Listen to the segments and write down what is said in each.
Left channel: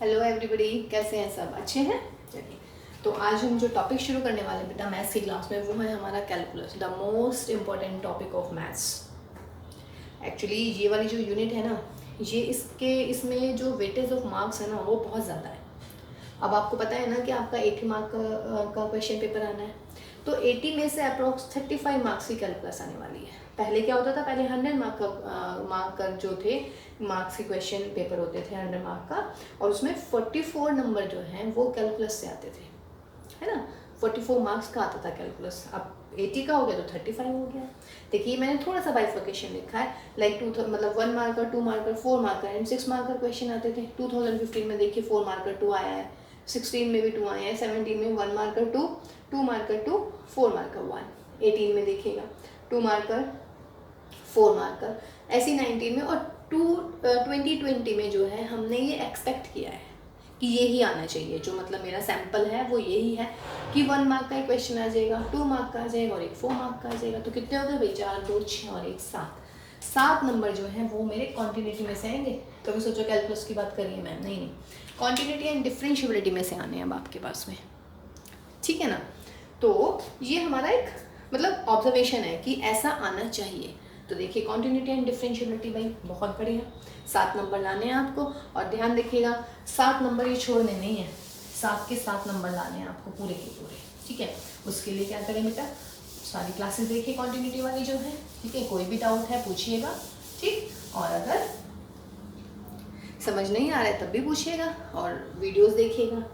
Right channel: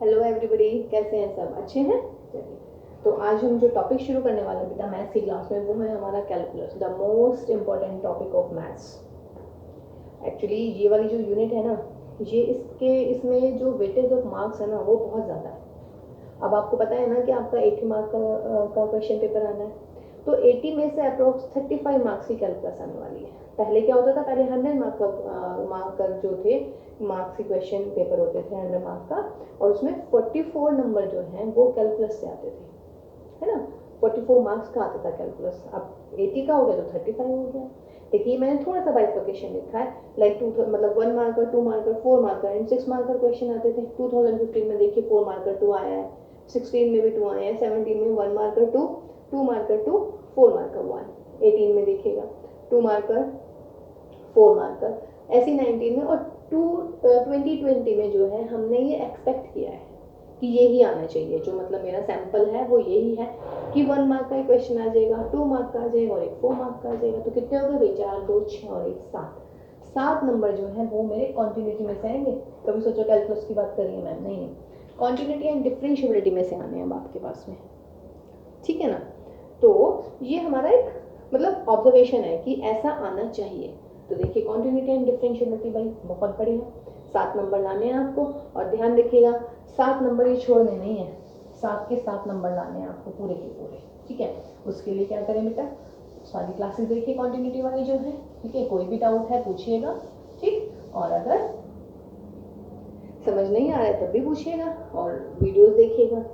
Hello everybody, कैसे हैं सब? अच्छे हैं? चलिए, तो आज हम जो टॉपिक शुरू करने वाले हैं बेटा मैथ्स की क्लास में, वो है हमारा calculus, the most important topic of maths. Actually ये वाली जो यूनिट है ना, ये इसमें जो वेटेज ऑफ मार्क्स है ना, वो बहुत ज़्यादा है। अब आपको पता है ना कि आपका 80 मार्क का क्वेश्चन पेपर आना है, तो 80 में से अप्रोक्स 35 मार्क्स की कैलकुलस आने वाली है। पहले क्या होता था, पहले 100 मार्क का जो थे मार्क्स के क्वेश्चन पेपर होते थे 100 मार्क का, और उसमें 44 नंबर जो हैं वो कैलकुलस से आते थे, है ना। 44 मार्क्स का आता था कैलकुलस। अब 80 का हो गया तो 35 हो गया। देखिए मैंने थोड़ा सा बाइफर्केशन लिखा है, लाइक मतलब 1 marker, 2 marker, 4 marker and 6 marker question आते थे। 2015 में देखिए 4 मार्कर 2 आया है, 16 में भी 2 आए हैं, 17 में 1 मार्कर 2, 2 मार्कर 2, 4 मार्कर 1, 18 में देखिएगा 2 मार्कर 4 मार्कर, ऐसी 19 में, और 2020 में जो है हमने ये एक्सपेक्ट किया है कि यही आना चाहिए। जो मतलब मेरा सैम्पल है वो यही है कि 1 मार्क का ही क्वेश्चन आ जाएगा, 2 मार्क का आ जाएगा और एक 4 मार्क का आ जाएगा। तो कितने हो गए भाई? 4, 2, 6 और 1, 7 नंबर जो है वो मेरे कॉन्टिन्यूटी में से आएंगे। कभी सोचो कैलकुलस की बात करिए मैम, नहीं, कॉन्टिन्यूटी एंड डिफरेंशिएबिलिटी में से आने हैं अब आपके पास में, ठीक है ना। तो ये हमारा एक मतलब ऑब्जर्वेशन है कि ऐसा आना चाहिए। तो देखिए कॉन्टिन्यूटी एंड डिफरेंशिएबिलिटी भाई बहुत बढ़िया, 7 नंबर लाने हैं आपको। और ध्यान देखिएगा 7 नंबर ये छोड़ने नहीं है, 7 के 7 नंबर लाने हैं आपको पूरे के पूरे, ठीक है। उसके लिए क्या करें बेटा, सारी क्लासेस देखिए कॉन्टिन्यूटी वाली जो है, ठीक है। कोई भी डाउट है पूछिएगा, ठीक। और अगर समझ नहीं आ रहा है तब भी पूछिएगा, और वीडियोस देखिएगा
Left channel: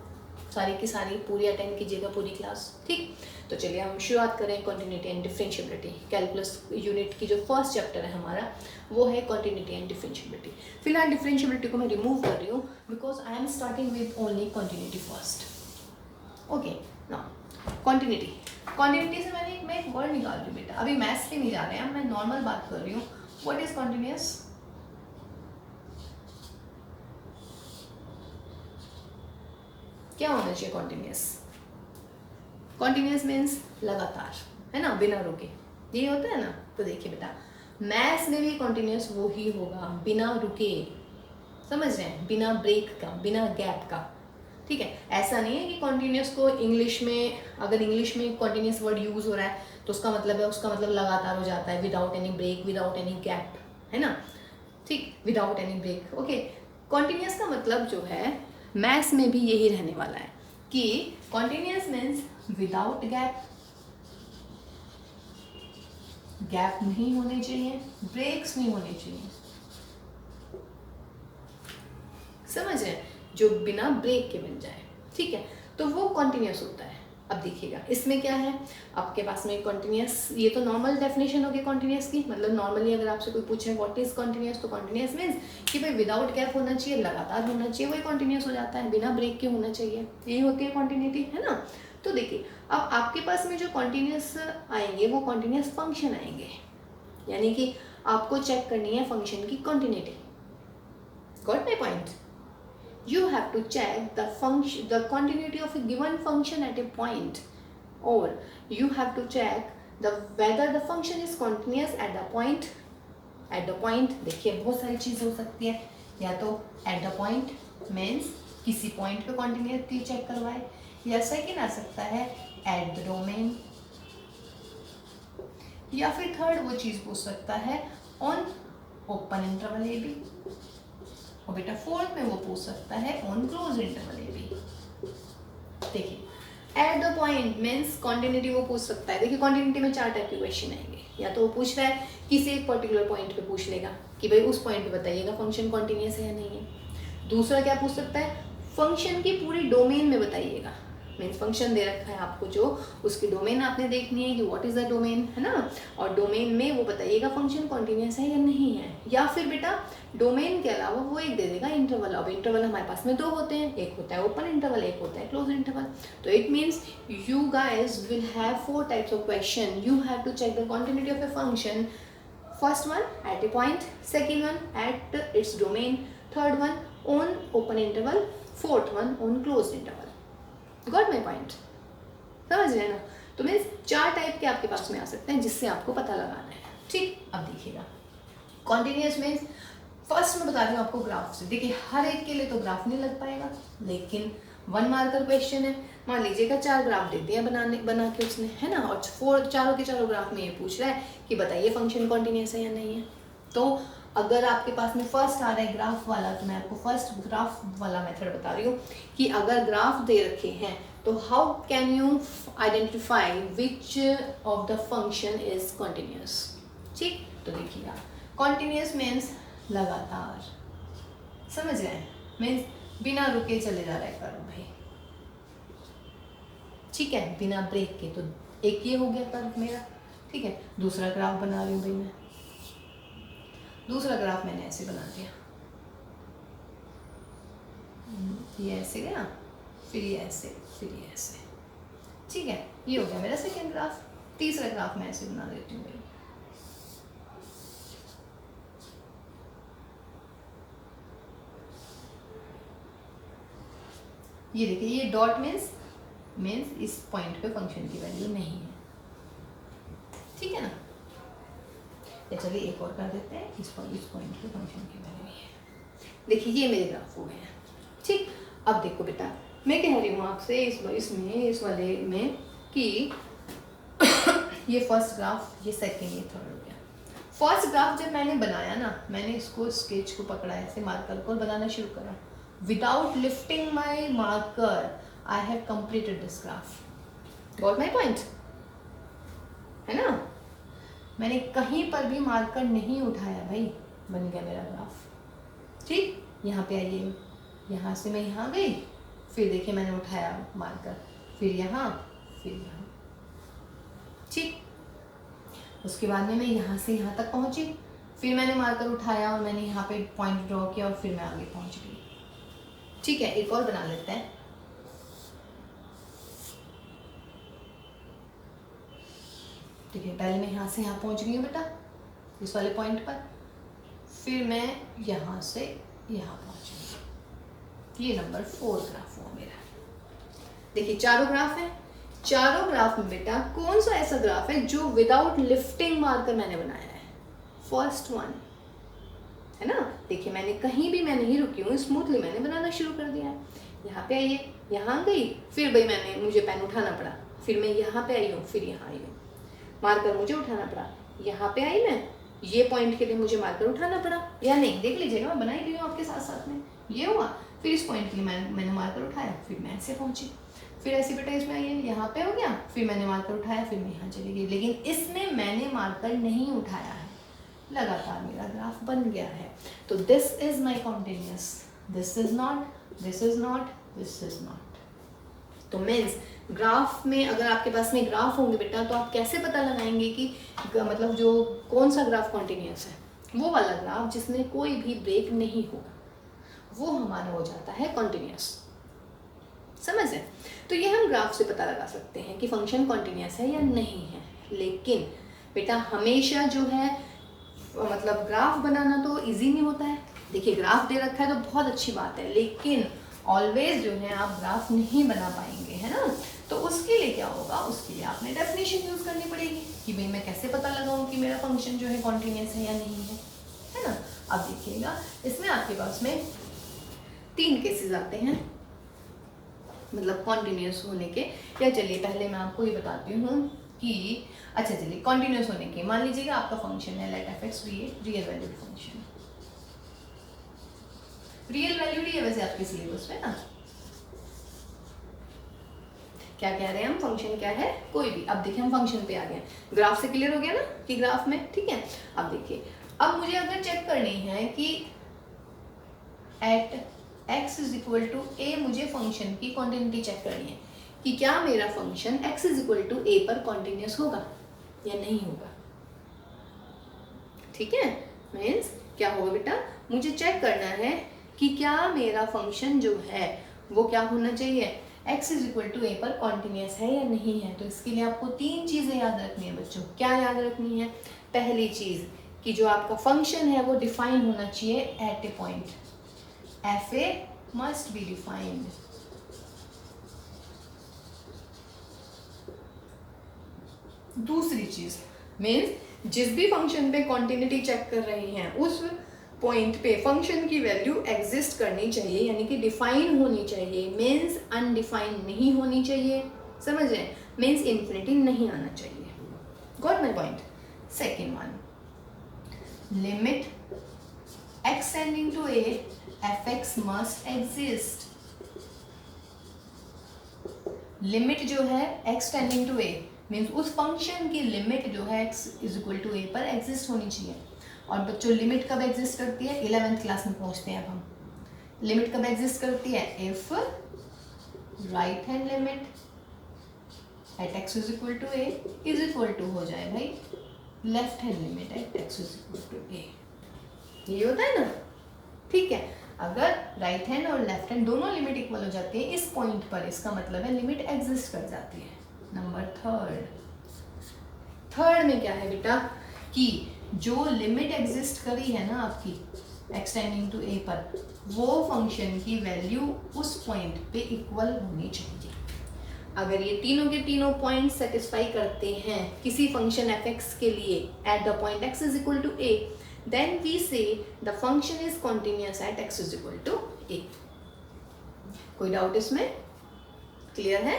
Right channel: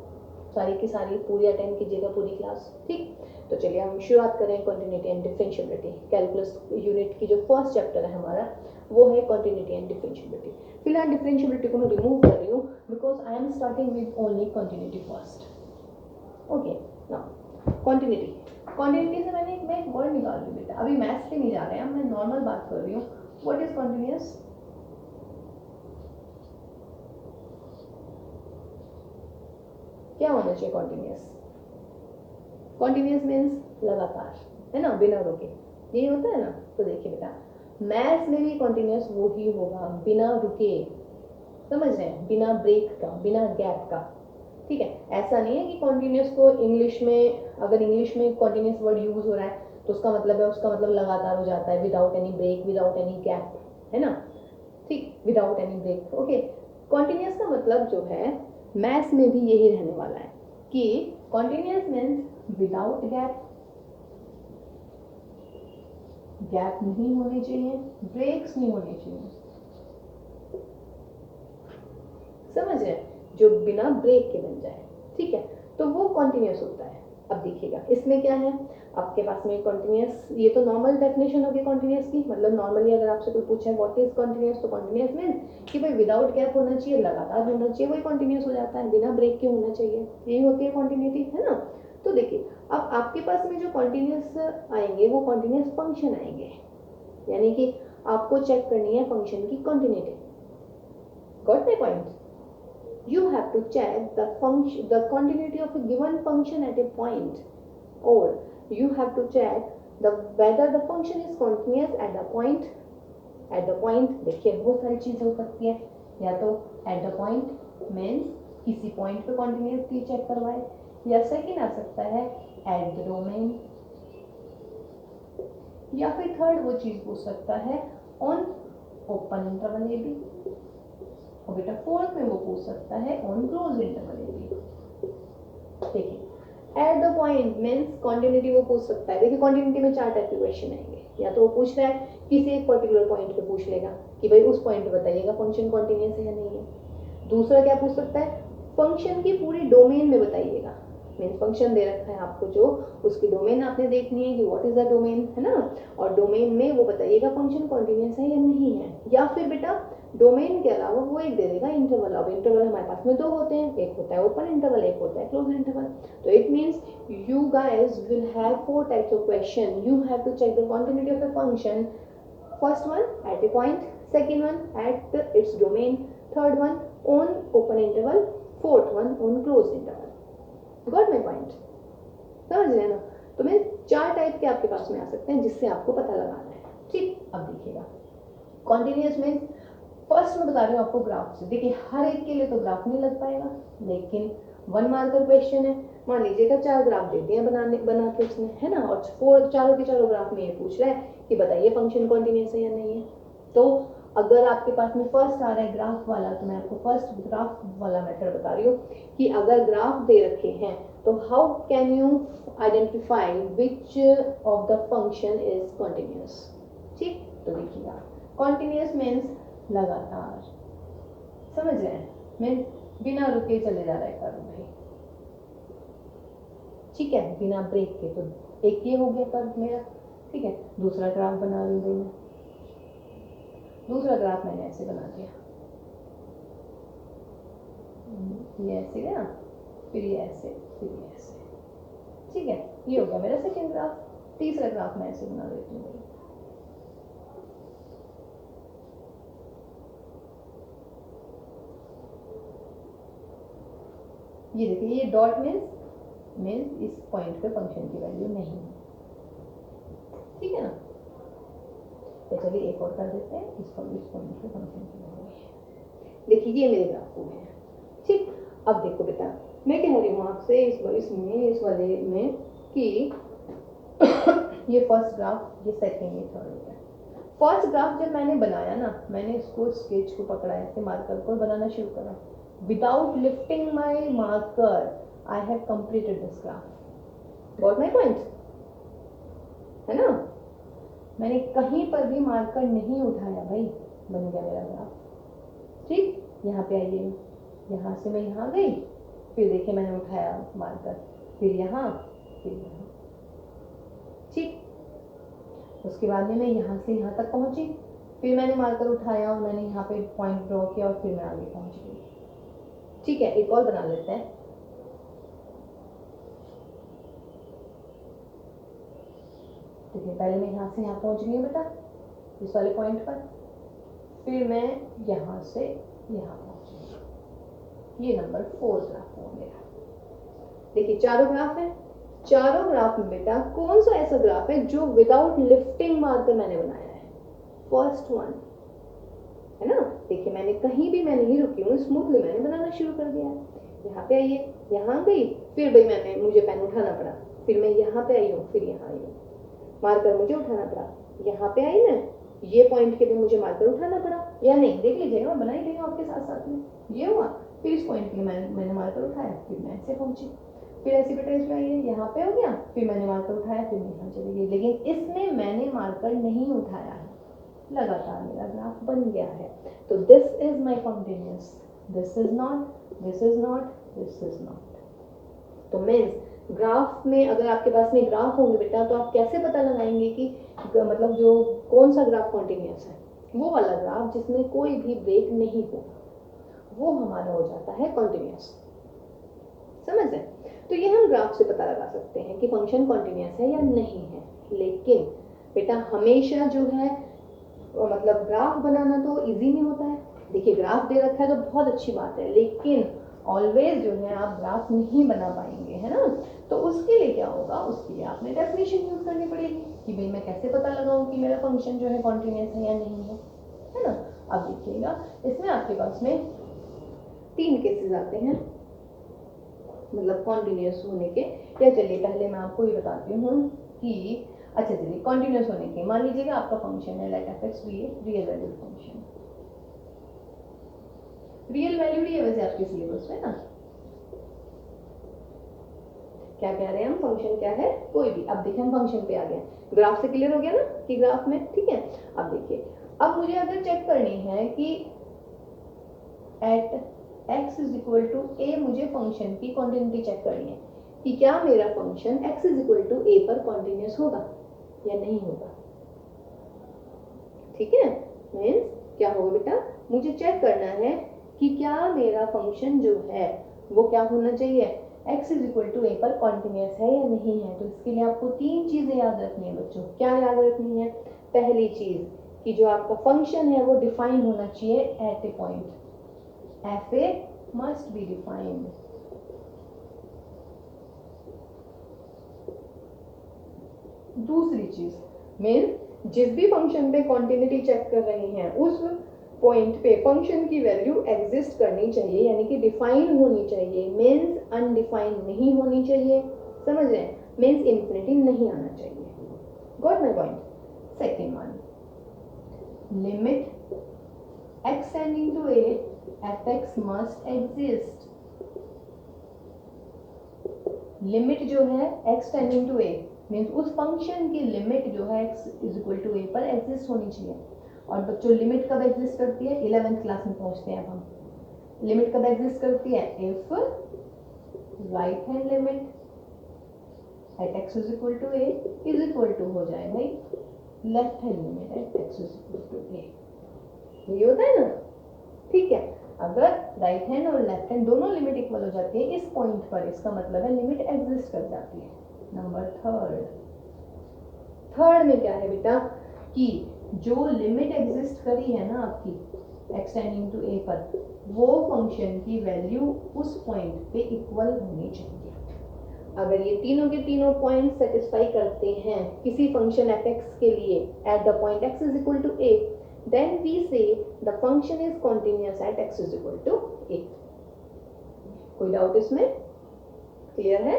सारी की सारी, पूरी अटेंड कीजिएगा पूरी क्लास, ठीक। तो चलिए हम शुरुआत करें continuity and differentiability. Calculus unit की जो फर्स्ट चैप्टर है हमारा वो है कॉन्टिन्यूटी एंड डिफरेंशिएबिलिटी। फिलहाल डिफरेंशिएबिलिटी को मैं रिमूव कर रही हूँ because I am starting with only continuity first. Okay, now continuity से मैं एक वर्ड निकाल रही हूँ बेटा, अभी मैथ्स पे नहीं जा रहे हैं, मैं नॉर्मल बात कर रही हूँ। What is continuous? क्या होना चाहिए कॉन्टिन्यूअस? कॉन्टिन्यूअस मीन्स लगातार, है ना, बिना रुके, यही होता है ना। तो देखिए बेटा मैथ्स में भी कॉन्टिन्यूअस वो ही होगा, बिना रुके, समझ रहे हैं, बिना ब्रेक का, बिना गैप का, ठीक है। ऐसा नहीं है कि कॉन्टिन्यूअस को इंग्लिश में, अगर इंग्लिश में कॉन्टिन्यूअस वर्ड यूज हो रहा है तो उसका मतलब लगातार हो जाता है, without any break, without any gap, है ना, ठीक, without any break. Okay, continuous का मतलब जो है मैथ्स में भी यही रहने वाला है कि continuous means without gap, gap नहीं होने चाहिए, ब्रेक्स नहीं होने चाहिए, समझ रहे, जो बिना ब्रेक के बन जाए, ठीक है, तो वो कॉन्टिन्यूअस होता है। अब देखिएगा इसमें क्या है आपके पास में कॉन्टिन्यूअस, ये तो नॉर्मल डेफिनेशन होगी कॉन्टिन्यूअस की, मतलब नॉर्मली अगर आपसे कोई पूछा है व्हाट इज कॉन्टिन्यूअस, तो कॉन्टिन्यूअस मीन्स कि भाई विदाउट गैप होना चाहिए, लगातार होना चाहिए, वही कॉन्टिन्यूअस हो जाता है, बिना ब्रेक के होना चाहिए, यही होती है कॉन्टिन्यूटी, है ना। तो देखिए अब आपके पास में जो कॉन्टिन्यूअस आएंगे वो कॉन्टिन्यूअस फंक्शन आएंगे, यानी कि आपको चेक करनी है फंक्शन की continuity. Got my point? You have to check the continuity of a given function at a point, or you have to check whether the function is continuous at the point. देखिए बहुत सारी चीज़ हो सकती है, या तो at the point means किसी point पे continuity चेक करवाए, या सेकेंड आ सकता है at the domain, या फिर थर्ड वो चीज़ पूछ सकता है on open interval a b, और बेटा फोर्थ में वो पूछ सकता है on close interval a b. देखिए at the point means continuity वो पूछ सकता है। देखिए कॉन्टिन्यूटी में 4 टाइप के क्वेश्चन आएंगे, या तो वो पूछ रहा है किसी एक पर्टिकुलर पॉइंट पे पूछ लेगा कि भाई उस पॉइंट पे बताइएगा फंक्शन कॉन्टिन्यूअस है या नहीं है। दूसरा क्या पूछ सकता है, फंक्शन की पूरी डोमेन में बताइएगा, मीन्स फंक्शन दे रखा है आपको जो, उसकी डोमेन आपने देखनी है कि व्हाट इज द डोमेन, है ना, और डोमेन में वो बताइएगा फंक्शन कॉन्टिन्यूअस है या नहीं है। या फिर बेटा डोमेन के अलावा वो एक दे देगा इंटरवल। अब इंटरवल हमारे पास में 2 होते हैं, एक होता है ओपन इंटरवल, एक होता है क्लोज इंटरवल। तो it means you guys will have 4 types of question, you have to check the continuity of a function. First one at a point, second one at its domain, third one on open interval, fourth one on close interval. Got my point? समझ रहे हैं ना। तो means 4 type के आपके पास में आ सकते हैं जिससे आपको पता लगाना है, ठीक। अब देखिएगा कॉन्टिन्यूअस मीन्स फर्स्ट मैं बता रही हूँ आपको ग्राफ से। देखिए हर एक के लिए तो ग्राफ नहीं लग पाएगा, लेकिन 1 मार्कर क्वेश्चन है, मान लीजिएगा 4 ग्राफ दे दिया बना के उसने, है ना, और चारों के चारों ग्राफ में ये पूछ रहा है कि बताइए फंक्शन कॉन्टिन्यूस है या नहीं है। तो अगर आपके पास में फर्स्ट आ रहा है ग्राफ वाला, तो मैं आपको फर्स्ट ग्राफ वाला मेथड बता रही हूँ कि अगर ग्राफ दे रखे हैं तो how can you identify which of the function is continuous. ठीक, तो देखिएगा कॉन्टिन्यूस मीन्स लगातार, समझ रहे हैं, मीन्स बिना रुके चले जा रहा है कर्व भाई, ठीक है, बिना ब्रेक के। तो एक ये हो गया कर्व मेरा, ठीक है। दूसरा ग्राफ बना रही हूँ भाई मैं, दूसरा ग्राफ मैंने ऐसे बना दिया, ये ऐसे गया, फिर ये ऐसे, फिर ये ऐसे, ठीक है, ये हो गया मेरा सेकंड ग्राफ। तीसरा ग्राफ मैं ऐसे बना देती हूँ भाई, ये देखिए, ये डॉट मीन्स इस पॉइंट पे फंक्शन की वैल्यू नहीं है, ठीक है ना। या चलिए एक और कर देते हैं, इस पॉइंट पे फंक्शन की वैल्यू नहीं है। देखिए ये मेरे ग्राफ हो गए हैं, ठीक। अब देखो बेटा, मैं कह रही हूँ आपसे इस वाले में कि ये फर्स्ट ग्राफ, ये सेकंड, ये थर्ड हो गया। फर्स्ट ग्राफ जब मैंने बनाया ना, मैंने इसको स्केच को पकड़ा, ऐसे मार्कर को बनाना शुरू करा, without lifting my marker I have completed this graph. Got my point, है ना। मैंने कहीं पर भी मार्कर नहीं उठाया भाई, बन गया मेरा ग्राफ, ठीक। यहाँ पे आइए, यहाँ से मैं यहाँ गई, फिर देखिए मैंने उठाया मार्कर, फिर यहाँ, फिर यहाँ, ठीक। उसके बाद में मैं यहाँ से यहाँ तक पहुँची, फिर मैंने मार्कर उठाया और मैंने यहाँ पे पॉइंट ड्रॉ किया और फिर मैं आगे पहुँच गई, ठीक है। एक और बना लेते हैं, ठीक है। पहले मैं यहाँ से यहाँ पहुँच गई हूँ बेटा, इस वाले पॉइंट पर, फिर मैं यहाँ से यहाँ पहुँच गई। ये नंबर 4 ग्राफ हुआ मेरा। देखिए चारों ग्राफ हैं, चारों ग्राफ में बेटा कौन सा ऐसा ग्राफ है जो विदाउट लिफ्टिंग मार्कर मैंने बनाया है? फर्स्ट वन, है ना। देखिए मैंने कहीं भी मैं नहीं रुकी हूँ, स्मूथली मैंने बनाना शुरू कर दिया है। यहाँ पे आइए, यहाँ गई, फिर भाई मुझे पेन उठाना पड़ा, फिर मैं यहाँ पे आई हूँ, फिर यहाँ आई हूँ, मार्कर मुझे उठाना पड़ा, यहाँ पे आई मैं, ये पॉइंट के लिए मुझे मार्कर उठाना पड़ा या नहीं, देख लीजिएगा मैं बनाई गई हूँ आपके साथ साथ में, ये हुआ। फिर इस पॉइंट के लिए मैंने मार्कर उठाया, फिर मैं ऐसे पहुंची, फिर ऐसी बेटा इसमें आई है, यहाँ पे हो गया, फिर मैंने मार्कर उठाया, फिर मैं यहाँ चली गई। लेकिन इसमें मैंने मार्कर नहीं उठाया है, लगातार मेरा ग्राफ बन गया है। तो this is my continuous, this is not, this is not, this is not. तो मीन्स ग्राफ में अगर आपके पास में ग्राफ होंगे बेटा, तो आप कैसे पता लगाएंगे कि मतलब जो कौन सा ग्राफ कॉन्टिन्यूस है? वो वाला ग्राफ जिसमें कोई भी ब्रेक नहीं होगा, वो हमारा हो जाता है कॉन्टिन्यूस, समझ है। तो ये हम ग्राफ से पता लगा सकते हैं कि फंक्शन कॉन्टिन्यूस है या नहीं है। लेकिन बेटा हमेशा जो है मतलब ग्राफ बनाना तो इजी नहीं होता है। देखिए ग्राफ दे रखा है तो बहुत अच्छी बात है, लेकिन ऑलवेज जो है आप ग्राफ नहीं बना पाएंगे, है ना। तो उसके लिए क्या होगा, उसके लिए आपने डेफिनेशन यूज करनी पड़ेगी कि भाई मैं कैसे पता लगाऊं कि मेरा फंक्शन जो है कॉन्टिन्यूस है या नहीं है ना। अब देखिएगा इसमें आपके पास में 3 केसेस आते हैं मतलब कॉन्टिन्यूस होने के। या चलिए पहले मैं आपको ये बताती हूँ कि अच्छा चलिए कॉन्टिन्यूस होने के, मान लीजिएगा आपका फंक्शन है let f x real valued function, real valued ही है वैसे आपके सिलेबस में ना। क्या कह रहे हैं हम, फंक्शन क्या है, कोई भी। अब देखिए हम फंक्शन पे आ गए, ग्राफ से क्लियर हो गया ना कि ग्राफ में, ठीक है। अब देखिए, अब मुझे अगर चेक करनी है कि at x is equal to a, मुझे फंक्शन की कॉन्टिन्यूटी चेक करनी है कि क्या मेरा function x is equal to a पर कॉन्टिन्यूस होगा या नहीं होगा, ठीक है। मीन्स क्या होगा बेटा, मुझे चेक करना है कि क्या मेरा फंक्शन जो है वो क्या होना चाहिए, x is equal to a पर कॉन्टिन्यूस है या नहीं है। तो इसके लिए आपको 3 चीज़ें याद रखनी है बच्चों। क्या याद रखनी है? पहली चीज़ कि जो आपका फंक्शन है वो डिफाइन होना चाहिए at a point, F A must be defined. दूसरी चीज़ मीन्स जिस भी फंक्शन पे कॉन्टिन्यूटी चेक कर रहे हैं उस पॉइंट पे फंक्शन की वैल्यू एग्जिस्ट करनी चाहिए, यानी कि डिफाइन होनी चाहिए, मीन्स अनडिफाइंड नहीं होनी चाहिए, समझ रहे हैं, मीन्स इन्फिनिटी नहीं आना चाहिए। Got my point. Second one, limit x tending to a fx must exist. Limit जो है x tending to a means उस फंक्शन की लिमिट जो है x is equal to a पर एग्जिस्ट होनी चाहिए। और बच्चों लिमिट कब एग्जिस्ट करती है, 11th क्लास में पहुंचते हैं अब हम। लिमिट कब एग्जिस्ट करती है, if right hand limit at x is equal to a is equal to हो जाए भाई left hand limit at x is equal to a। ये होता है ना, ठीक है। अगर राइट हैंड और लेफ्ट हैंड दोनों लिमिट इक्वल हो जाती है इस पॉइंट पर, इसका मतलब है लिमिट एग्जिस्ट कर जाती है। नंबर थर्ड में क्या है बेटा कि जो लिमिट एग्जिस्ट करी है ना आपकी x टेंडिंग टू a पर, वो फंक्शन की वैल्यू उस पॉइंट पे इक्वल होनी चाहिए। अगर ये तीनों के तीनों पॉइंट सेटिस्फाई करते हैं किसी फंक्शन f(x) के लिए at the point x is equal to a, then we say the function is continuous at x is equal to a। कोई डाउट इसमें? क्लियर है?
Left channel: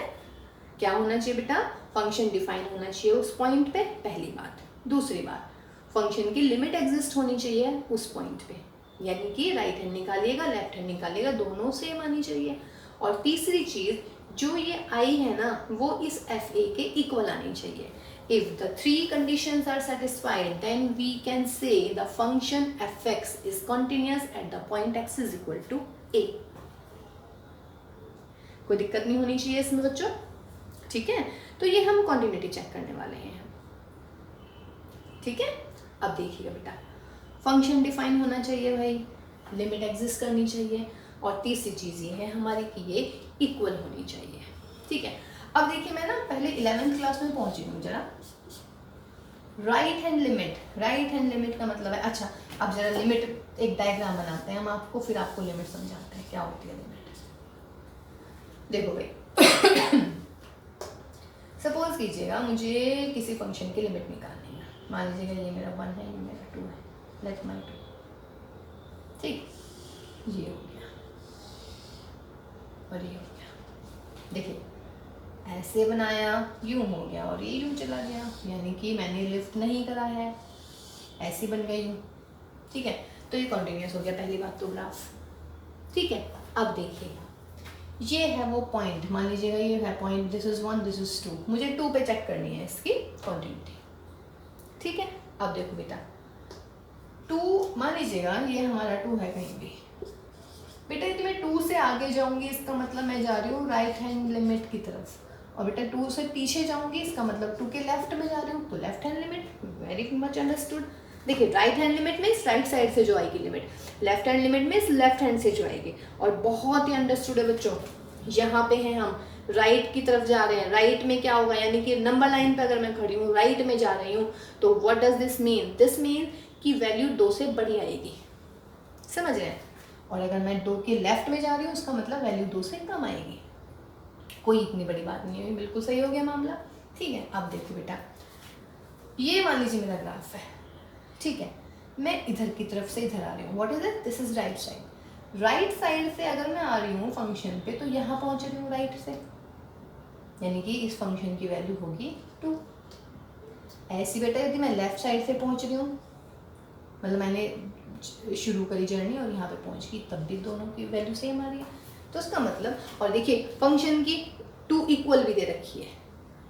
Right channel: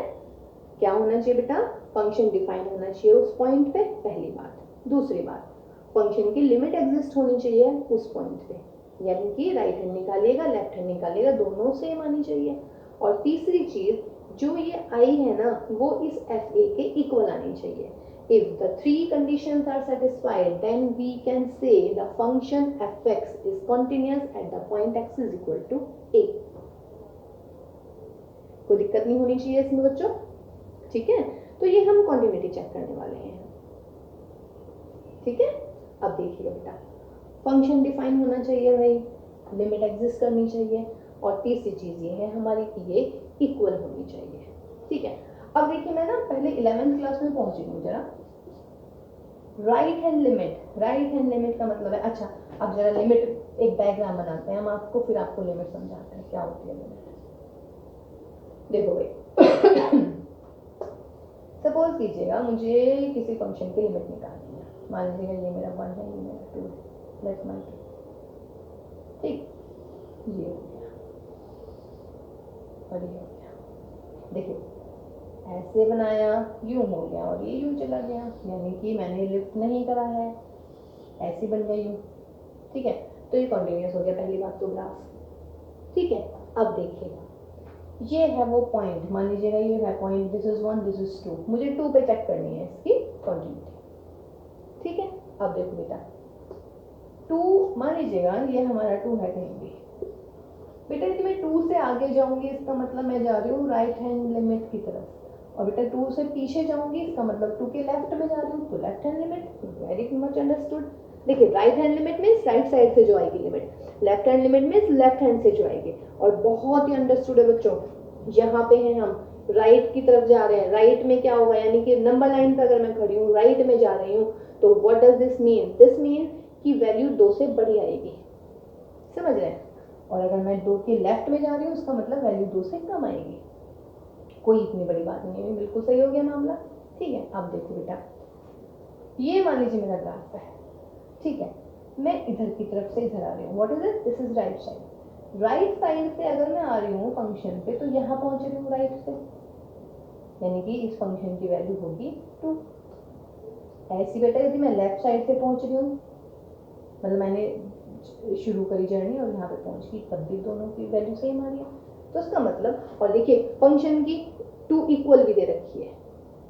क्या होना चाहिए बेटा, फंक्शन डिफाइन होना चाहिए उस पॉइंट पे, पहली बात। दूसरी बात, फंक्शन की लिमिट एग्जिस्ट होनी चाहिए उस पॉइंट पे, यानी कि राइट हैंड निकालिएगा लेफ्ट हैंड निकालिएगा दोनों सेम आनी चाहिए। और तीसरी चीज, जो ये आई है ना वो इस एफ ए के इक्वल आनी चाहिए। If the three conditions are satisfied, then we can say the function f(x) is continuous at the point x is equal to a। कोई दिक्कत नहीं होनी चाहिए इसमें बच्चों, ठीक है। तो ये हम कॉन्टिन्यूटी चेक करने वाले हैं, ठीक है। अब देखिएगा बेटा, फंक्शन डिफाइन होना चाहिए भाई, लिमिट एग्जिस्ट करनी चाहिए, और तीसरी चीज ये है हमारी कि ये इक्वल होनी चाहिए, ठीक है। अब देखिए मैं ना पहले 11th क्लास में पहुंची हूँ जरा। राइट हैंड लिमिट का मतलब है, अच्छा अब जरा लिमिट एक डायग्राम बनाते हैं हम आपको, फिर आपको लिमिट समझाते हैं क्या होती है लिमिट। देखो भाई सपोज कीजिएगा मुझे किसी फंक्शन की लिमिट निकालनी है, मान लीजिएगा ये मेरा 1 है, ये मेरा 2 है, लेट माय 2, ठीक, ये हो गया और ये हो गया। देखिए ऐसे बनाया, यूं हो गया और ये यूं चला गया, यानी कि मैंने लिफ्ट नहीं करा है, ऐसी बन गई यूं, ठीक है। तो ये कॉन्टिन्यूस हो गया, पहली बात तो ग्राफ, ठीक है। अब देखिएगा ये है वो पॉइंट, मान लीजिएगा ये है point, this is 1 this is 2, मुझे 2 पे चेक करनी है इसकी कॉन्टिन्यूटी, ठीक है। अब देखो बेटा 2, मान लीजिएगा ये हमारा 2 है कहीं भी, बेटा यदि मैं 2 से आगे जाऊंगी इसका मतलब मैं जा रही हूँ राइट हैंड लिमिट की तरफ, और बेटा 2 से पीछे जाऊंगी इसका मतलब 2 के लेफ्ट में जा रही हूँ, तो left hand limit. Very much understood. देखिए right hand limit means right side से जो आएगी limit, left hand limit means left hand से जो आएगी। और बहुत ही अंडरस्टूड है बच्चों, यहाँ पे है हम राइट की तरफ जा रहे हैं, राइट में क्या होगा, यानी कि नंबर लाइन पे अगर मैं खड़ी हूँ राइट में जा रही हूँ, तो what does this mean, this mean कि वैल्यू 2 से बड़ी आएगी, समझ रहे हैं। और अगर मैं 2 के लेफ्ट में जा रही हूँ उसका मतलब वैल्यू 2 से कम आएगी, कोई इतनी बड़ी बात नहीं है, बिल्कुल सही हो गया मामला, ठीक है। अब देखो बेटा ये मान लीजिए मेरा ग्राफ है, ठीक है, मैं इधर की तरफ से इधर आ रही हूँ, what is it, this is right side. Right side से अगर मैं आ रही हूँ फंक्शन पे तो यहाँ पहुँच रही हूँ राइट से, यानी कि इस फंक्शन की वैल्यू होगी 2। ऐसी बेटा यदि मैं लेफ्ट साइड से पहुँच रही हूँ, मतलब मैंने शुरू करी जर्नी और यहाँ पे पहुँच गई, तब भी दोनों की वैल्यू सेम आ रही है, तो उसका मतलब, और देखिए फंक्शन की 2 इक्वल भी दे रखी है,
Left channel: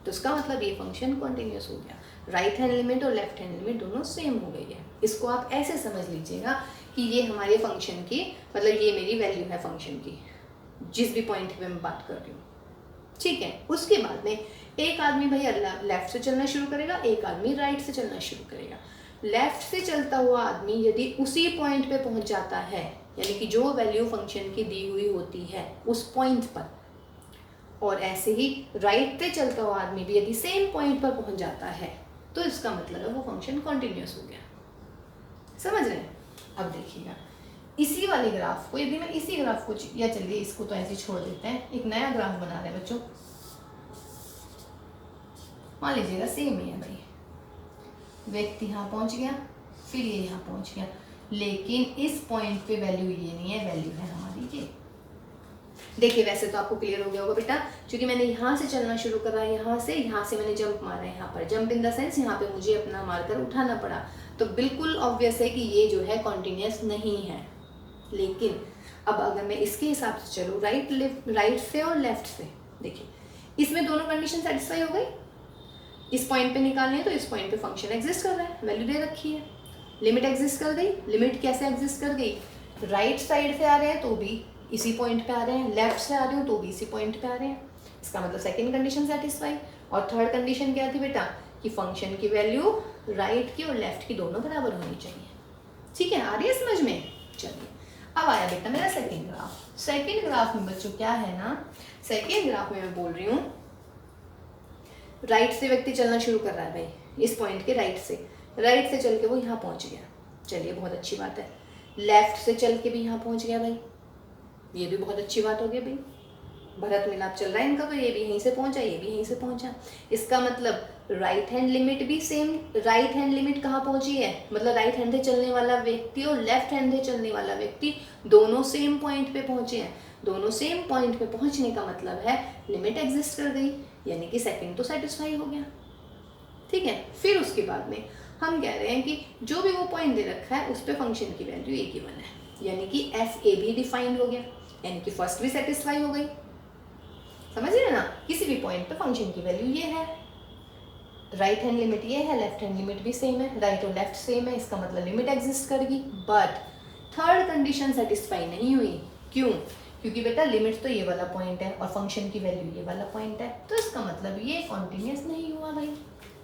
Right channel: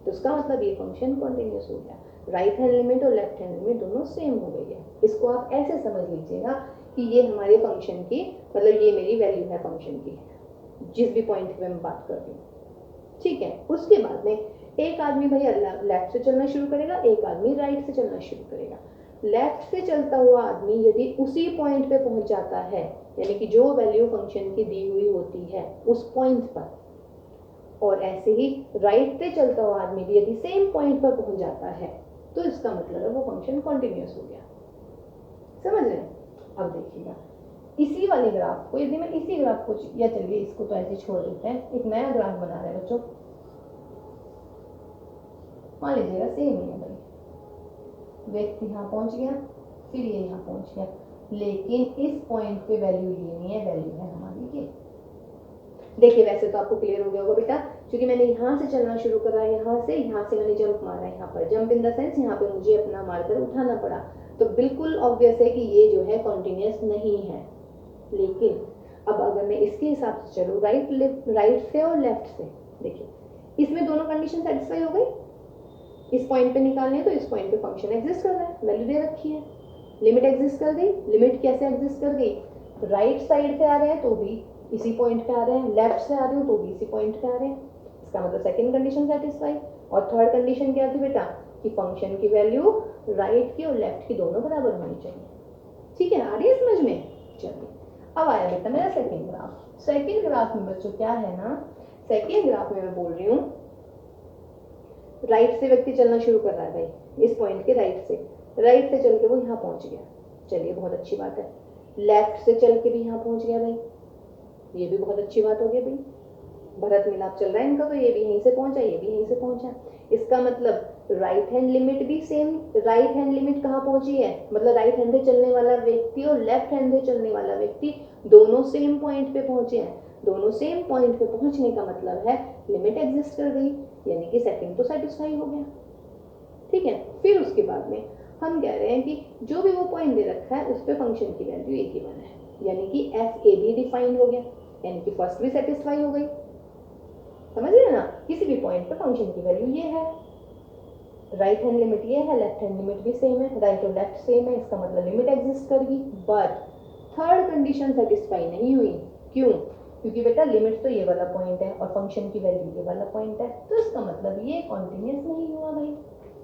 तो उसका मतलब ये फंक्शन कॉन्टिन्यूस हो गया, राइट हैंड लिमिट और लेफ्ट हैंड लिमिट दोनों सेम हो गई है। इसको आप ऐसे समझ लीजिएगा कि ये हमारे फंक्शन की, मतलब ये मेरी वैल्यू है फंक्शन की जिस भी पॉइंट पे मैं बात कर रही हूँ, ठीक है। उसके बाद में एक आदमी भैया लेफ्ट से चलना शुरू करेगा, एक आदमी राइट से चलना शुरू करेगा। लेफ्ट से चलता हुआ आदमी यदि उसी पॉइंट पे पहुंच जाता है, यानी कि जो वैल्यू फंक्शन की दी हुई होती है उस पॉइंट पर, और ऐसे ही राइट पे चलता हुआ आदमी भी यदि सेम पॉइंट पर पहुंच जाता है, तो इसका मतलब है वो फंक्शन कॉन्टिन्यूस हो गया, समझ रहे हैं। अब देखिएगा इसी वाले ग्राफ को, यदि मैं इसी ग्राफ को, या चलिए इसको तो ऐसे छोड़ देते हैं, एक नया ग्राफ बना रहे हैं बच्चों। मान लीजिएगा सेम ही है भाई, व्यक्ति यहाँ पहुंच गया, फिर ये यहाँ पहुंच गया, लेकिन इस पॉइंट पे वैल्यू ये नहीं है, वैल्यू है हमारी ये। देखिए वैसे तो आपको क्लियर हो गया होगा बेटा, क्योंकि मैंने यहाँ से चलना शुरू करा है, यहाँ से मैंने जंप मारा है, यहाँ पर जंप इन द सेंस यहाँ पे मुझे अपना मार्कर उठाना पड़ा, तो बिल्कुल ऑब्वियस है कि ये जो है कॉन्टिन्यूस नहीं है। लेकिन अब अगर मैं इसके हिसाब से चलूँ राइट से और लेफ्ट से, देखिए इसमें दोनों कंडीशन सेटिस्फाई हो गई। इस पॉइंट पे निकालनी है तो इस पॉइंट पे फंक्शन एग्जिस्ट कर रहा है, वैल्यू दे रखी है, लिमिट एग्जिस्ट कर गई। लिमिट कैसे एग्जिस्ट कर गई, राइट साइड से आ रहे हैं तो भी इसी पॉइंट पे आ रहे हैं, लेफ्ट से आ रहे हो तो भी इसी पॉइंट पे आ रहे हैं, इसका मतलब सेकंड कंडीशन सेटिस्फाई। और थर्ड कंडीशन क्या थी बेटा, कि फंक्शन की वैल्यू राइट की और लेफ्ट की दोनों बराबर होनी चाहिए। ठीक है, आ रही है समझ में। चलिए अब आया बेटा मेरा सेकेंड ग्राफ। सेकेंड ग्राफ में बच्चों क्या है ना, सेकेंड ग्राफ में मैं बोल रही हूँ राइट से व्यक्ति चलना शुरू कर रहा है भाई, इस पॉइंट के राइट से चल के वो यहाँ पहुंच गया, चलिए बहुत अच्छी बात है। लेफ्ट से चल के भी यहाँ पहुंच गया भाई, ये भी बहुत अच्छी बात हो गई भाई, भरत मिलाप चल रहा है इनका, तो ये भी यहीं से पहुंचा, ये भी यहीं से पहुंचा। इसका मतलब राइट हैंड लिमिट भी सेम, राइट हैंड लिमिट कहाँ पहुंची है, मतलब राइट हैंड से चलने वाला व्यक्ति और लेफ्ट हैंड से चलने वाला व्यक्ति दोनों सेम पॉइंट पे पहुंचे हैं। दोनों सेम पॉइंट पे पहुंचने का मतलब है लिमिट एग्जिस्ट कर गई, यानी कि सेकंड तो सेटिस्फाई हो गया। ठीक है, फिर उसके बाद में हम कह रहे हैं कि जो भी वो पॉइंट दे रखा है उस पर फंक्शन की वैल्यू एक गिवन है, यानी कि एफ ए भी डिफाइंड हो गया, यानी कि फर्स्ट भी सेटिस्फाई हो गई। समझ रहे ना, किसी भी पॉइंट पे फंक्शन की वैल्यू ये है, राइट हैंड लिमिट ये है, लेफ्ट हैंड लिमिट भी सेम है, राइट और लेफ्ट सेम है, इसका मतलब लिमिट एग्जिस्ट करेगी। बट थर्ड कंडीशन सेटिस्फाई नहीं हुई, क्यों, क्योंकि बेटा लिमिट तो ये वाला पॉइंट है और फंक्शन की वैल्यू ये वाला पॉइंट है, तो इसका मतलब ये कॉन्टिन्यूस नहीं हुआ भाई,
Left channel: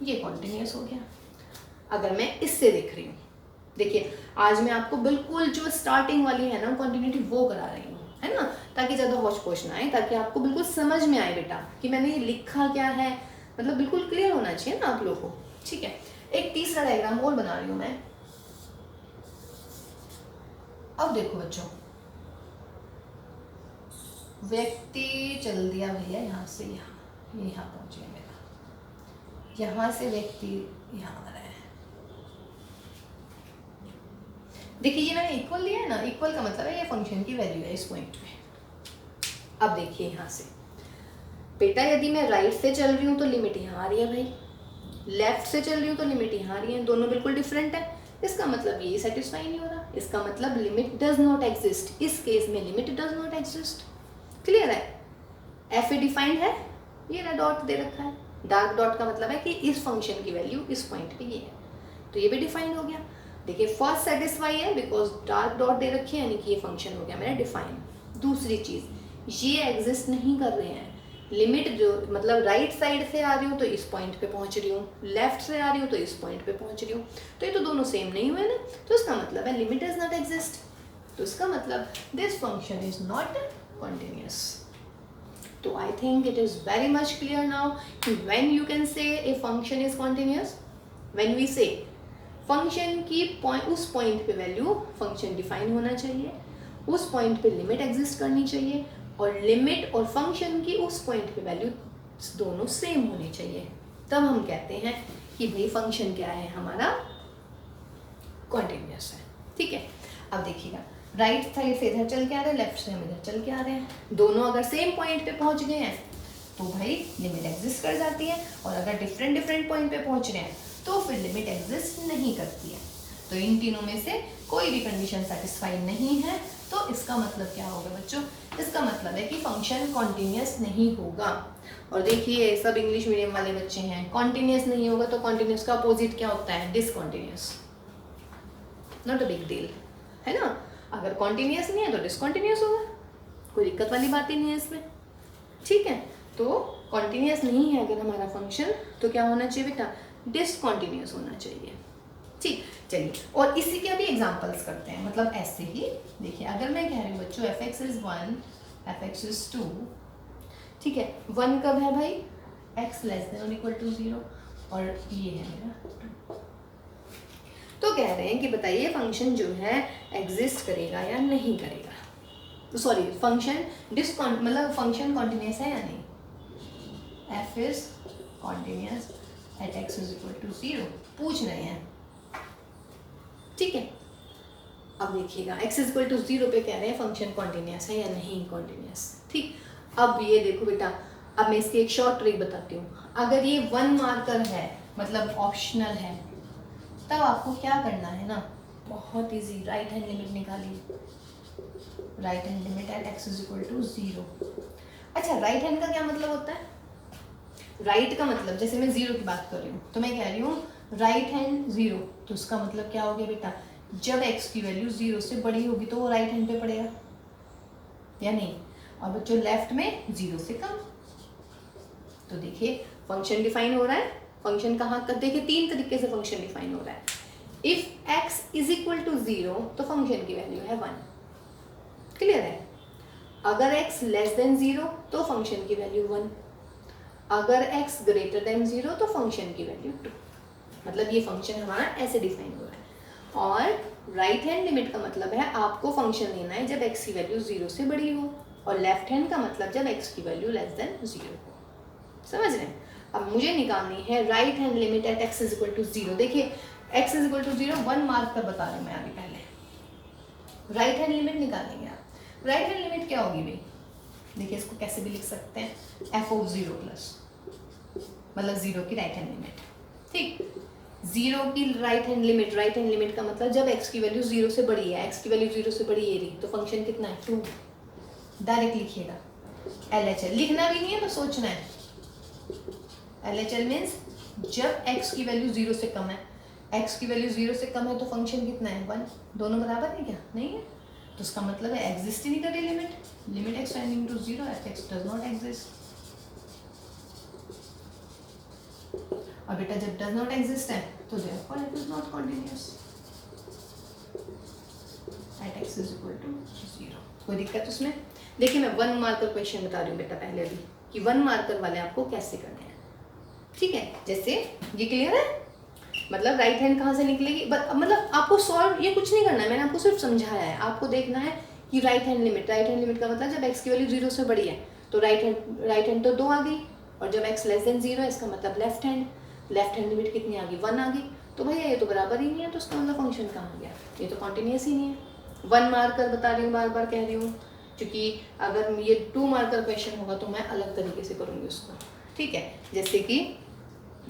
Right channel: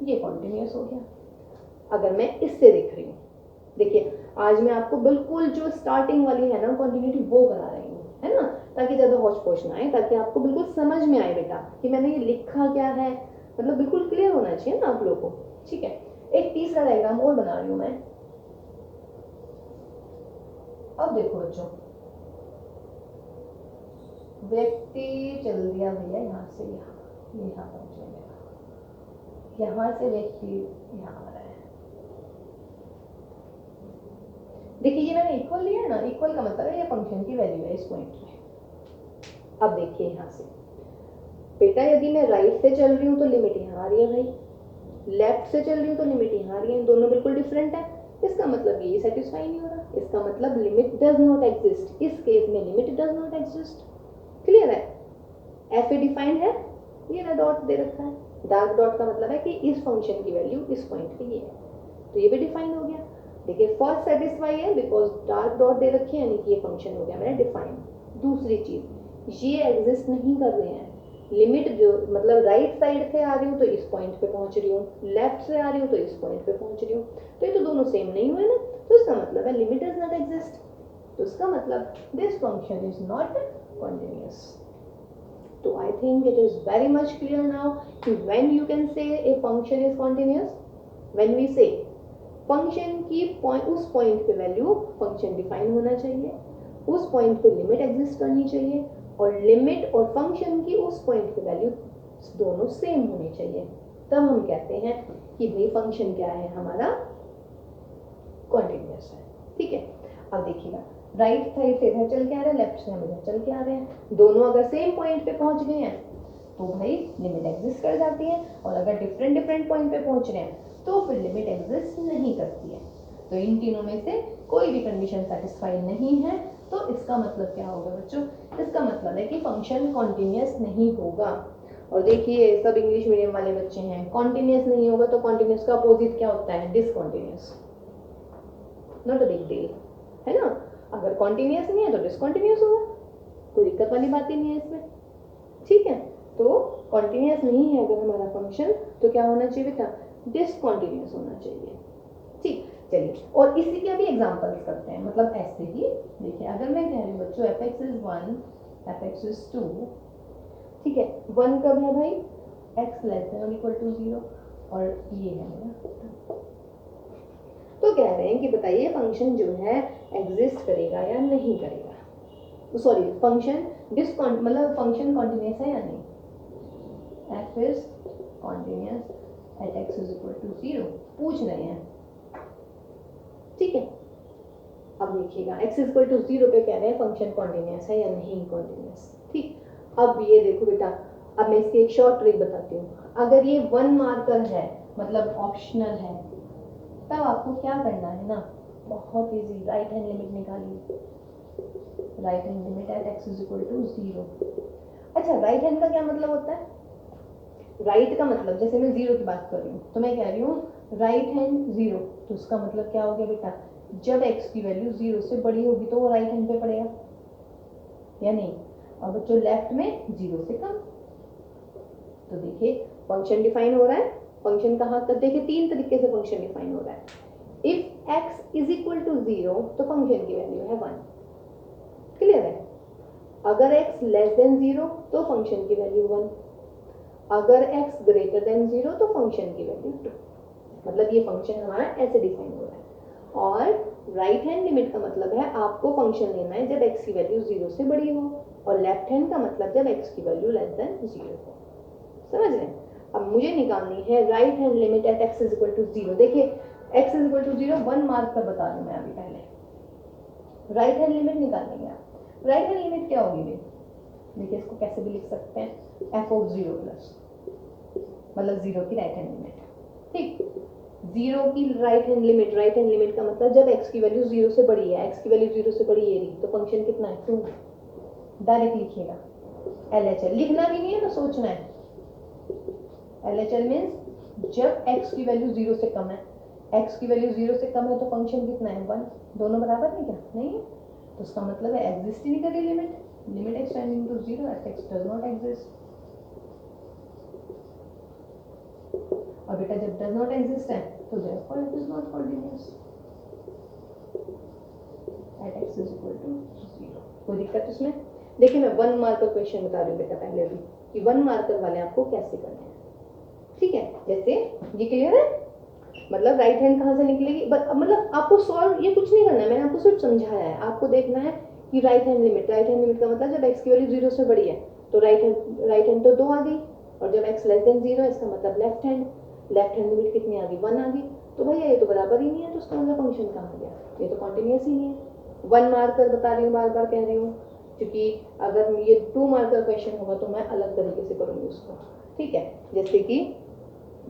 ये कॉन्टिन्यूस हो गया। अगर मैं इससे देख रही हूँ, देखिए आज मैं आपको बिल्कुल जो स्टार्टिंग वाली है ना कॉन्टिन्यूटी वो करा रही हूँ, है ना, ताकि ज़्यादा हौच पौच ना आए, ताकि आपको बिल्कुल समझ में आए बेटा कि मैंने ये लिखा क्या है, मतलब बिल्कुल क्लियर होना चाहिए ना आप लोगों को। ठीक है, एक तीसरा डायग्राम और बना रही हूँ मैं। अब देखो बच्चों, व्यक्ति चल दिया भैया यहाँ से यहाँ पहुंचे मेरा, यहाँ से व्यक्ति यहाँ आ रहा है। देखिए ये मैंने इक्वल लिया है ना, इक्वल का मतलब है ये फंक्शन की वैल्यू है इस पॉइंट में। अब देखिए यहाँ से बेटा, यदि मैं राइट से चल रही हूँ तो लिमिट यहाँ आ रही है भाई, लेफ्ट से चल रही हूँ तो लिमिट यहाँ आ रही है, दोनों बिल्कुल डिफरेंट है, इसका मतलब ये सेटिस्फाई नहीं हो रहा, इसका मतलब लिमिट डज नॉट एग्जिस्ट। इस केस में limit does not exist. Clear है, एफ ए डिफाइंड है, ये ना डॉट दे रखा है, डार्क डॉट का मतलब है कि इस फंक्शन की वैल्यू इस पॉइंट पे ये है, तो ये भी डिफाइंड हो गया। देखिए फर्स्ट सेटिस्फाई है बिकॉज डार्क डॉट दे रखे हैं, यानी कि ये फंक्शन हो गया मेरा डिफाइन। दूसरी चीज, ये एग्जिस्ट नहीं कर रहे हैं, लिमिट जो मतलब राइट साइड से आ रही हूँ तो इस पॉइंट पे पहुंच रही हूँ, लेफ्ट से आ रही हूँ तो इस पॉइंट पे पहुंच रही हूँ, तो ये तो दोनों सेम नहीं हुए ना, तो इसका मतलब है लिमिट डज नॉट एग्जिस्ट, तो इसका मतलब this function is not continuous. तो I think it is very much clear now कि when you can say a function is continuous, when we say function की उस पॉइंट पे वैल्यू फंक्शन डिफाइन होना चाहिए, उस पॉइंट पे लिमिट एग्जिस्ट करनी चाहिए, और लिमिट और फंक्शन की उस पॉइंट पे वैल्यू दोनों सेम होनी चाहिए, तब हम कहते हैं कि भाई फंक्शन क्या है हमारा, कॉन्टिन्यूस है। ठीक है, अब देखिएगा राइट साइड से इधर चल के आ रहे हैं, लेफ्ट से हम इधर चल के आ रहे हैं, दोनों अगर सेम पॉइंट पे पहुंच गए हैं तो भाई लिमिट एग्जिस्ट कर जाती है, और अगर डिफरेंट डिफरेंट पॉइंट पे पहुंच रहे हैं तो फिर लिमिट एग्जिस्ट नहीं करती है। तो इन तीनों में से कोई भी कंडीशन सेटिस्फाई नहीं है, तो इसका मतलब क्या होगा बच्चों, इसका मतलब है कि फंक्शन कॉन्टिन्यूस नहीं होगा। और देखिए सब इंग्लिश मीडियम वाले बच्चे हैं, कॉन्टिन्यूस नहीं होगा तो कॉन्टिन्यूस का अपोजिट क्या होता है, discontinuous. Not a big deal, है ना, अगर कॉन्टिन्यूस नहीं है तो डिसकॉन्टिन्यूस होगा, कोई दिक्कत वाली बात ही नहीं है इसमें। ठीक है, तो कॉन्टिन्यूस नहीं है अगर हमारा फंक्शन, तो क्या होना चाहिए बेटा, डिसकॉन्टिन्यूस होना चाहिए। ठीक, चलिए और इसी के अभी एग्जांपल्स करते हैं, मतलब ऐसे ही देखिए, अगर मैं कह रही हूँ बच्चों F x is 1, F x is 2, ठीक है, 1 कब है भाई, एक्स लेस देन और इक्वल टू 0, और ये है मेरा 2। तो कह रहे हैं कि बताइए फंक्शन जो है एग्जिस्ट करेगा या नहीं करेगा, तो सॉरी फंक्शन मतलब फंक्शन कॉन्टिन्यूस है या नहीं, F is continuous at x is equal to 0 पूछ रहे हैं। ठीक है, अब देखिएगा x इज इक्वल टू 0 पे कह रहे हैं फंक्शन कॉन्टिन्यूस है या नहीं कॉन्टिन्यूस। ठीक, अब ये देखो बेटा, अब मैं इसकी एक शॉर्ट ट्रिक बताती हूँ। अगर ये 1 मार्कर है मतलब ऑप्शनल है, तब आपको क्या करना है ना, बहुत इजी, राइट हैंड लिमिट निकालिए। Right hand limit at x is equal to 0। अच्छा, राइट हैंड का क्या मतलब होता है? राइट का मतलब, जैसे मैं 0 की बात कर रही हूँ तो मैं कह रही हूँ राइट हैंड 0, तो उसका मतलब क्या हो गया बेटा, जब x की वैल्यू 0 से बड़ी होगी तो वो राइट हैंड पे पड़ेगा या नहीं। और बच्चों लेफ्ट में 0 से कम। तो देखिए फंक्शन डिफाइन हो रहा है। फंक्शन कहाँ कर, देखिए 3 तरीके से फंक्शन डिफाइन हो रहा है। If x is equal to 0 तो फंक्शन की वैल्यू है 1। क्लियर है? अगर x लेस देन 0 तो फंक्शन की वैल्यू 1। अगर x ग्रेटर देन 0 तो फंक्शन की वैल्यू 2। मतलब ये फंक्शन हमारा ऐसे डिफाइन हो रहा है। और राइट हैंड लिमिट का मतलब है आपको फंक्शन लेना है जब x की वैल्यू 0 से बड़ी हो, और लेफ्ट हैंड का मतलब जब x की वैल्यू लेस देन 0 हो। समझ रहे हैं? अब मुझे निकालनी है right hand limit at x is equal to 0। देखिए x is equal to 0 1 mark कर बता रही हूँ मैं अभी पहले। राइट हैंड लिमिट निकालेंगे आप। राइट हैंड लिमिट क्या होगी भाई? देखिए इसको कैसे भी लिख सकते हैं, f ऑफ 0 प्लस, मतलब 0 की राइट हैंड लिमिट। ठीक, 0 की right hand limit, right hand limit का मतलब जब x की वैल्यू 0 से बड़ी है, x की वैल्यू 0 से बड़ी ये रही, तो फंक्शन कितना है 2। डायरेक्ट लिखिएगा। LHL लिखना भी नहीं है ना, सोचना है। LHL मीन्स जब x की वैल्यू 0 से कम है, x की वैल्यू 0 से कम है तो फंक्शन कितना है 1। दोनों बराबर है क्या? नहीं है, तो उसका मतलब है exist in the limit, limit x tending to 0 f(x) does not exist. और बेटा जब डज नॉट एग्जिस्ट है तो therefore it is not continuous at x is equal to 0। कोई दिक्कत उसमें? देखिए मैं 1 मार्कर क्वेश्चन बता रही हूँ बेटा पहले भी, कि 1 मार्कर वाले आपको कैसे करने हैं। ठीक है, जैसे ये क्लियर है? मतलब राइट हैंड कहाँ से निकलेगी, मतलब आपको सॉल्व ये कुछ नहीं करना है, मैंने आपको सिर्फ समझाया है। आपको देखना है कि right hand limit, right hand limit का मतलब जब x की वैल्यू 0 से बड़ी है तो राइट हैंड तो 2 आ गई, और जब x लेस देन 0 है इसका मतलब लेफ्ट हैंड लिमिट कितनी आ गई 1 आ गई। तो भैया ये तो बराबर ही नहीं है, तो उसका मतलब फंक्शन कहाँ आ गया? ये तो कॉन्टिन्यूस ही नहीं है। 1 मार्कर बता रही हूँ, बार बार कह रही हूँ, क्योंकि अगर ये 2 मार्कर क्वेश्चन होगा तो मैं अलग तरीके से करूँगी उसको। ठीक है, जैसे कि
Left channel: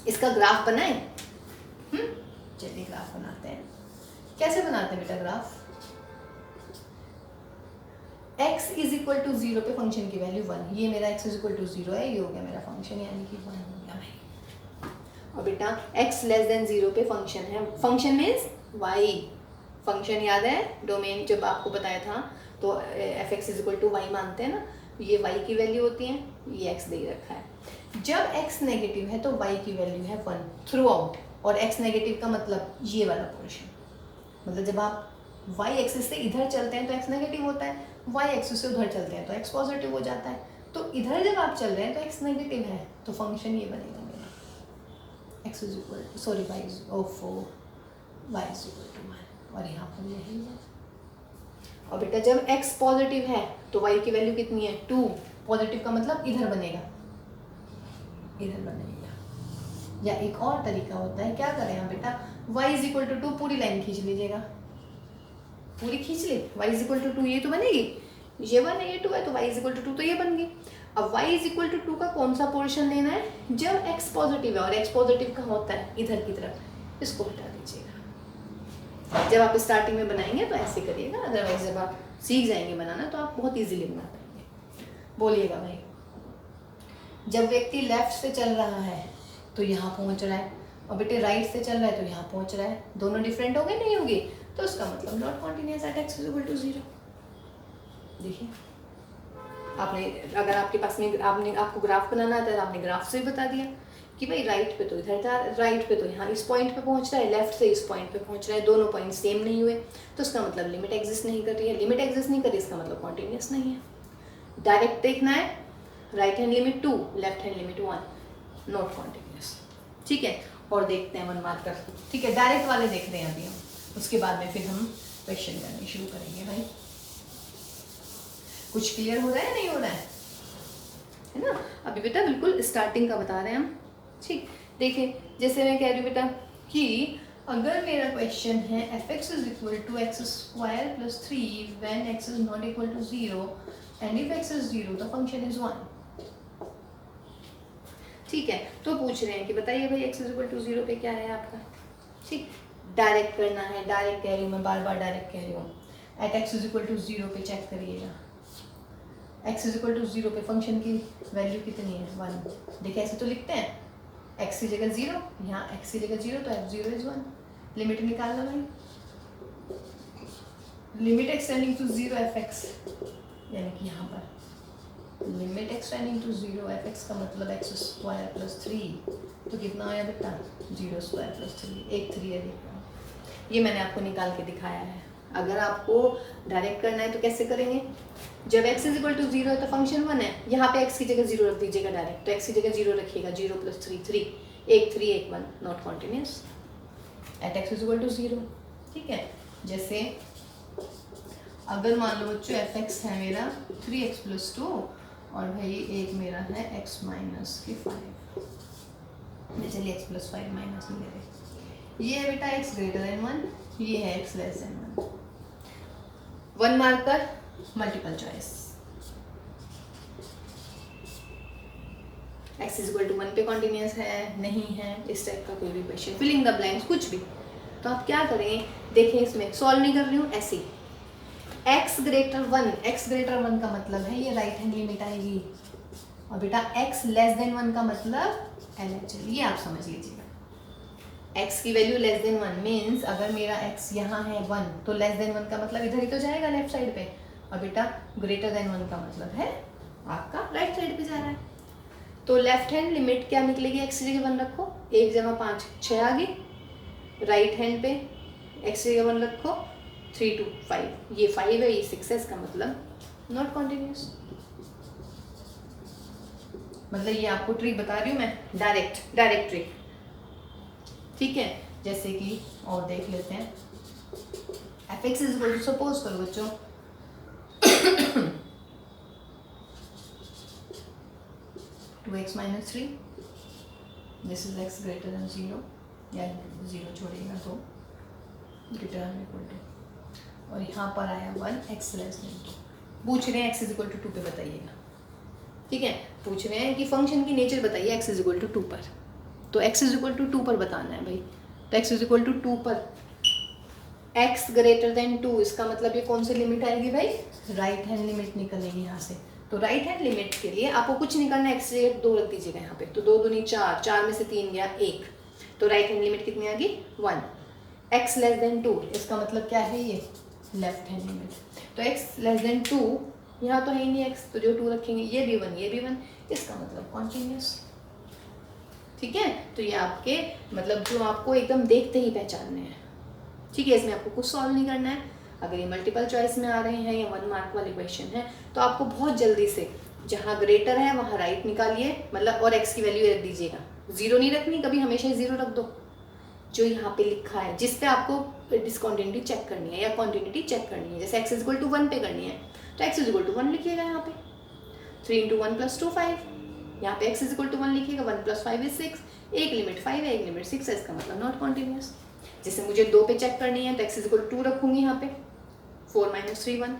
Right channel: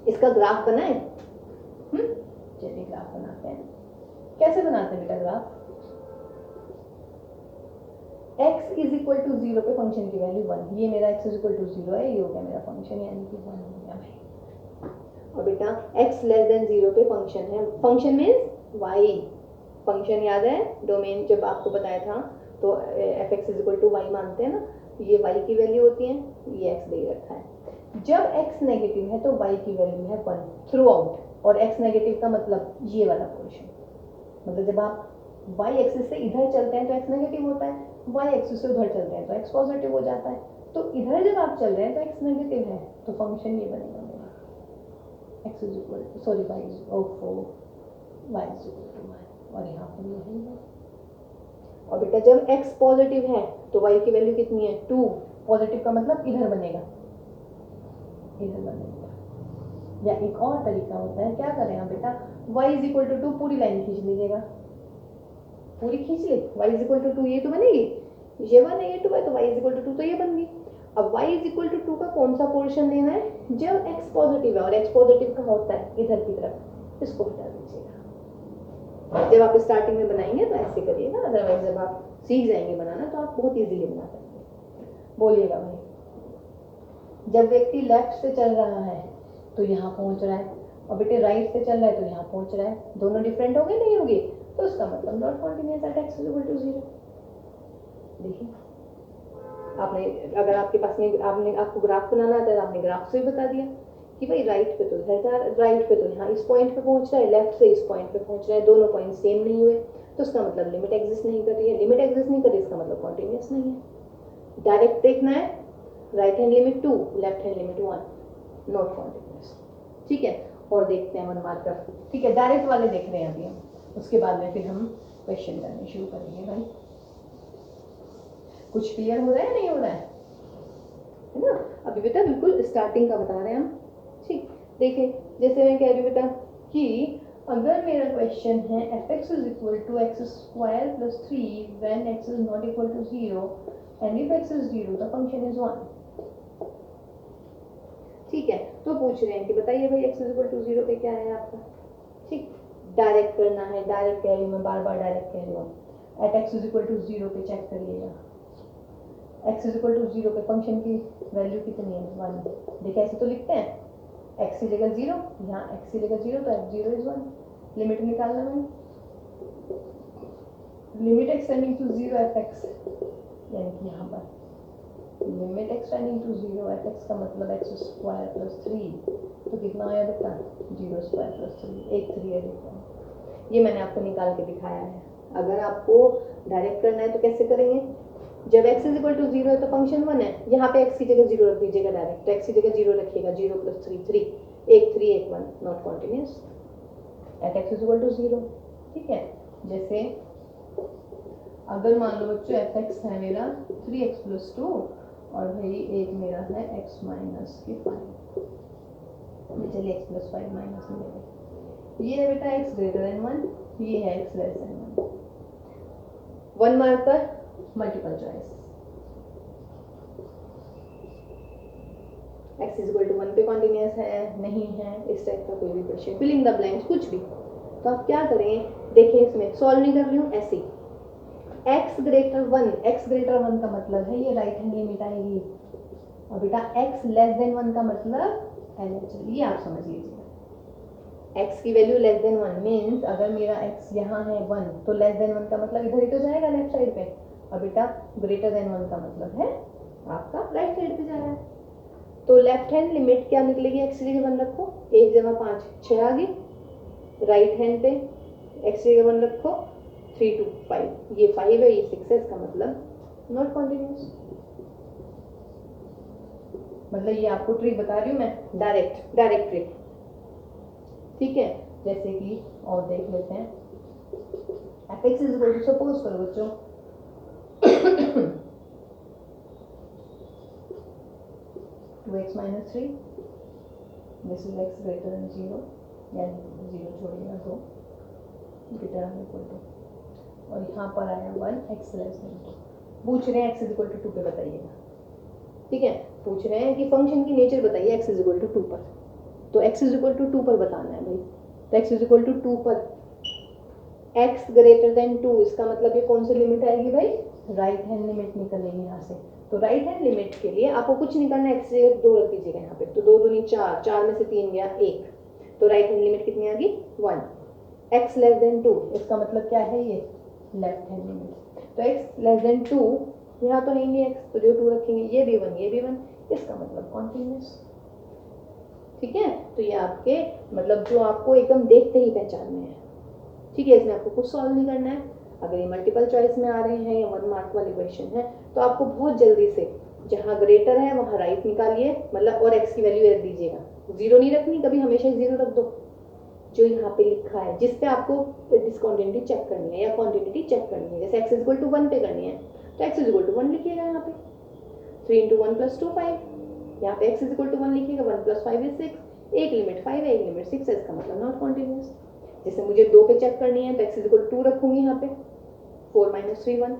इसका ग्राफ बनाए। चलिए ग्राफ बनाते हैं। कैसे बनाते हैं बेटा graph? x is equal to 0 पे फंक्शन की वैल्यू 1, ये मेरा x इज इक्वल टू 0 है, ये हो गया मेरा फंक्शन, यानी कि 1 हो गया भाई। और बेटा x लेस देन 0 पे फंक्शन है, फंक्शन मीन्स y। फंक्शन याद है डोमेन जब आपको बताया था, तो f(x) is equal to y मानते हैं ना, ये y की वैल्यू होती है, ये x दे ही रखा है। जब x नेगेटिव है तो y की वैल्यू है 1 थ्रू आउट, और x नेगेटिव का मतलब ये वाला पोर्शन, मतलब जब आप y एक्सिस से इधर चलते हैं तो x नेगेटिव होता है, y एक्सिस से उधर चलते हैं तो x पॉजिटिव हो जाता है। तो इधर जब आप चल रहे हैं तो x नेगेटिव है, तो फंक्शन ये बनेगा मेरा x is equal to sorry y is equal to 1, और यहाँ पर यही है। और बेटा जब x पॉजिटिव है तो y की वैल्यू कितनी है 2, पॉजिटिव का मतलब इधर बनेगा, इधर बनेगा। या एक और तरीका होता है, क्या करें आप बेटा, y इज इक्वल टू 2 पूरी लाइन खींच लीजिएगा, पूरी खींच ले, y इज इक्वल टू 2 ये तो बनेगी, ये 1 है ये 2 है, तो y इज इक्वल टू 2 तो ये बन गई। अब y इज इक्वल टू 2 का कौन सा पोर्शन लेना है? जब x पॉजिटिव है, और x पॉजिटिव कहाँ होता है? इधर की तरफ, इसको हटा दीजिएगा। जब आप स्टार्टिंग में बनाएंगे तो ऐसे करिएगा, अदरवाइज जब आप सीख जाएंगे बनाना तो आप बहुत ईजिली बना पाएंगे। बोलिएगा भाई। जब व्यक्ति लेफ्ट से चल रहा है तो यहाँ पहुँच रहा है, और बेटे राइट से चल रहा है तो यहाँ पहुँच रहा है, दोनों डिफरेंट हो गए नहीं होगी, तो उसका मतलब not continuous at x is equal to 0। देखिए आपने, अगर आपके पास में आपको ग्राफ बनाना आता है तो आपने ग्राफ से बता दिया कि भाई राइट पे तो इधर जा, राइट पे तो यहाँ इस पॉइंट पे पहुँच रहा है, लेफ्ट से इस पॉइंट पे पहुँच रहा है, दोनों पॉइंट सेम नहीं हुए, तो उसका मतलब लिमिट एग्जिस्ट नहीं कर रही है। लिमिट एग्जिस्ट नहीं कर रही, इसका मतलब कॉन्टिन्यूअस नहीं है। डायरेक्ट देखना है, right hand limit 2, left hand limit 1, not continuous. ठीक है, और देखते हैं 1 मार्कर। ठीक है, डायरेक्ट वाले देख रहे हैं अभी हम, उसके बाद में फिर हम क्वेश्चन करने शुरू करेंगे। भाई कुछ क्लियर हो रहा है नहीं हो रहा है ना? अभी बेटा बिल्कुल स्टार्टिंग का बता रहे हैं हम। ठीक, देखिए जैसे मैं कह रही हूँ बेटा कि अगर मेरा क्वेश्चन है F x is equal to X square plus 3 when X is not equal to 0 and if X is 0 the function is 1। ठीक है, तो पूछ रहे हैं कि बताइए भाई एक्स इज इक्वल टू 0 पे क्या है आपका। ठीक, डायरेक्ट करना है, डायरेक्ट कह रही हूँ मैं, बार बार डायरेक्ट कह रही हूँ। At x is equal to 0 पे चेक करिएगा, एक्स इज इक्वल टू 0 पे फंक्शन की वैल्यू कितनी है 1। देखिए ऐसे तो लिखते हैं, एक्स की जगह 0, यहाँ एक्स की जगह 0 तो एफ 0 इज 1। लिमिट निकालना भाई, limit x tending to 0 F X, यानी कि यहाँ पर limit x tending to 0 F X का मतलब एक्स स्क्वायर प्लस 3, तो कितना आया बेटा 0 स्क्वायर प्लस 3, एक 3 है देखो। ये मैंने आपको निकाल के दिखाया है। अगर आपको डायरेक्ट करना है तो कैसे करेंगे, जब x इज इक्वल टू 0 है तो फंक्शन 1 है, यहाँ पे x की जगह 0 रख दीजिएगा डायरेक्ट, तो x की जगह 0 रखिएगा, 0 प्लस 3 3, एक 3 एक 1, not continuous at x is equal to 0। ठीक है, जैसे अगर मान लो बच्चों एफ एक्स है मेरा 3x प्लस 2 और भाई एक मेरा है x माइनस की 5, चलिए x प्लस 5 माइनस में ले लें। ये है बेटा x ग्रेटर देन 1, ये है x less than 1। 1 marker multiple choice, x is equal to 1 पे कॉन्टिन्यूस है नहीं है, इस टाइप का कोई भी क्वेश्चन, फिलिंग द ब्लैंक्स कुछ भी, तो आप क्या करें, देखिए इसमें सॉल्व नहीं कर रही हूँ ऐसे, x ग्रेटर 1 का मतलब है ये राइट हैंड लिमिट आएगी, और बेटा x लेस देन 1 का मतलब LHL, ये आप समझ लीजिएगा। x की वैल्यू लेस देन 1 मीन्स अगर मेरा x यहाँ है 1 तो लेस देन 1 का मतलब इधर ही तो जाएगा लेफ्ट साइड पे, और बेटा ग्रेटर देन 1 का मतलब है आपका राइट साइड पे जा रहा है। तो लेफ्ट हैंड लिमिट क्या निकलेगी, x की जगह 1 रखो, 1 जमा 5 6 आ गई, राइट हैंड पे x की जगह 1 रखो, 3 2 5, ये 5 है ये 6 है, इसका मतलब नॉट कॉन्टिन्यूस। मतलब ये आपको ट्रिक बता रही हूँ मैं, डायरेक्ट ट्रिक। ठीक है, जैसे कि और देख लेते हैं, F x is equal to, suppose करो बच्चों 2x minus 3, this is x greater than 0, या 0 छोड़ेगा तो ग्रेटर देन इक्वल टू, और यहाँ पर आया 1 x लेस देन 2। पूछ रहे हैं x इज इक्वल टू 2 पे बताइएगा। ठीक है, पूछ रहे हैं कि फंक्शन की नेचर बताइए x इज इक्वल टू 2 पर, तो x इज इक्वल टू 2 पर बताना है भाई, तो x इज इक्वल टू 2 पर x ग्रेटर देन 2, इसका मतलब ये कौन सी लिमिट आएगी भाई, राइट हैंड लिमिट निकलेगी यहाँ से। तो राइट हैंड लिमिट के लिए आपको कुछ नहीं करना, x से 2 रख दीजिएगा यहाँ पे, तो 2 दूनी 4, 4 में से 3 गया 1, तो राइट हैंड लिमिट कितनी आ गई 1। x लेस देन 2, इसका मतलब क्या है ये लेफ्ट हैंड लिमिट, तो x लेस देन 2, यहाँ तो है ही नहीं x, तो जो 2 रखेंगे ये भी 1 ये भी 1, इसका मतलब कॉन्टिन्यूस। ठीक है, तो ये आपके मतलब जो आपको एकदम देखते ही पहचानने हैं। ठीक है, इसमें आपको कुछ सॉल्व नहीं करना है। अगर ये मल्टीपल चॉइस में आ रहे हैं या 1 मार्क वाले क्वेश्चन है तो आपको बहुत जल्दी से जहाँ ग्रेटर है वहाँ राइट निकालिए, मतलब और x की वैल्यू रख दीजिएगा, 0 नहीं रखनी कभी, हमेशा 0 रख दो जो यहाँ पे लिखा है, जिस पे आपको डिसकॉन्टिन्यूटी चेक करनी है या क्वांटिटी चेक करनी है। जैसे x इज इक्वल टू 1 पे करनी है तो x इज इक्वल टू 1 लिखिएगा यहाँ पे, 3 इंटू 1 प्लस 2 5, यहाँ पे x इज इक्वल टू 1 लिखिएगा, 1 प्लस 5 इज 6, एक लिमिट 5 है एक लिमिट 6 है, इसका मतलब नॉट कॉन्टिन्यूस। जैसे मुझे 2 पे चेक करनी है तो x इज इक्वल टू 2 रखूंगी यहाँ पे, 4 माइनस 3 1,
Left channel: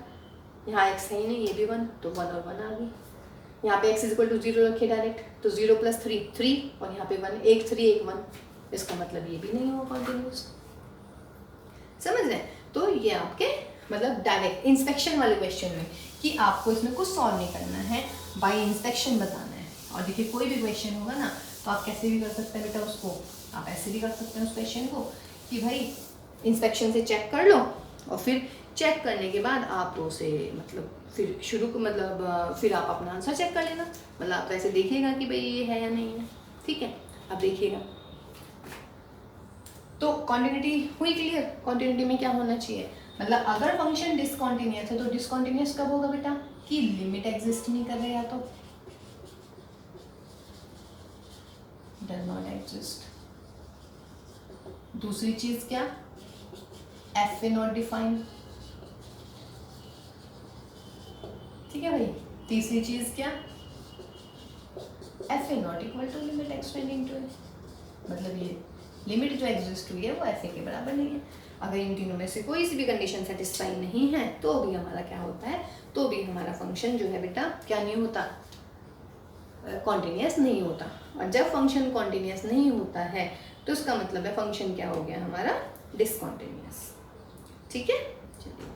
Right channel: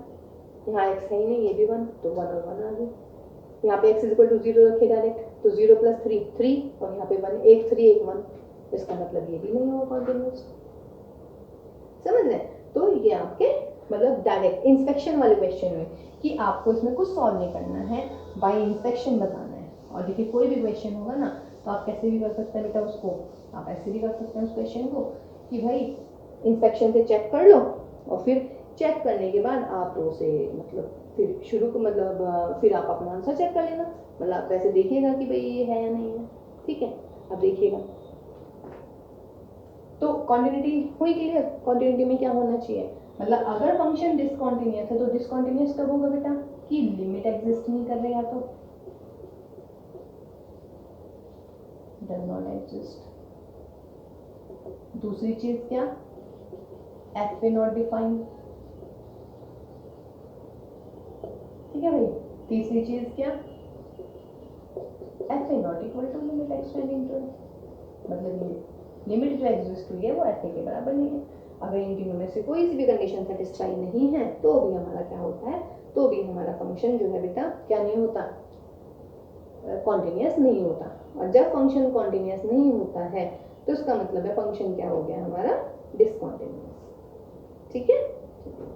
यहाँ x है ही नहीं ये भी 1, तो 1 और 1 आ गई। यहाँ पे x इज इक्वल टू 0 रखिए डायरेक्ट, तो 0 प्लस 3 3, और यहाँ पे 1, एक 3 एक 1, इसका मतलब ये भी नहीं हुआ कॉन्टिन्यूस। समझ रहे हैं? तो ये आपके मतलब डायरेक्ट इंस्पेक्शन वाले क्वेश्चन में कि आपको इसमें कुछ सॉल्व नहीं करना है, बाय इंस्पेक्शन बताना है। और देखिए कोई भी क्वेश्चन होगा ना तो आप कैसे भी कर सकते हैं बेटा उसको, आप ऐसे भी कर सकते हैं उस क्वेश्चन को कि भाई इंस्पेक्शन से चेक कर लो, और फिर चेक करने के बाद आप उसे मतलब फिर शुरू को मतलब फिर आप अपना आंसर चेक कर लेना, मतलब आप वैसे देखिएगा कि भाई ये है या नहीं है। ठीक है, अब देखिएगा तो कॉन्टिन्यूटी हुई क्लियर। कॉन्टिन्यूटी में क्या होना चाहिए, मतलब अगर फंक्शन डिसकॉन्टिन्यूअस है तो डिसकॉन्टिन्यूअस कब होगा बेटा, कि लिमिट एग्जिस्ट नहीं कर रही है तो डज नॉट एग्जिस्ट। दूसरी चीज क्या, एफ ए नॉट डिफाइंड। ठीक है भाई, तीसरी चीज क्या, F A not equal to limit x tending to, मतलब ये लिमिट जो एग्जिस्ट हुई है वो एफ ए के बराबर नहीं है। अगर इन तीनों में से कोई सी भी कंडीशन सेटिस्फाई नहीं है तो भी हमारा क्या होता है, तो भी हमारा फंक्शन जो है बेटा क्या नहीं होता, कॉन्टिन्यूस नहीं होता। और जब फंक्शन कॉन्टिन्यूस नहीं होता है तो उसका मतलब है फंक्शन क्या हो गया हमारा, डिसकॉन्टिन्यूस। ठीक है, चलिए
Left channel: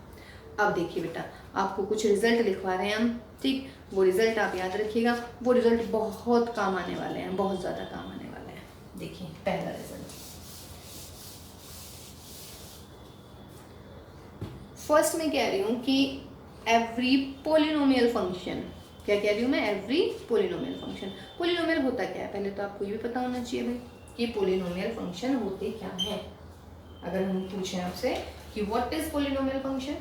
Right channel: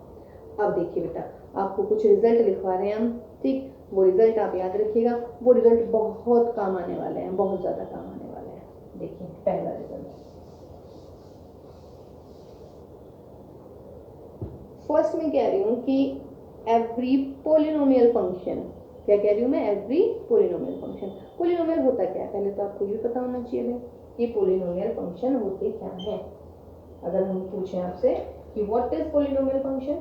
अब देखिए बेटा, आपको कुछ रिजल्ट लिखवा रहे हैं हम, ठीक। वो रिजल्ट आप याद रखिएगा, वो रिजल्ट बहुत काम आने वाले हैं, बहुत ज़्यादा काम आने वाले हैं। देखिए पहला रिजल्ट, फर्स्ट में कह रही हूँ कि एवरी पोलिनोमियल फंक्शन, क्या कह रही हूँ मैं, एवरी पोलिनोमियल फंक्शन। पोलिनोमियल होता क्या है, पहले तो आपको ये भी पता होना चाहिए भाई कि पोलिनोमियल फंक्शन होते क्या है। अगर हम पूछें आपसे कि व्हाट इज पोलिनोमियल फंक्शन,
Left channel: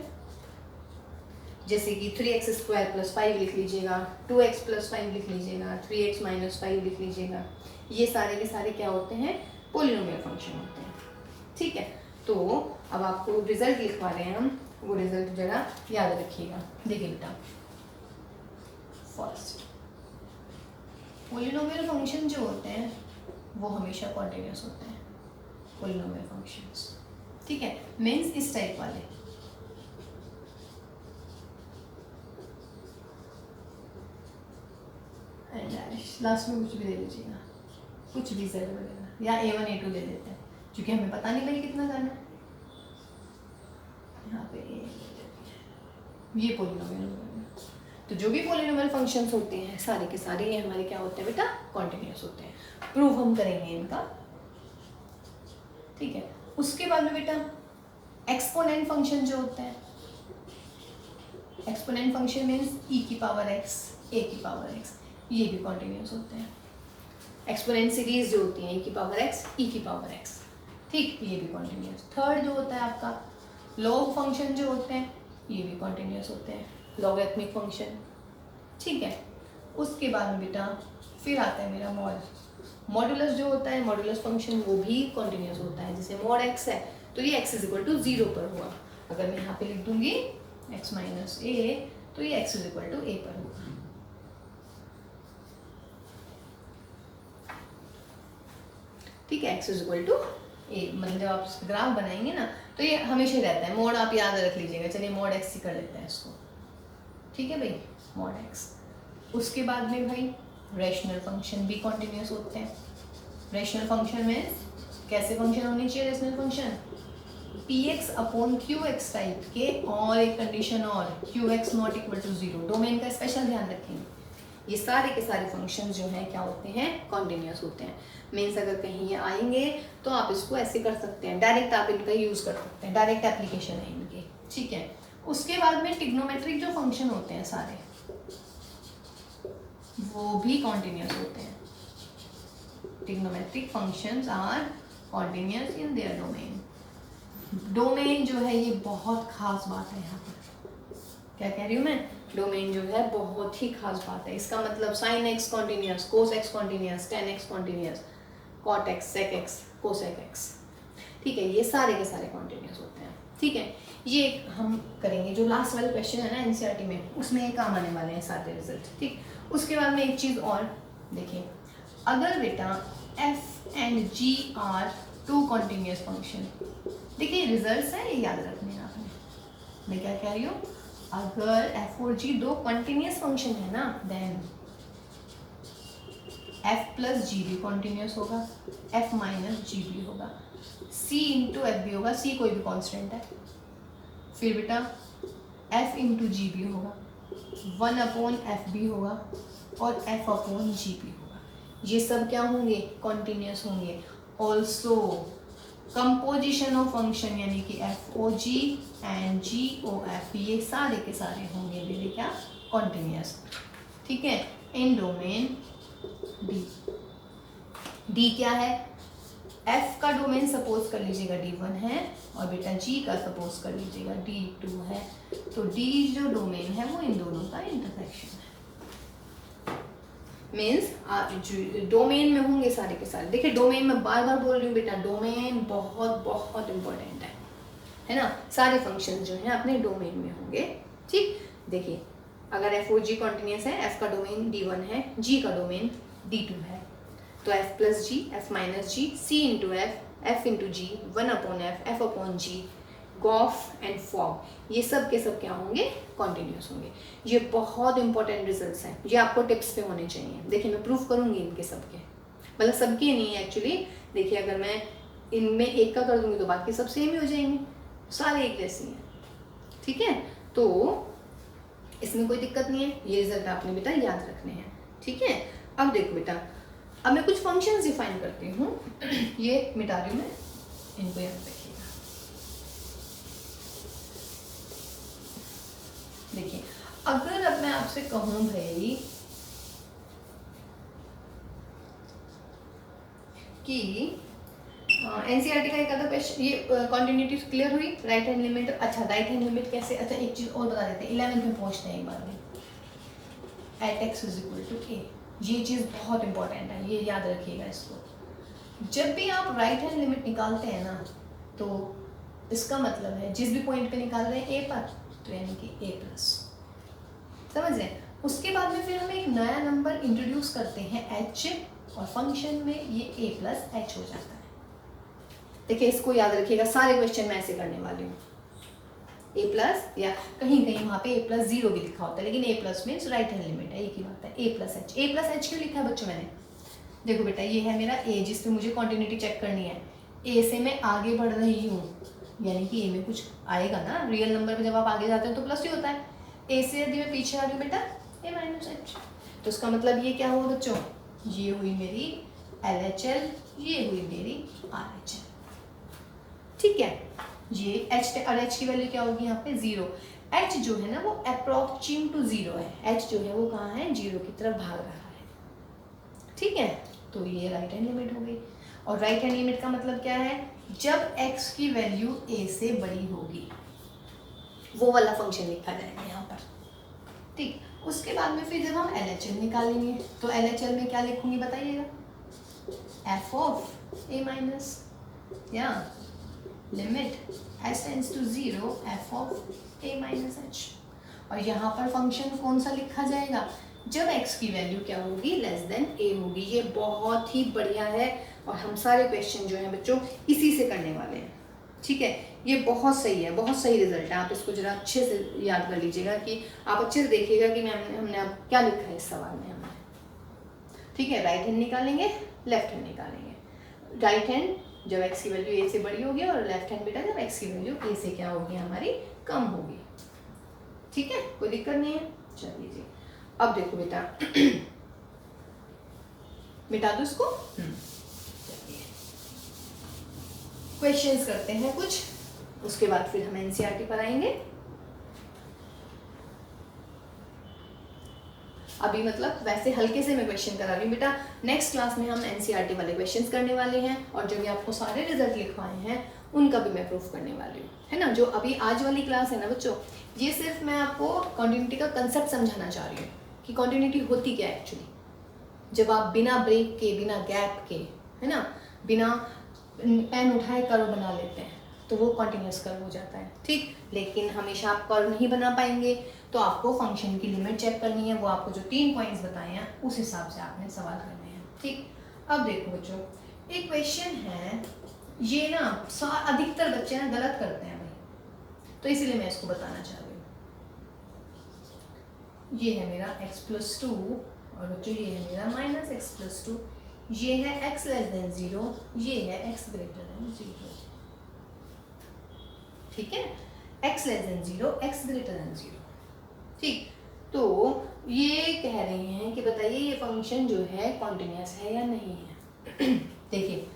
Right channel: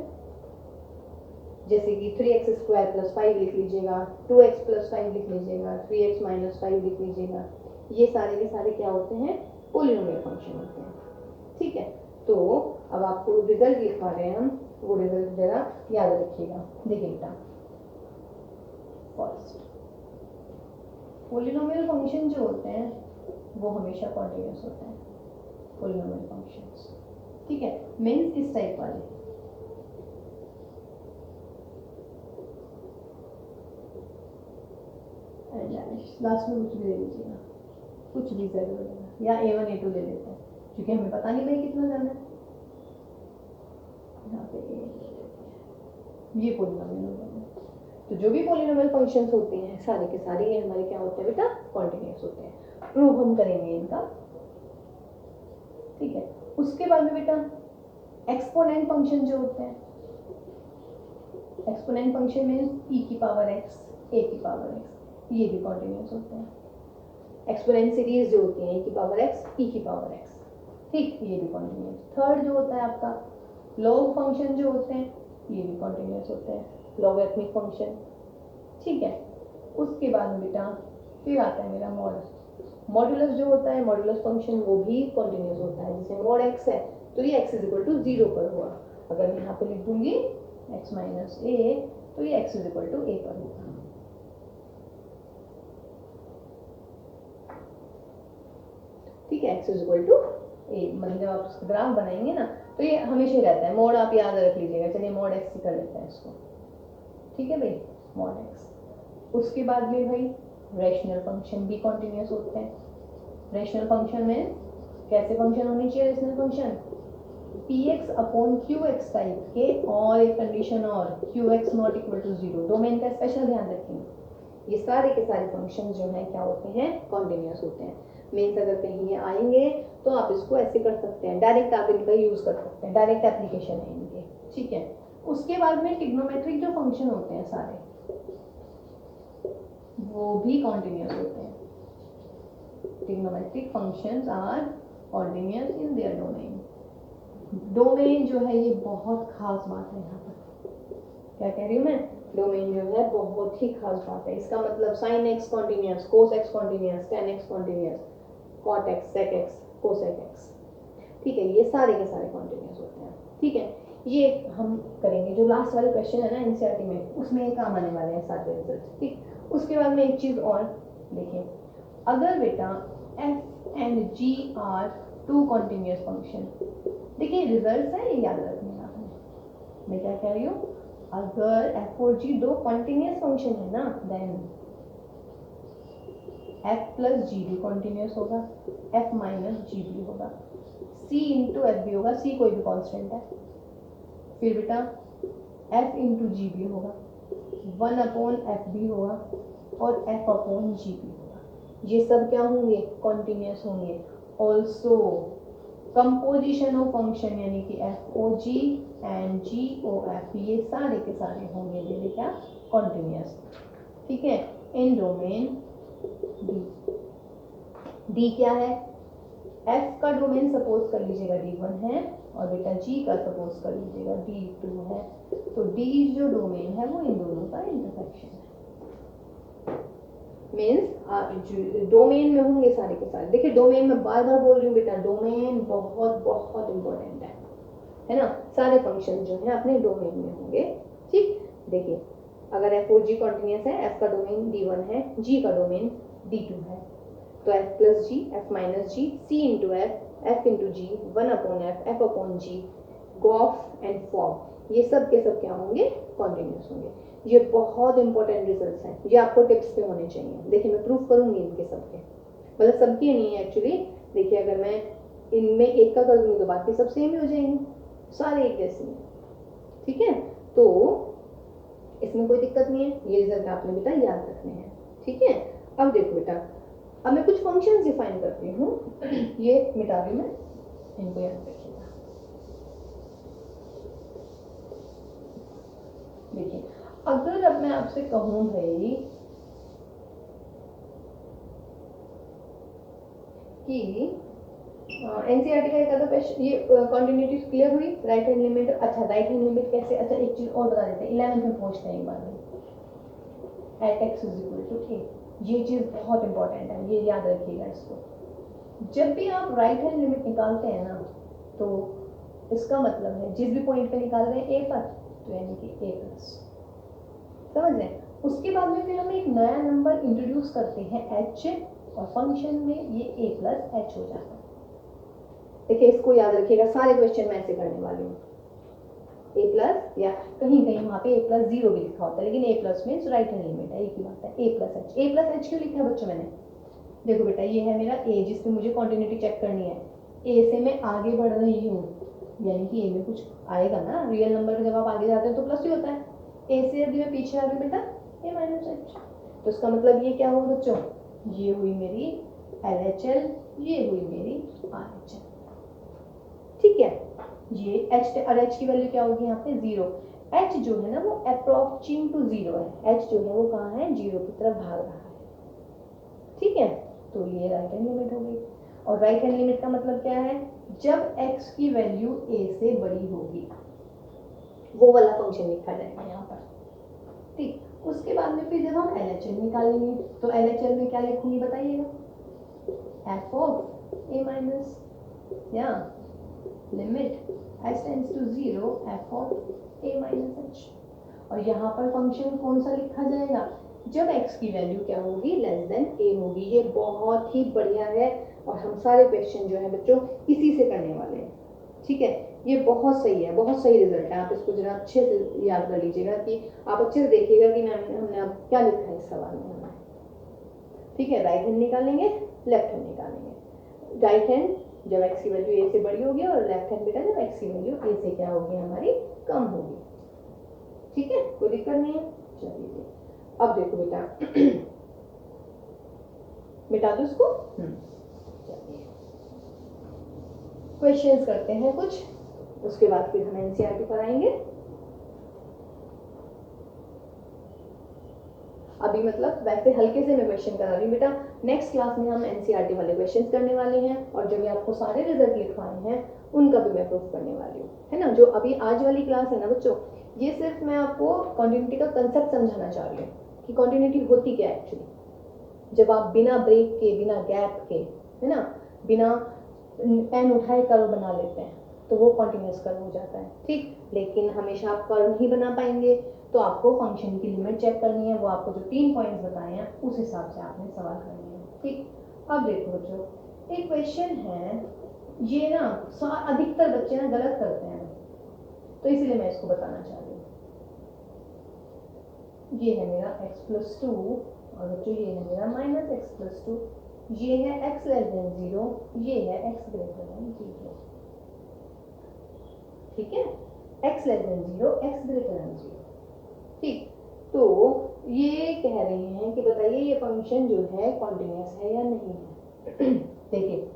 जैसे कि 3x² + 5 लिख लीजिएगा, 2x + 5 लिख लीजिएगा, 3x - 5 लिख लीजिएगा, ये सारे के सारे क्या होते हैं, पोलिनोमियल फंक्शन होते हैं। ठीक है, तो अब आपको रिजल्ट लिखवा रहे हैं हम, वो रिजल्ट जरा याद रखिएगा। देखिए बेटा, फर्स्ट पोलिनोमियल फंक्शन जो होते हैं वो हमेशा कॉन्टिन्यूस होते हैं, पोलिनोमियल फंक्शंस। ठीक है, मीन्स इस टाइप वाले, लास्ट में कुछ भी दे लीजिएगा, कुछ भी z वगैरह, या a1 a2 ले लेते हैं क्योंकि हमें पता नहीं भाई कितना करना है। यहाँ पे ये पोलिनोमियल होगा। तो जो भी पोलिनोमियल फंक्शंस होते हैं सारे के सारे ये हमारे क्या होते हैं बेटा, कॉन्टिन्यूस होते हैं। प्रूफ हम करेंगे इनका। ठीक है, उसके बाद में बेटा एक्सपोनेंट फंक्शन जो होते हैं, एक्सपोनेंट फंक्शन मीन्स e की पावर x, a की पावर x, ये भी कॉन्टिन्यूस होते हैं। एक्सपोनेंट सीरीज जो होती है e की पावर x, e की पावर x, ठीक, ये भी कॉन्टिन्यूस। थर्ड जो होता है आपका लॉग फंक्शन जो होते हैं, ये भी कॉन्टिन्यूस होते हैं, लॉगरिथमिक फंक्शन। ठीक है, उसके बाद में बेटा फिर आता है मेरा मॉडुलस जो होता है, मॉडुलस फंक्शन वो भी कॉन्टिन्यूस होता है। जैसे mod x है तो ये x = 0 पर हुआ, अगर मैं यहाँ पे लिख दूंगी x - a तो ये x = a पर होगा। ठीक है, x = a, मतलब जब आप ग्राफ बनाएंगे ना तो ये हमेशा रहता है। मोड आप याद रख लीजिएगा, चलिए mod x ही कर लेते हैं इसको। ठीक है भाई, mod x। उसके बाद में भाई रैशनल फंक्शन भी कॉन्टिन्यूस होते हैं। रैशनल फंक्शन में कैसे फंक्शन होनी चाहिए, रैशनल फंक्शन px/qx टाइप के, और एक कंडीशन और qx ≠ 0, डोमेन का स्पेशल ध्यान रखेंगे। ये सारे के सारे फंक्शन जो हैं क्या होते हैं, कॉन्टिन्यूस होते हैं। मीन्स अगर कहीं ये आएंगे तो आप इसको ऐसे कर सकते हैं, डायरेक्ट आप इनका यूज़ कर सकते हैं, डायरेक्ट एप्लीकेशन है इनके। ठीक है, उसके बाद में ट्रिग्नोमेट्रिक जो फंक्शन होते हैं सारे वो भी कॉन्टिन्यूस होते हैं। Trigonometric functions are continuous in their domain. Domain जो है ये बहुत खास बात है यहाँ पर। क्या कह रही हूँ मैं, डोमेन जो है बहुत ही खास बात है। इसका मतलब sin x continuous, cos x continuous, tan x continuous, cot x, sec x, cosec x। ठीक है, ये सारे के सारे कॉन्टिन्यूस होते हैं। ठीक है, ये हम करेंगे जो लास्ट वाले क्वेश्चन है ना एनसीईआरटी में, उसमें ये काम आने वाले हैं सारे रिजल्ट। ठीक, उसके बाद में एक चीज़ और देखिए, अगर बेटा f and g are 2 continuous function, देखिए रिजल्ट्स हैं, ये याद रखने हैं आपने। मैं क्या कह रही हूँ, अगर f और g 2 कॉन्टिन्यूस फंक्शन है ना, देन f + g भी कॉन्टिन्यूस होगा, f - g भी होगा, c × f भी होगा, c कोई भी कांस्टेंट है, फिर बेटा f × g भी होगा, 1/f भी होगा, और f/g भी होगा। ये सब क्या होंगे, कॉन्टिन्यूस होंगे। ऑल्सो कंपोजिशन ऑफ फंक्शन यानी कि FOG एंड GOF, ये सारे के सारे होंगे मेरे क्या, कॉन्टिन्यूस। ठीक है, इन डोमेन D क्या है, F का डोमेन सपोज कर लीजिएगा D1 है, और बेटा G का सपोज कर लीजिएगा D2 है। तो D जो डोमेन है वो इन दोनों का इंटरसेक्शन है। मीन्स डोमेन में होंगे सारे के सारे। देखिए डोमेन में बार बार बोल रही हूँ बेटा, डोमेन बहुत बहुत इंपॉर्टेंट है ना। सारे फंक्शन जो हैं अपने डोमेन में होंगे। ठीक, देखिए अगर FOG कॉन्टिन्यूस है, F का डोमेन D1 है, G का डोमेन D2 है, तो F + G, F - G, C × F, F into G, 1/f, f/g, gof and fog, ये सब के सब क्या होंगे, कॉन्टिन्यूस होंगे। ये बहुत इंपॉर्टेंट रिजल्ट्स हैं, ये आपको टिप्स पे होने चाहिए। देखिए मैं प्रूफ करूंगी इनके सबके, मतलब सबके नहीं है एक्चुअली। देखिए अगर मैं इनमें एक का कर दूंगी तो बाकी सब सेम ही हो जाएंगे, सारे एक जैसे हैं, ठीक है। तो इसमें कोई दिक्कत नहीं है, ये रिजल्ट आपने बेटा याद रखने हैं, ठीक है। अब देखो बेटा, अब मैं कुछ फंक्शंस डिफाइन करती हूँ, ये मिटा रही हूँ मैं, इनको याद रखिएगा। देखिए अगर अब मैं आपसे कहूँ भाई कि एनसीईआरटी का एक अदर क्वेश्चन, ये कॉन्टिन्यूटी क्लियर हुई, राइट हैंड लिमिट। अच्छा राइट हैंड लिमिट कैसे, अच्छा एक चीज और बता देते हैं, 11th में पूछते हैं एक बार में, at x is equal to a, ये चीज़ बहुत इंपॉर्टेंट है, ये याद रखिएगा इसको। जब भी आप राइट हैंड लिमिट निकालते हैं ना, तो इसका मतलब है जिस भी पॉइंट पे निकाल रहे हैं ए पर, तो यानी कि ए प्लस, समझ रहे हैं। उसके बाद में फिर हम एक नया नंबर इंट्रोड्यूस करते हैं एच, और फंक्शन में ये ए प्लस एच हो जाता है। देखिए इसको याद रखिएगा, सारे क्वेश्चन मैं ऐसे करने वाली हूँ। ए प्लस, या कहीं कहीं वहाँ पे ए प्लस 0 भी लिखा होता है, लेकिन a plus means right hand limit है, एक ही बात है। A plus h, a plus h क्यों लिखा है बच्चों मैंने, देखो बेटा ये है मेरा ए, जिस पे मुझे कॉन्टिन्यूटी चेक करनी है। ए से मैं आगे बढ़ रही हूँ, यानी कि ए में कुछ आएगा ना, रियल नंबर पे जब आप आगे जाते हो तो प्लस ही होता है। ए से यदि मैं पीछे आ रही हूँ बेटा, ए माइनस एच, तो उसका मतलब ये क्या हुआ बच्चों, ये हुई मेरी LHL, ये हुई मेरी RHL, ठीक है। ये एच और एच की वैल्यू क्या होगी यहाँ पे 0। एच जो है ना वो अप्रोक्सीम टू 0 है, एच जो है वो कहाँ है, 0 की तरफ भाग रहा है, ठीक है। तो ये राइट हैंड लिमिट हो गई, और राइट हैंड लिमिट का मतलब क्या है, जब x की वैल्यू a से बड़ी होगी, वो वाला फंक्शन लिखा जाएगा यहाँ पर, ठीक। उसके बाद में फिर जब हम LHL निकालेंगे, तो LHL में क्या लिखूंगी बताइएगा, f ऑफ a माइनस, या limit h tends to 0 f of a minus h, और यहाँ पर फंक्शन कौन सा लिखा जाएगा, जब x की वैल्यू क्या होगी, लेस देन a होगी। ये बहुत ही बढ़िया है, और हम सारे क्वेश्चन जो हैं बच्चों इसी से करने वाले हैं, ठीक है। ये बहुत सही है, बहुत सही रिजल्ट है, आप इसको जरा अच्छे से याद कर लीजिएगा, कि आप अच्छे से देखिएगा कि हमने अब क्या लिखा है इस सवाल में हमने, ठीक है। राइट हैंड निकालेंगे, लेफ्ट हैंड निकालेंगे। राइट हैंड जब x की वैल्यू a से बड़ी होगी, और लेफ्ट हैंड बेटा जब x की वैल्यू a से क्या होगी, हमारी कम होगी, ठीक है, कोई दिक्कत नहीं है। चलिए जी, अब देखो बेटा मिटा दो इसको, चलिए क्वेश्चंस करते हैं कुछ, उसके बाद फिर हम एनसीईआरटी पर आएंगे। अभी मतलब वैसे हल्के से मैं क्वेश्चन करा रही हूँ बेटा, नेक्स्ट क्लास में हम एनसीईआरटी वाले क्वेश्चंस करने वाले हैं, और जो भी आपको सारे रिजल्ट लिखवाए हैं उनका भी मैं प्रूफ करने वाली हूँ, है ना। जो अभी आज वाली क्लास है ना बच्चों, ये सिर्फ मैं आपको कॉन्टिन्यूटी का कंसेप्ट समझाना चाह रही हूँ कि कॉन्टिन्यूटी होती क्या है एक्चुअली। जब आप बिना ब्रेक के, बिना गैप के, है ना, बिना पेन उठाए कर्व बना लेते हैं, तो वो कॉन्टिन्यूस कर्व हो जाता है, ठीक। लेकिन हमेशा आप कर्व नहीं बना पाएंगे, तो आपको फंक्शन की लिमिट चेक करनी है, वो आपको जो 3 पॉइंट्स बताए हैं उस हिसाब से आपने सवाल करने हैं, ठीक। अब देखो बच्चों, एक क्वेश्चन है, ये ना अधिकतर बच्चे ना गलत करते हैं भाई, तो इसीलिए मैं इसको बताना चाह रही हूँ। ये है मेरा x+2, और बच्चों ये है मेरा -x+2, ये है x लेस देन 0, ये है x ग्रेटर देन 0, ठीक है। x less then 0, x greater than 0, ठीक। तो ये कह रहे हैं कि बताइए ये फंक्शन जो है कॉन्टिन्यूस है या नहीं है। देखिए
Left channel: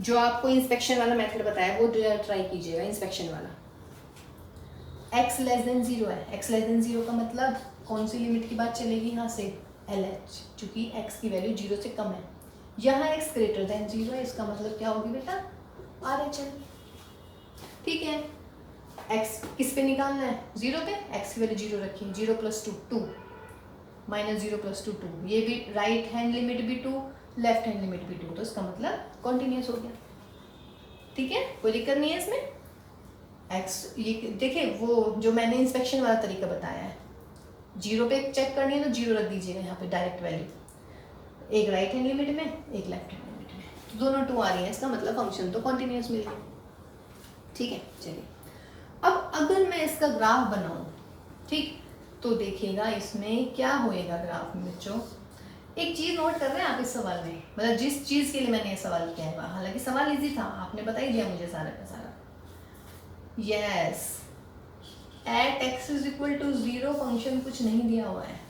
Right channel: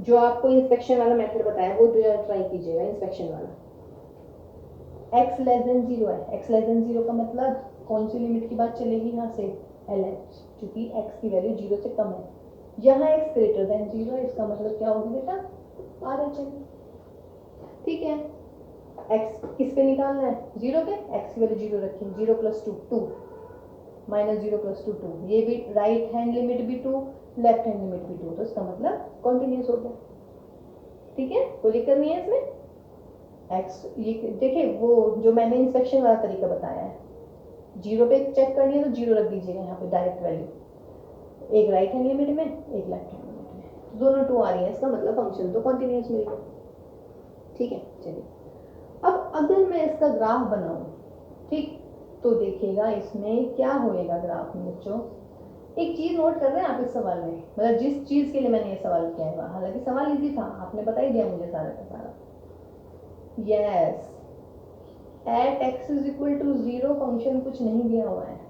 जो आपको इंस्पेक्शन वाला मेथड बताया वो ट्राई कीजिएगा, इंस्पेक्शन वाला। x लेस देन 0 है, x लेस देन 0 का मतलब कौन सी लिमिट की बात चलेगी, यहाँ से LH, चूंकि x की वैल्यू 0 से कम है। यहाँ x ग्रेटर देन 0 है, इसका मतलब क्या होगी बेटा, RHL, ठीक है। x किस पे निकालना है, 0 पे, x की वैल्यू 0 रखिए, 0 + 2 2, -0 + 2 2, ये भी राइट हैंड लिमिट भी 2, लेफ्ट हैंड लिमिट भी 2, तो इसका मतलब कॉन्टिन्यूस हो गया, ठीक है, कोई दिक्कत नहीं है इसमें। x ये देखिए वो जो मैंने इंस्पेक्शन वाला तरीका बताया है, 0 पे चेक करनी है तो 0 रख दीजिएगा यहाँ पे डायरेक्ट वैल्यू, एक राइट हैंड लिमिट में, एक लेफ्ट हैंड लिमिट में, तो दोनों 2 आ रही है, इसका मतलब फंक्शन तो कॉन्टिन्यूस मिल गया। ठीक है, चलिए अब अगर मैं इसका ग्राफ बनाऊं, ठीक, तो देखिएगा इसमें क्या होएगा ग्राफ में बच्चों। एक चीज नोट कर रहे हैं आप इस सवाल में, मतलब जिस चीज के लिए मैंने ये सवाल किया है, हालांकि सवाल इजी था, आपने बता ही दिया मुझे सारा का सारा। Yes, at x is equal to 0 function कुछ नहीं दिया हुआ है।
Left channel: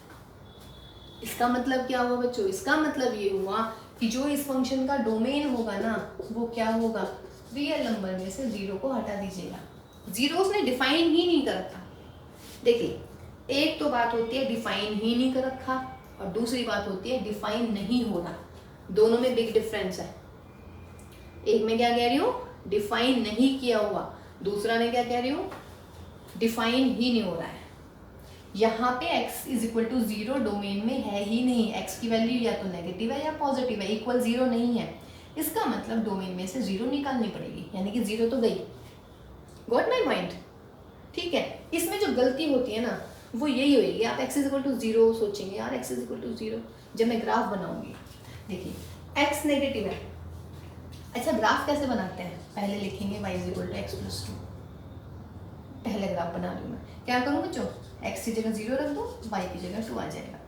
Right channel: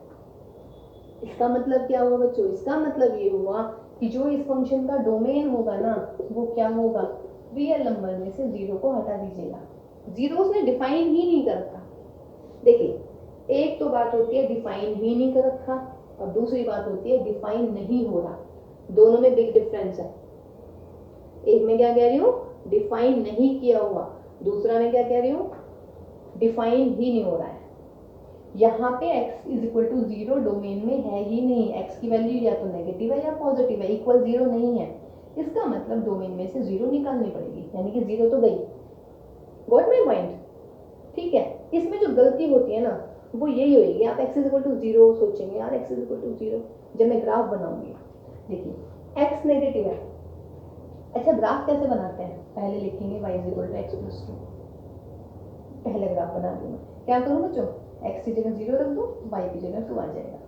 इसका मतलब क्या हुआ बच्चों, इसका मतलब ये हुआ कि जो इस फंक्शन का डोमेन होगा ना वो क्या होगा, रियल नंबर में से 0 को हटा दीजिएगा। 0 उसने डिफाइन ही नहीं कर रखा। देखिए, एक तो बात होती है डिफाइन ही नहीं कर रखा, और दूसरी बात होती है डिफाइन नहीं हो रहा। दोनों में बिग डिफरेंस है। एक में क्या कह रही हूँ, डिफाइन नहीं किया हुआ, दूसरा में क्या कह रही हूँ, डिफाइन ही नहीं हो रहा है। यहाँ पे x is equal to 0 domain में है ही नहीं, x की वैल्यू या तो नेगेटिव है या पॉजिटिव है, इक्वल 0 नहीं है। इसका मतलब डोमेन में से 0 निकालनी पड़ेगी, यानी कि 0 तो गई। Got my point? ठीक है, इसमें जो गलती होती है ना वो यही होगी, आप x इज इक्वल टू 0 सोचेंगे, यार x इज इक्वल टू 0, जब मैं ग्राफ बनाऊंगी, देखिए x नेगेटिव है। अच्छा, ग्राफ कैसे बनाते हैं, पहले लिखेंगे y is equal to X plus 2। पहले ग्राफ बना लूँ मैं, क्या करूँ बच्चों, x की जगह 0 रख दो, y की जगह 2 आ जाएगा।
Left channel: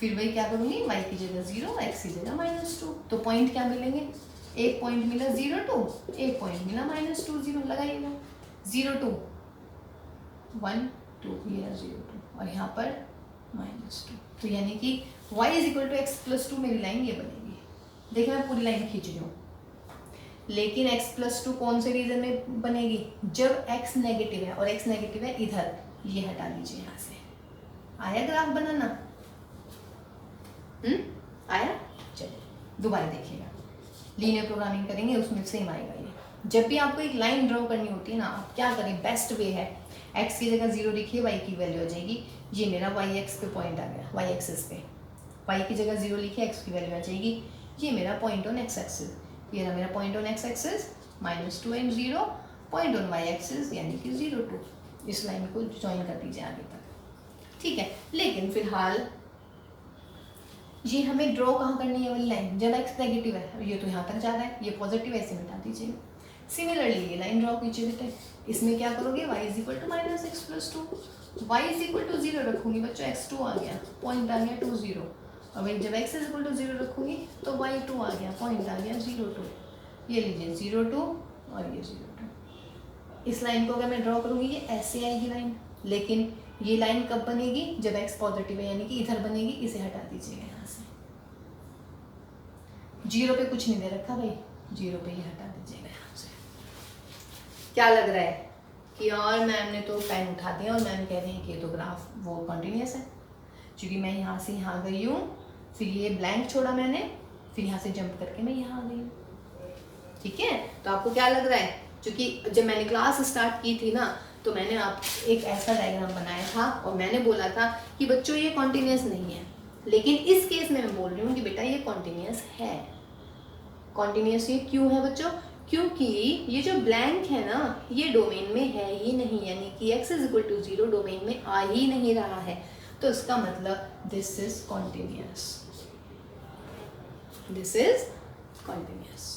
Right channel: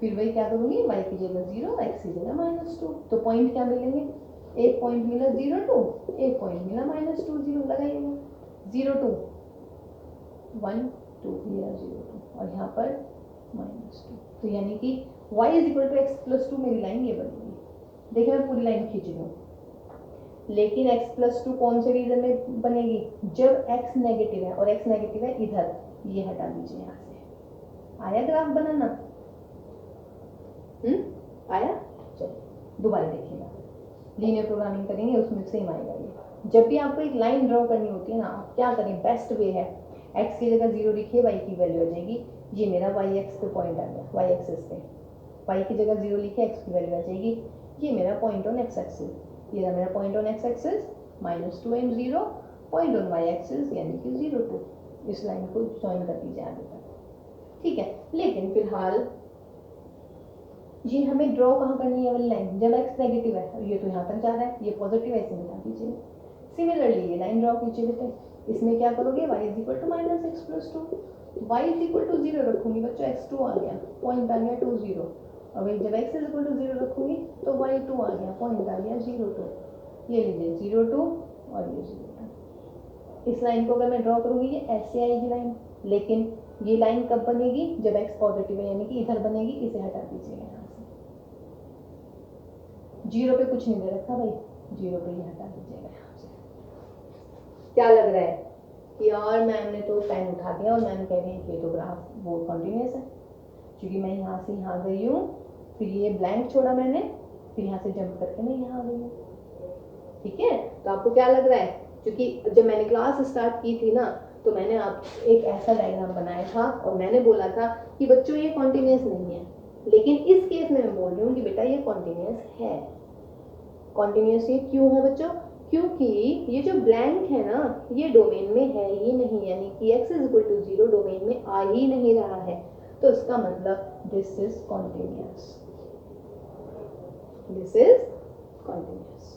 फिर वही क्या करूँगी, y की जगह 0, x की जगह -2। तो पॉइंट क्या मिलेंगे, एक पॉइंट मिला 0 2, एक पॉइंट मिला -2 0, लगाइएगा 0 2 1 2, ये 0 2 और यहाँ पर -2। तो यानी कि y is equal to X plus 2 मेरी लाइन ये बनेगी। देखिए मैं पूरी लाइन खींच रही हूँ, लेकिन x प्लस 2 कौन से रीजन में बनेगी, जब x नेगेटिव है, और x नेगेटिव है इधर, ये हटा दीजिए यहाँ से। आया ग्राफ बनाना? आया? चलिए दोबारा देखिएगा, लीनियर प्रोग्रामिंग करेंगे उसमें सेम आएगा ये। जब भी आपको एक लाइन ड्रॉ करनी होती है ना, आप क्या करें, बेस्ट वे है x की जगह 0 लिखिए, y की वैल्यू आ जाएगी। ये मेरा y एक्स पे पॉइंट आ गया, y एक्सिस पे। y की जगह 0 लिखिए, x की वैल्यू आ जाएगी। ये मेरा पॉइंट ऑन x एक्सिस, ये रहा मेरा point on x axis, -2 and 0, point on y axis यानी कि 0 2। इस लाइन को ज्वाइन कर दीजिए आगे तक, ठीक है। लेकिन फिलहाल ये हमें ड्रॉ कहाँ करनी है वाली लाइन, जब x नेगेटिव है, ये तो यहाँ तक जा रहा है, ये पॉजिटिव है, इसे मिटा दीजिए। सिमिलरली ये लाइन ड्रॉ कीजिए बेटे, इसमें क्या करोगे, y is equal to -x plus 2, y is equal to 0 रखूंगी बच्चों, x2 आ गया, पॉइंट आ गया 2 0। अब जब x इज इक्वल टू 0 रखूंगी तो y2 आ गया, पॉइंट आ गया 0 2। ये लीजिए 0 2 और ये 0 2। इस लाइन को अगर मैं ड्रॉ करूंगी ये ऐसे आएगी लाइन, लेकिन ये लाइन कब बनेगी, जब x पॉजिटिव है, यानी कि इधर बनेगी। इसे हटा दीजिएगा यहाँ से, 0 पे कुछ नहीं दे रखा भाई, 0 पे ये हटा दीजिएगा यहाँ से। क्या लग रहा है कि यार मैम ने तो पेन उठा दिया और मैम कह रही है कि तो ग्राफ वो कंटिन्यूस है, क्योंकि मैं यहाँ से यहाँ गई हूँ, फिर ये ब्लैंक छोड़ा मैंने, फिर यहाँ से जंप करके मैं यहाँ आ गई हूँ, ठीक है। तो आपको क्या लग रहा है, क्योंकि जब मैंने क्लास स्टार्ट की थी ना, तो मैंने आप एक ऐसा डायग्राम बनाया था और मैंने बोला था कि बच्चों ये कॉन्टिन्यूस नहीं है, लेकिन इस केस में मैं बोल रही हूँ कि बेटा ये कॉन्टिन्यूस है। कॉन्टिन्यूस ये क्यों है बच्चों, क्योंकि ये जो ब्लैंक है ना, ये डोमेन में है ही नहीं, यानी कि x is equal to 0 domain में आ ही नहीं रहा है। तो इसका मतलब this is continuous, this is continuous.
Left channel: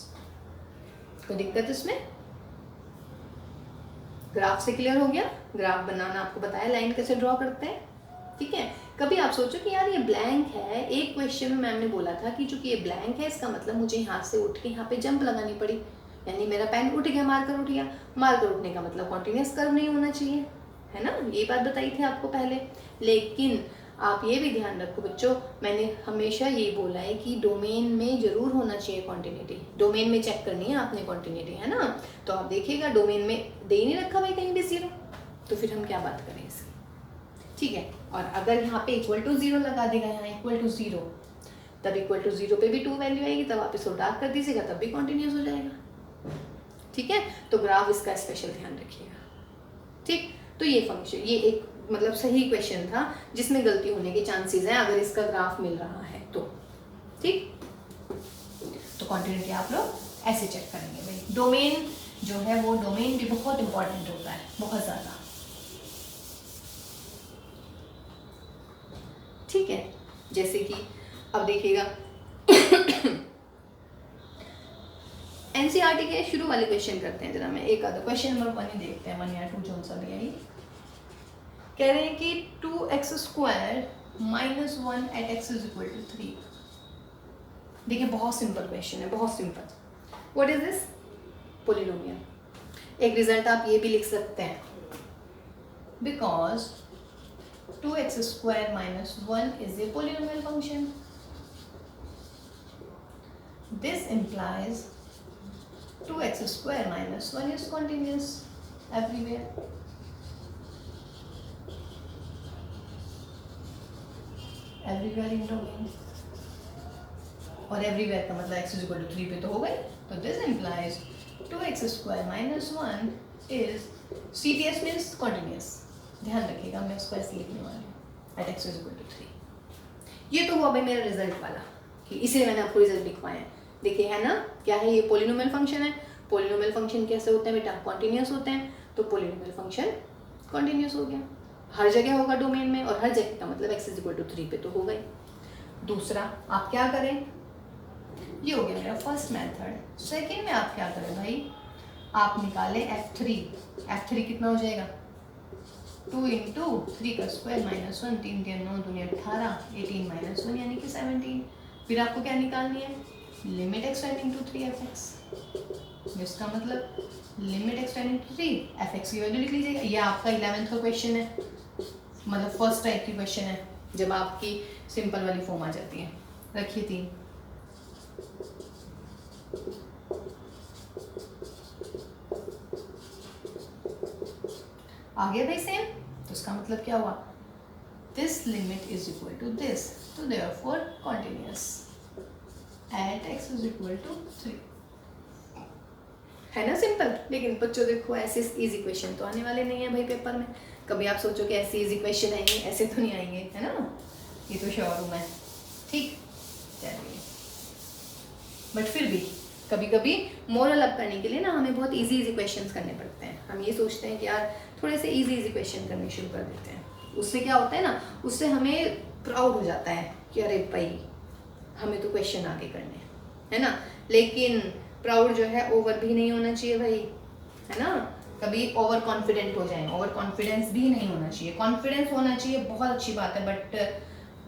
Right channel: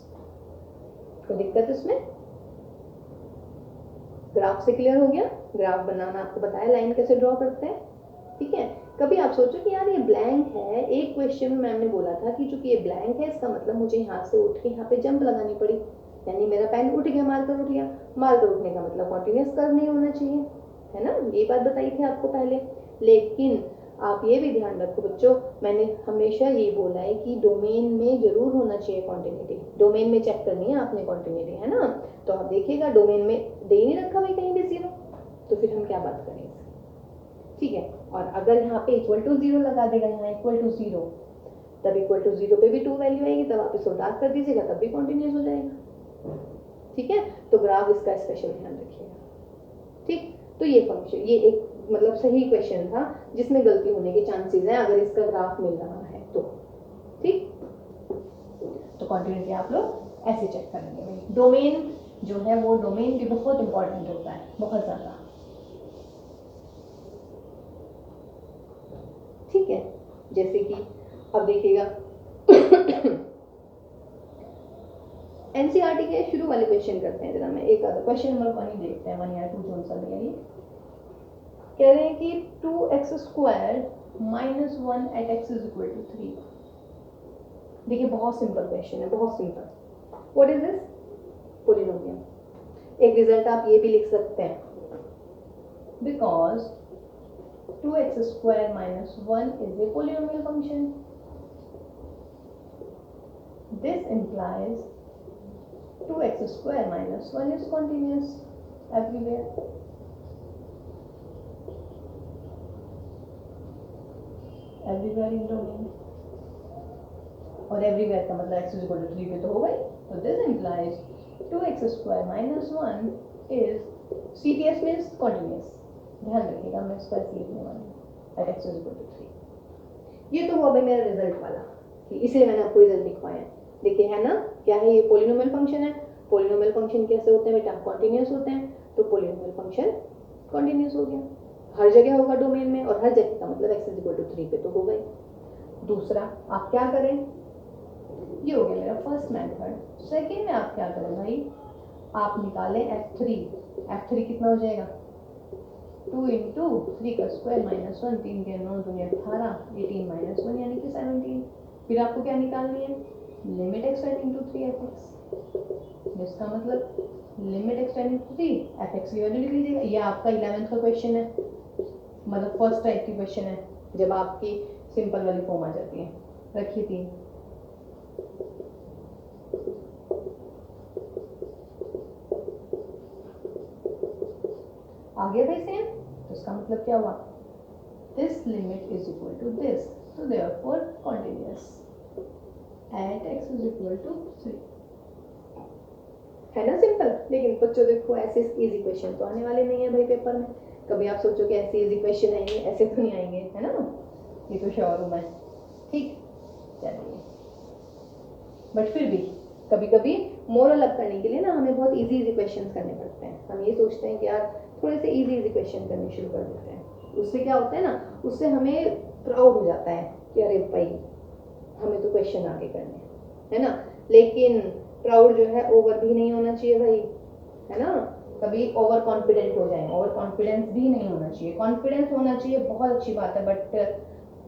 कोई दिक्कत इसमें? ग्राफ से क्लियर हो गया? ग्राफ बनाना आपको बताया, लाइन कैसे ड्रॉ करते हैं, ठीक है। कभी आप सोचो कि यार ये ब्लैंक है, एक क्वेश्चन में मैम ने बोला था कि चूंकि ये ब्लैंक है, इसका मतलब मुझे यहाँ से उठ के यहाँ पे जंप लगानी पड़ी, यानी मेरा पेन उठ गया, मार्कर उठ गया। मार्कर उठने का मतलब कॉन्टिन्यूस कर्व नहीं होना चाहिए, है ना, ये बात बताई थी आपको पहले। लेकिन आप ये भी ध्यान रखो बच्चों, मैंने हमेशा ये बोला है कि डोमेन में जरूर होना चाहिए कॉन्टिन्यूटी, डोमेन में चेक करनी है आपने कॉन्टिन्यूटी, है ना। तो आप देखिएगा डोमेन में दे ही नहीं रखा भाई कहीं भी 0, तो फिर हम क्या बात करें इसकी, ठीक है। और अगर यहाँ पे इक्वल टू 0 लगा देगा, यहाँ इक्वल टू 0, तब इक्वल टू 0 पे भी 2 वैल्यू आएगी, तब आप इसको डार्क कर दीजिएगा, तब भी कॉन्टिन्यूस हो जाएगा, ठीक है। तो ग्राफ इसका स्पेशल ध्यान रखिएगा, ठीक। तो ये फंक्शन, ये एक मतलब सही क्वेश्चन था जिसमें गलती होने के चांसेस हैं अगर इसका ग्राफ मिल रहा है तो, ठीक। तो कॉन्टिन्यूटी आप लोग ऐसे चेक करेंगे भाई। डोमेन जो है वो डोमेन भी बहुत इंपॉर्टेंट होता है, बहुत ज़्यादा, ठीक है। जैसे कि अब देखिएगा एनसीईआरटी के शुरू वाले क्वेश्चन करते हैं जरा, मैं एक आधा क्वेश्चन नंबर 1 ही देखते हैं, 1 या 2 जो सा भी है। कह रहे हैं कि 2x² - 1 at x = 3। देखिए बहुत सिंपल क्वेश्चन है, बहुत simple. What is this? Polynomial. एक रिजल्ट आप ये भी लिख सकते हैं, because 2x² - 1 is a polynomial function. This implies 2x² - 1 is continuous everywhere. Everywhere in domain. और everywhere का मतलब x = 3 पे तो हो गई। तो this implies 2x² - 1 is CTS means continuous। ध्यान रखिएगा, मैं इसको ऐसे लिखने वाली हूँ at x = 3। ये तो हुआ भाई मेरा रिजल्ट वाला, कि इसलिए मैंने आपको रिजल्ट लिखवाया। देखिए है ना, क्या है ये? पोलिनोमियल फंक्शन है। पोलिनोमियल फंक्शन कैसे होते हैं बेटा? कॉन्टिन्यूस होते हैं। तो पोलिनोमियल फंक्शन कॉन्टिन्यूस हो गया, हर जगह होगा डोमेन में, और हर जगह का मतलब x = 3 पे तो हो गई। दूसरा आप क्या करें, ये हो गया मेरा फर्स्ट मेथड। सेकेंड में आप क्या करें भाई, आप निकालें f3। f3 कितना हो जाएगा? 2 × 3 का स्क्वायर - 1, 3 × 9 = 18, 18 - 1 यानी कि 17। फिर आपको क्या निकालनी है? Limit x tending to 3 fx। जिसका मतलब limit x tending to 3 fx की वैल्यू लिख लीजिएगा। यह आपका 11th का क्वेश्चन है, मतलब फर्स्ट टाइप की क्वेश्चन है, जब आपकी सिंपल वाली फॉर्म आ जाती है। रखिए 3। आ गया भाई सेम। तो इसका मतलब क्या हुआ? This limit is equal to this, तो देयरफॉर कॉन्टिन्यूअस एट x = 3। है ना सिंपल। लेकिन बच्चों देखो ऐसे इजी क्वेश्चन तो आने वाले नहीं है भाई पेपर में। कभी आप सोचो कि ऐसे इजी क्वेश्चन आएंगे, ऐसे तो नहीं आएंगे, है ना, ये तो श्योर हूँ मैं। ठीक, चलिए। बट फिर भी कभी कभी मोरल अप करने के लिए ना हमें बहुत इजी क्वेश्चंस करने पड़ते हैं। हम ये सोचते हैं कि यार थोड़े से इजी क्वेश्चन करने शुरू कर देते हैं। उससे क्या होता है ना, उससे हमें प्राउड हो जाता है कि अरे भाई हमें तो क्वेश्चन आगे करने हैं, है ना। लेकिन प्राउड जो है ओवर भी नहीं होना चाहिए भाई, है ना। कभी ओवर कॉन्फिडेंट हो जाए, ओवर कॉन्फिडेंस भी नहीं होना चाहिए। कॉन्फिडेंस होना चाहिए, बहुत अच्छी बात है, बट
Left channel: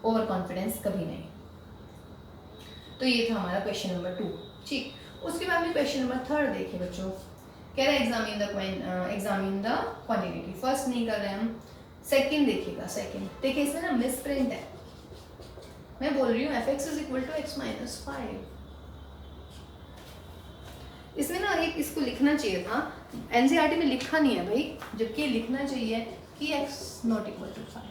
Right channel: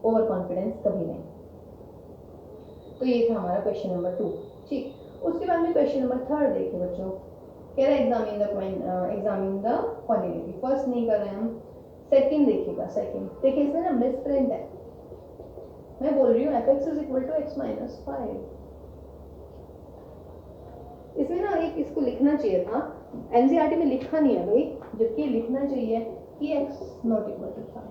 ओवर कॉन्फिडेंस कभी नहीं। तो ये था हमारा क्वेश्चन नंबर 2। ठीक, उसके बाद में क्वेश्चन नंबर 3 देखिए बच्चों। कह रहा है एग्जामिन द क्वांटिटी। फर्स्ट नहीं कर रहे हैं हम, सेकंड देखिएगा। सेकंड देखिए, इसमें ना मिस प्रिंट है। मैं बोल रही हूँ fx = x - 5। इसमें ना एक इसको लिखना चाहिए था, एनसीईआरटी में लिखा नहीं है भाई, जबकि लिखना चाहिए कि x ≠ = 5।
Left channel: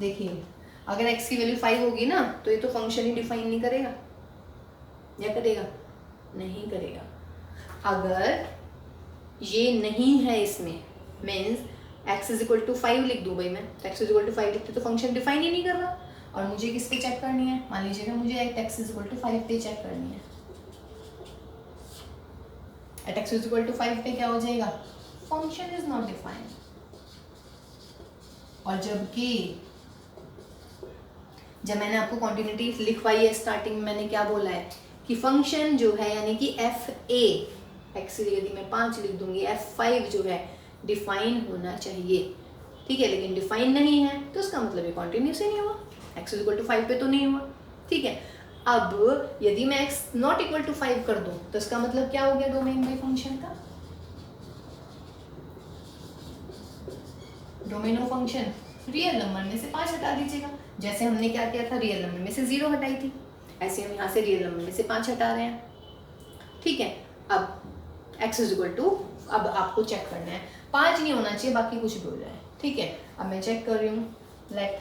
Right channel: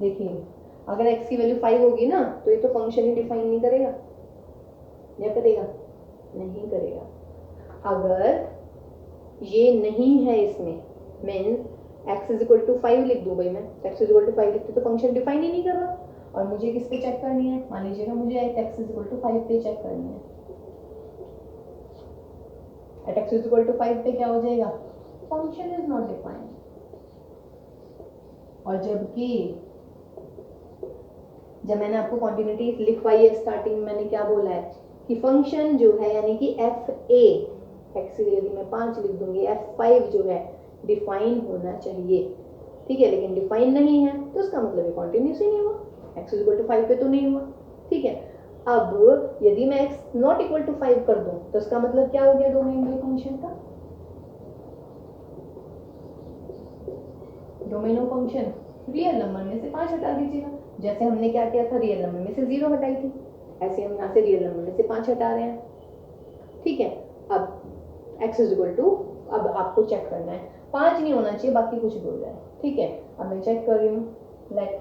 देखिए अगर x की वैल्यू 5 होगी ना, तो ये तो फंक्शन ही डिफाइन नहीं करेगा, या करेगा? नहीं करेगा। अगर ये नहीं है इसमें, मीन्स x = 5 लिख दूँ भाई मैं, तो x = 5 लिखते तो फंक्शन डिफाइन ही नहीं कर रहा। और मुझे किस पे चेक करनी है? मान लीजिएगा मुझे x = 5 पे चेक करनी है। एट x = 5 पे क्या हो जाएगा? Function is not defined. और जबकि जब मैंने आपको कॉन्टिन्यूटी लिखवाई है स्टार्टिंग में, मैंने क्या बोला है कि फंक्शन जो है यानी कि fa, x यदि मैं 5 लिख दूंगी, f5 जो है डिफाइन होना चाहिए। ठीक है, लेकिन डिफाइन नहीं है तो उसका मतलब ये कॉन्टिन्यूस ही नहीं हुआ, x = 5 पे तो नहीं हुआ। ठीक है, अब यदि मैं x ≠ 5 कर दूं तो इसका मतलब क्या हो गया डोमेन में फंक्शन का? Domain of function real number में से 5 हटा दीजिएगा। जैसे हमने क्या किया था, रियल नंबर में से 0 हटाई थी, ऐसे हम यहाँ से रियल नंबर में से 5 हटा रहे हैं। ठीक है, अब x = अब आपको चेक करना है, 5 नहीं होना चाहिए, बाकी कुछ भी हो जाए। ठीक है, अब मैं चेक कर रही हूँ, लेट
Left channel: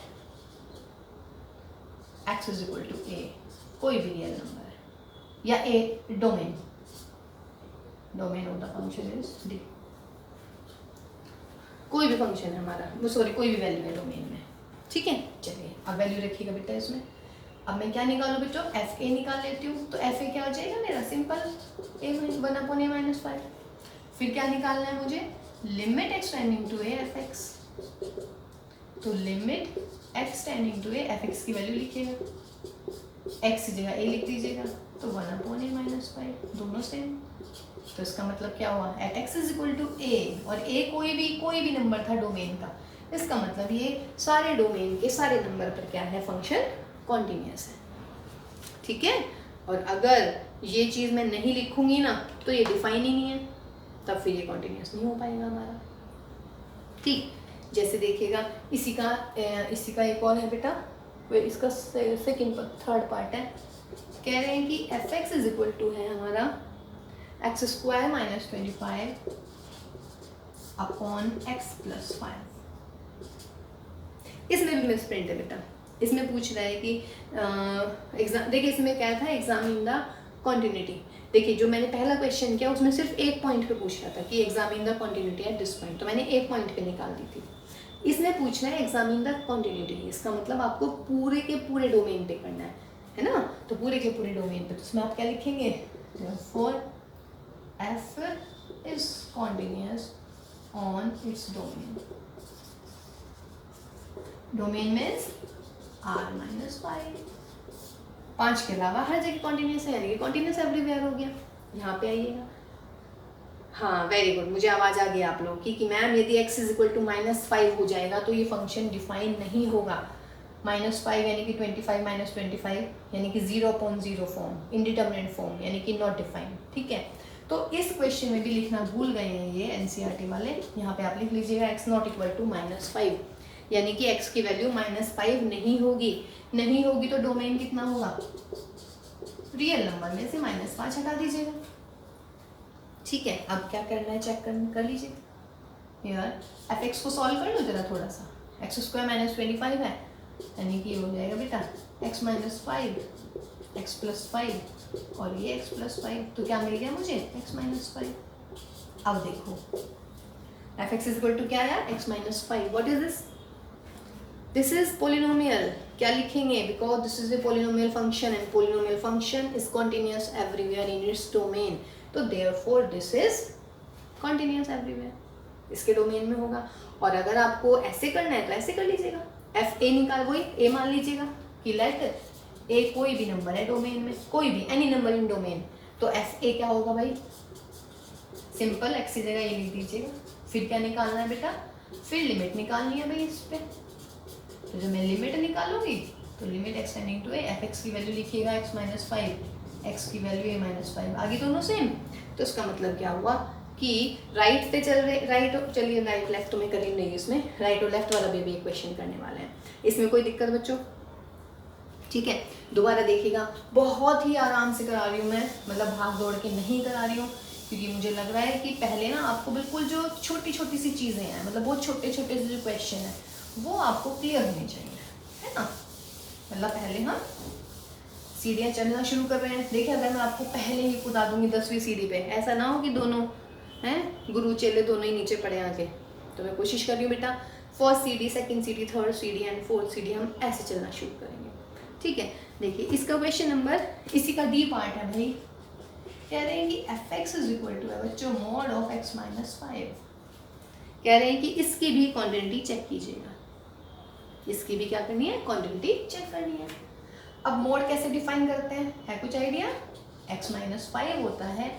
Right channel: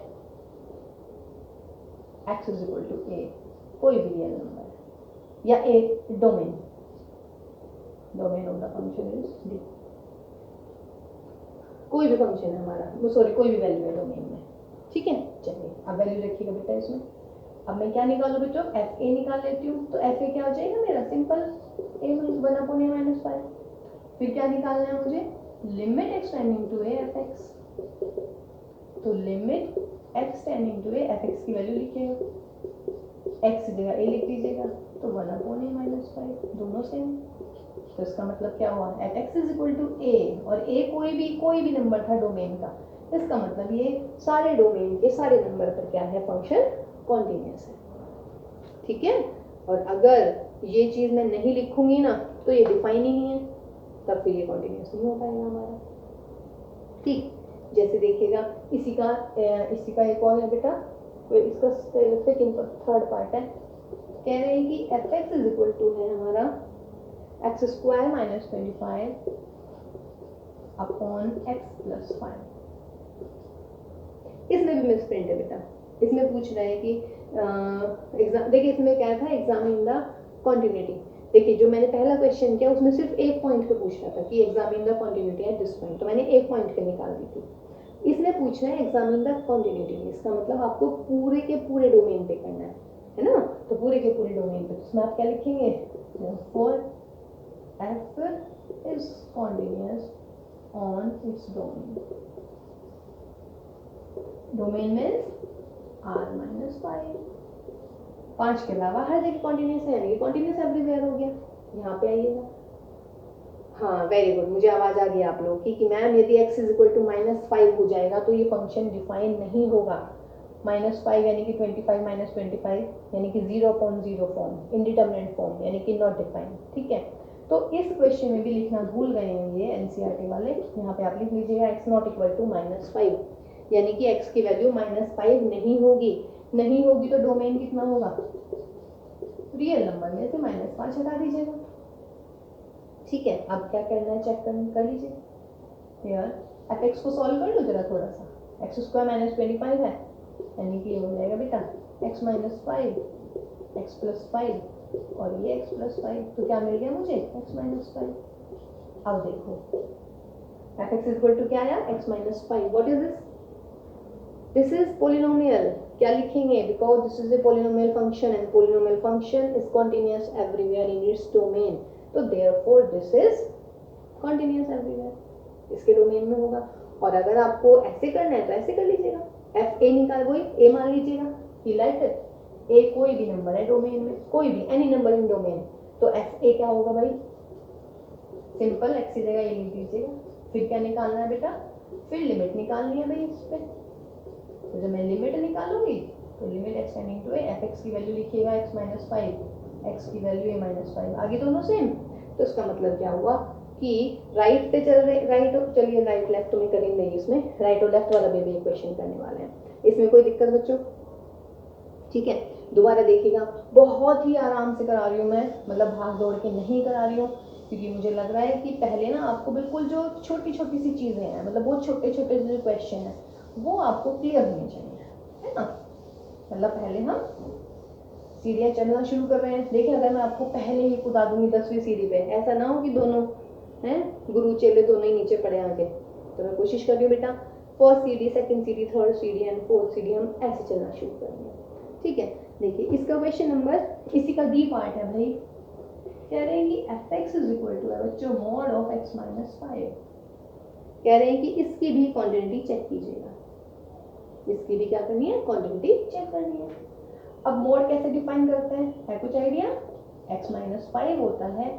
x = a, कोई भी रियल नंबर है, या a domain of the function is d, कोई भी फंक्शन है हमारा, वो सॉरी कोई भी वैल्यू है डोमेन में। ठीक है, चलिए अब वैल्यू रखिएगा बेटा इसमें। अब मैं क्या निकालूँ बेटो? एफ ए निकाल लेती हूँ। तो एफ ए क्या हो जाएगा मेरा? Simple a 1/a - 5। फिर क्या निकालना है मुझे? Limit x tending to a fx। तो limit x tending to a fx की वैल्यू लिखिएगा। एक्स की जगह ए लिख दीजिएगा, तो 1/a माइनस 5 दोनों सेम। तो इसका मतलब क्या हुआ, at x is equal to a, और ए कोई भी नंबर था डोमेन का, इसका मतलब ये सारे डोमेन के सारे नंबर पर क्या है, फंक्शन कॉन्टिन्यूस है। ठीक है, और अगर ये चीज़ मैं नहीं लिखूंगी ना तो ये डिफाइन ही नहीं है, तब फिर ये कॉन्टिन्यूस नहीं हो पाएगा हमारा। ठीक, जैसे देखिएगा इसी का एक और है बेटा, इसका सेकंड थर्ड पार्ट है, कह रहे हैं कि F x is equal to है हमारा X square minus 25 upon X plus 5। इसमें भी मिसप्रिंट है बेटा, इसमें पूछ रहा है कि एग्जाम, देखिए इसमें क्या था, एग्जामिन द कॉन्टिन्यूटी। देखिए जो मैंने पहला क्वेश्चन किया उसमें सिर्फ एक पॉइंट पे पूछ रहा था कि examine the continuity at this point, तो मैंने एक पॉइंट पे निकाल दी थी। इसमें पूछ रहा है एग्जामिन द कॉन्टिन्यूटी, इसका मतलब आपको पूरे के पूरे डोमेन पे करना है ना, तो पूरे के पूरे डोमेन पे, तो इसमें आप क्या लिखेंगे, for F is continuous on its domain, domain means R minus 5 के अलावा हर जगह कॉन्टिन्यूस है, यानी कि कॉन्टिन्यूस एवरीवेयर हो गया। यहाँ पे आइएगा, हाँ वेरी गुड, मुझे आवाज़ आ गई आप लोगों की कि मैम यदि x इज इक्वल टू -5 हो जाएगा तो ये फंक्शन डिफाइन नहीं होगा। -5 यानी कि 25 माइनस 25 यानी कि 0/0 फॉर्म, इनडिटर्मिनेट फॉर्म यानी कि नॉट डिफाइंड। ठीक है, तो इस क्वेश्चन में भी लिखना भूल गए हैं ये एनसीईआरटी वाले, यहाँ पे आप लिख लीजिएगा x नॉट इक्वल टू -5, यानी कि x की वैल्यू -5 नहीं होगी तो डोमेन कितना होगा, रियल नंबर में से -5 हटा दीजिएगा। ठीक है, अब क्या करना है चेक कर लीजिए यार, एफ एक्स को सॉल्व कर लो जरा थोड़ा सा, एक्स स्क्वायर माइनस 25 है, यानी कि ये हो जाएगा बेटा x माइनस 5 एक्स प्लस 5 और ये x प्लस 5, तो क्या मिल गया मुझे x माइनस 5। अब देखो f x is equal to क्या आया, x minus 5, what is this is polynomial, क्या लिखेंगे, because this is a polynomial function and polynomial function is continuous everywhere in its domain, तो therefore this is continuous everywhere, इसके domain में होगा। और अगर आपको ऐसे करना है तो ऐसे कर लीजिएगा, एफ ए निकाल, वही ए मान लीजिएगा कि लेट ए कोई भी नंबर है डोमेन में, कोई भी एनी नंबर इन डोमेन, तो एफ ए क्या होगा भाई, सिंपल एक्स की जगह ये लिख दीजिएगा। फिर क्या निकालना है बेटा, फिर लिमिट निकालनी है भाई इस पे, तो जब मैं लिमिट निकालूंगी तो limit X tending to A, F X की वैल्यू लिखिएगा एक्स माइनस 5, एक्स की वैल्यू ए माइनस 5, आगे दोनों सेम। तो इसका मतलब क्या हुआ कि राइट पे चल रहे, राइट चलिए राइट लेफ्ट तो मैं कर ही नहीं, इसमें राइट और लेफ्ट वाला भी एक क्वेश्चन करने वाले हैं, इसमें कोई दिक्कत बच्चों। ठीक है, दोबारा देखिएगा, बहुत ही आराम से करा रही हूँ मैं, मतलब भाग दौड़ के नहीं करा रही हूँ, क्योंकि मुझे लग रहा है कि पहले ना आपको बिल्कुल जो छोटी छोटी सी चीज़ें हैं, मतलब बहुत छोटे छोटे से जो क्वेश्चन है वो आपको क्लियर होने चाहिए, है ना। मतलब पहले हम सीढ़ियाँ चढ़ना शुरू कर रहे हैं, देखिए अगर मैं आपको पहले ही कूदा दूंगी 10वीं सीढ़ी पे, ऐसा ना हो कि दोनों हैं गुरु चेले दोनों ही नीचे पड़े आके, तो मैं कोशिश कर रही हूँ बेटा फर्स्ट सीढ़ी, सेकंड सीढ़ी, थर्ड सीढ़ी एंड फोर्थ सीढ़ी हम ऐसे चलना शुरू करेंगे। ठीक है, देखिए इसका क्वेश्चन नंबर, इसी का डी पार्ट है भाई, कह रहे हैं कि F x is equal to है बच्चों मॉड ऑफ एक्स माइनस 5, कह रहे हैं कि इसकी भी क्वांटिटी चेक कीजिएगा, इसकी भी क्या करनी है, क्वांटिटी चेक करनी है। अब मोड कैसे डिफाइन करते हैं, है कुछ आइडिया, x माइनस 5 होता है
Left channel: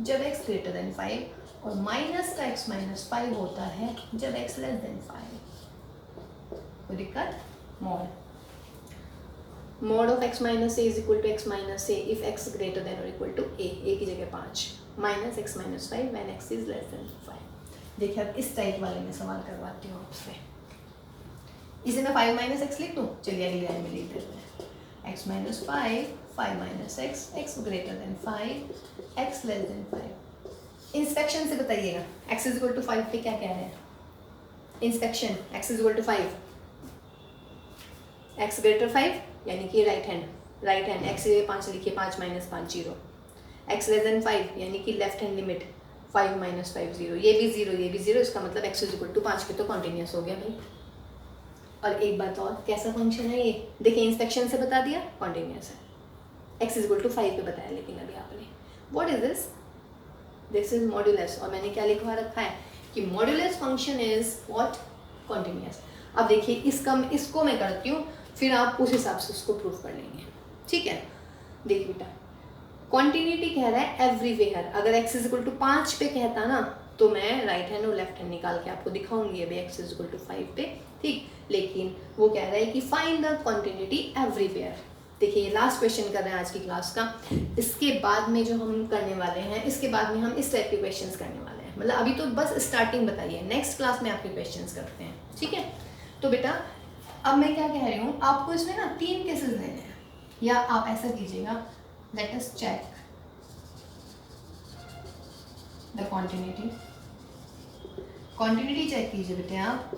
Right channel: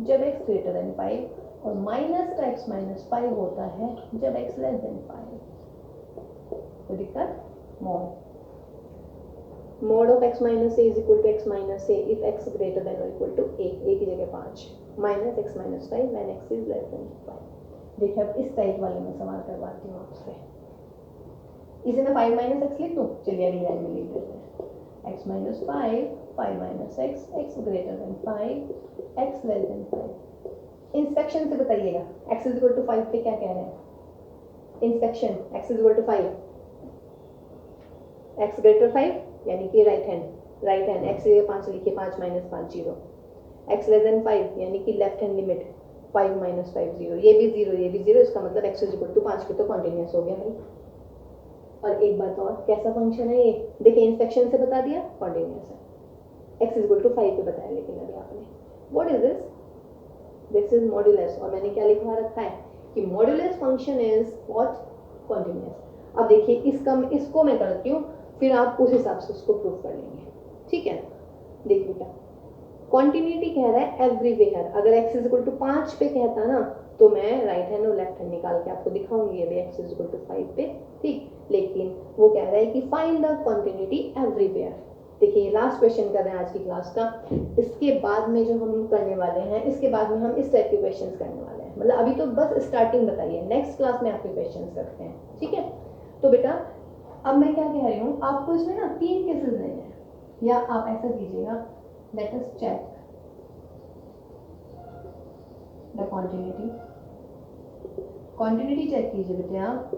जब x ग्रेटर देन 5 और माइनस का x माइनस 5 होता है जब x लेस देन 5। कोई दिक्कत, mod of x minus a is equal to x minus a if x greater than और इक्वल टू a की जगह 5 minus x minus 5 when x इज लेस देन 5। देखिए अब इस टाइप वाले में सवाल करवाती हूँ आपसे, इसे मैं 5 माइनस एक्स लिख दूँ, चलिए अगली लाइन में लिख देते हैं x minus 5 minus X, x greater than 5 x less than 5। Inspection से बताइएगा x इज इक्वल टू 5 पे क्या कह रहे हैं, inspection x is equal to 5, x greater 5 यानी कि राइट हैंड x से 5 लिखिए, 5 माइनस 5 0, x लेस देन 5 यानी कि लेफ्ट हैंड लिमिट 5 माइनस 5 0, ये भी 0 ये भी 0, इसका मतलब x इज इक्वल टू 5 के तो कॉन्टिन्यूस हो गया भाई। और एक बात और, कैसा फंक्शन है ये, देखिए इंस्पेक्शन से बता दिया कॉन्टिन्यूस है, x इज इक्वल टू 5 पे बताया, लेकिन अभी आपने what is this is modulus, और मैंने क्या लिखवा रखा है कि modulus function is what, continuous. अब देखिए इसको मैं करती हूँ, फिर आप उस हिसाब से उसको प्रूव कर लेंगे। ठीक है, देखिए बेटा कॉन्टिन्यूटी कह रहा है एवरीवेयर। अगर x इज इक्वल टू 5 पे कहता ना तो मैं राइट हैंड और लेफ्ट हैंड निकाल के आपको दिखाऊंगी अभी x इज इक्वल टू 5 पे, ठीक। लेकिन वो कह रहा है कि फाइंड द कॉन्टिन्यूटी एवरीवेयर। देखिए ये लास्ट क्वेश्चन कर रहे हैं आज की क्लास का। इसके बाद में जो हम करने वाले हैं, इसके बाद में हम इस टाइप के क्वेश्चंस करने वाले हैं। मतलब अभी तो बस स्टार्टिंग बताइए, नेक्स्ट क्लास में आपके क्वेश्चंस करते हैं, ठीक है। तो बेटा अब मैं क्या कह रही हूँ, आपको इसमें ना 3 केसेस लेने हैं, या आप ऐसा कीजिएगा, let us check the continuity. Continuity check कीजिए बेटे आप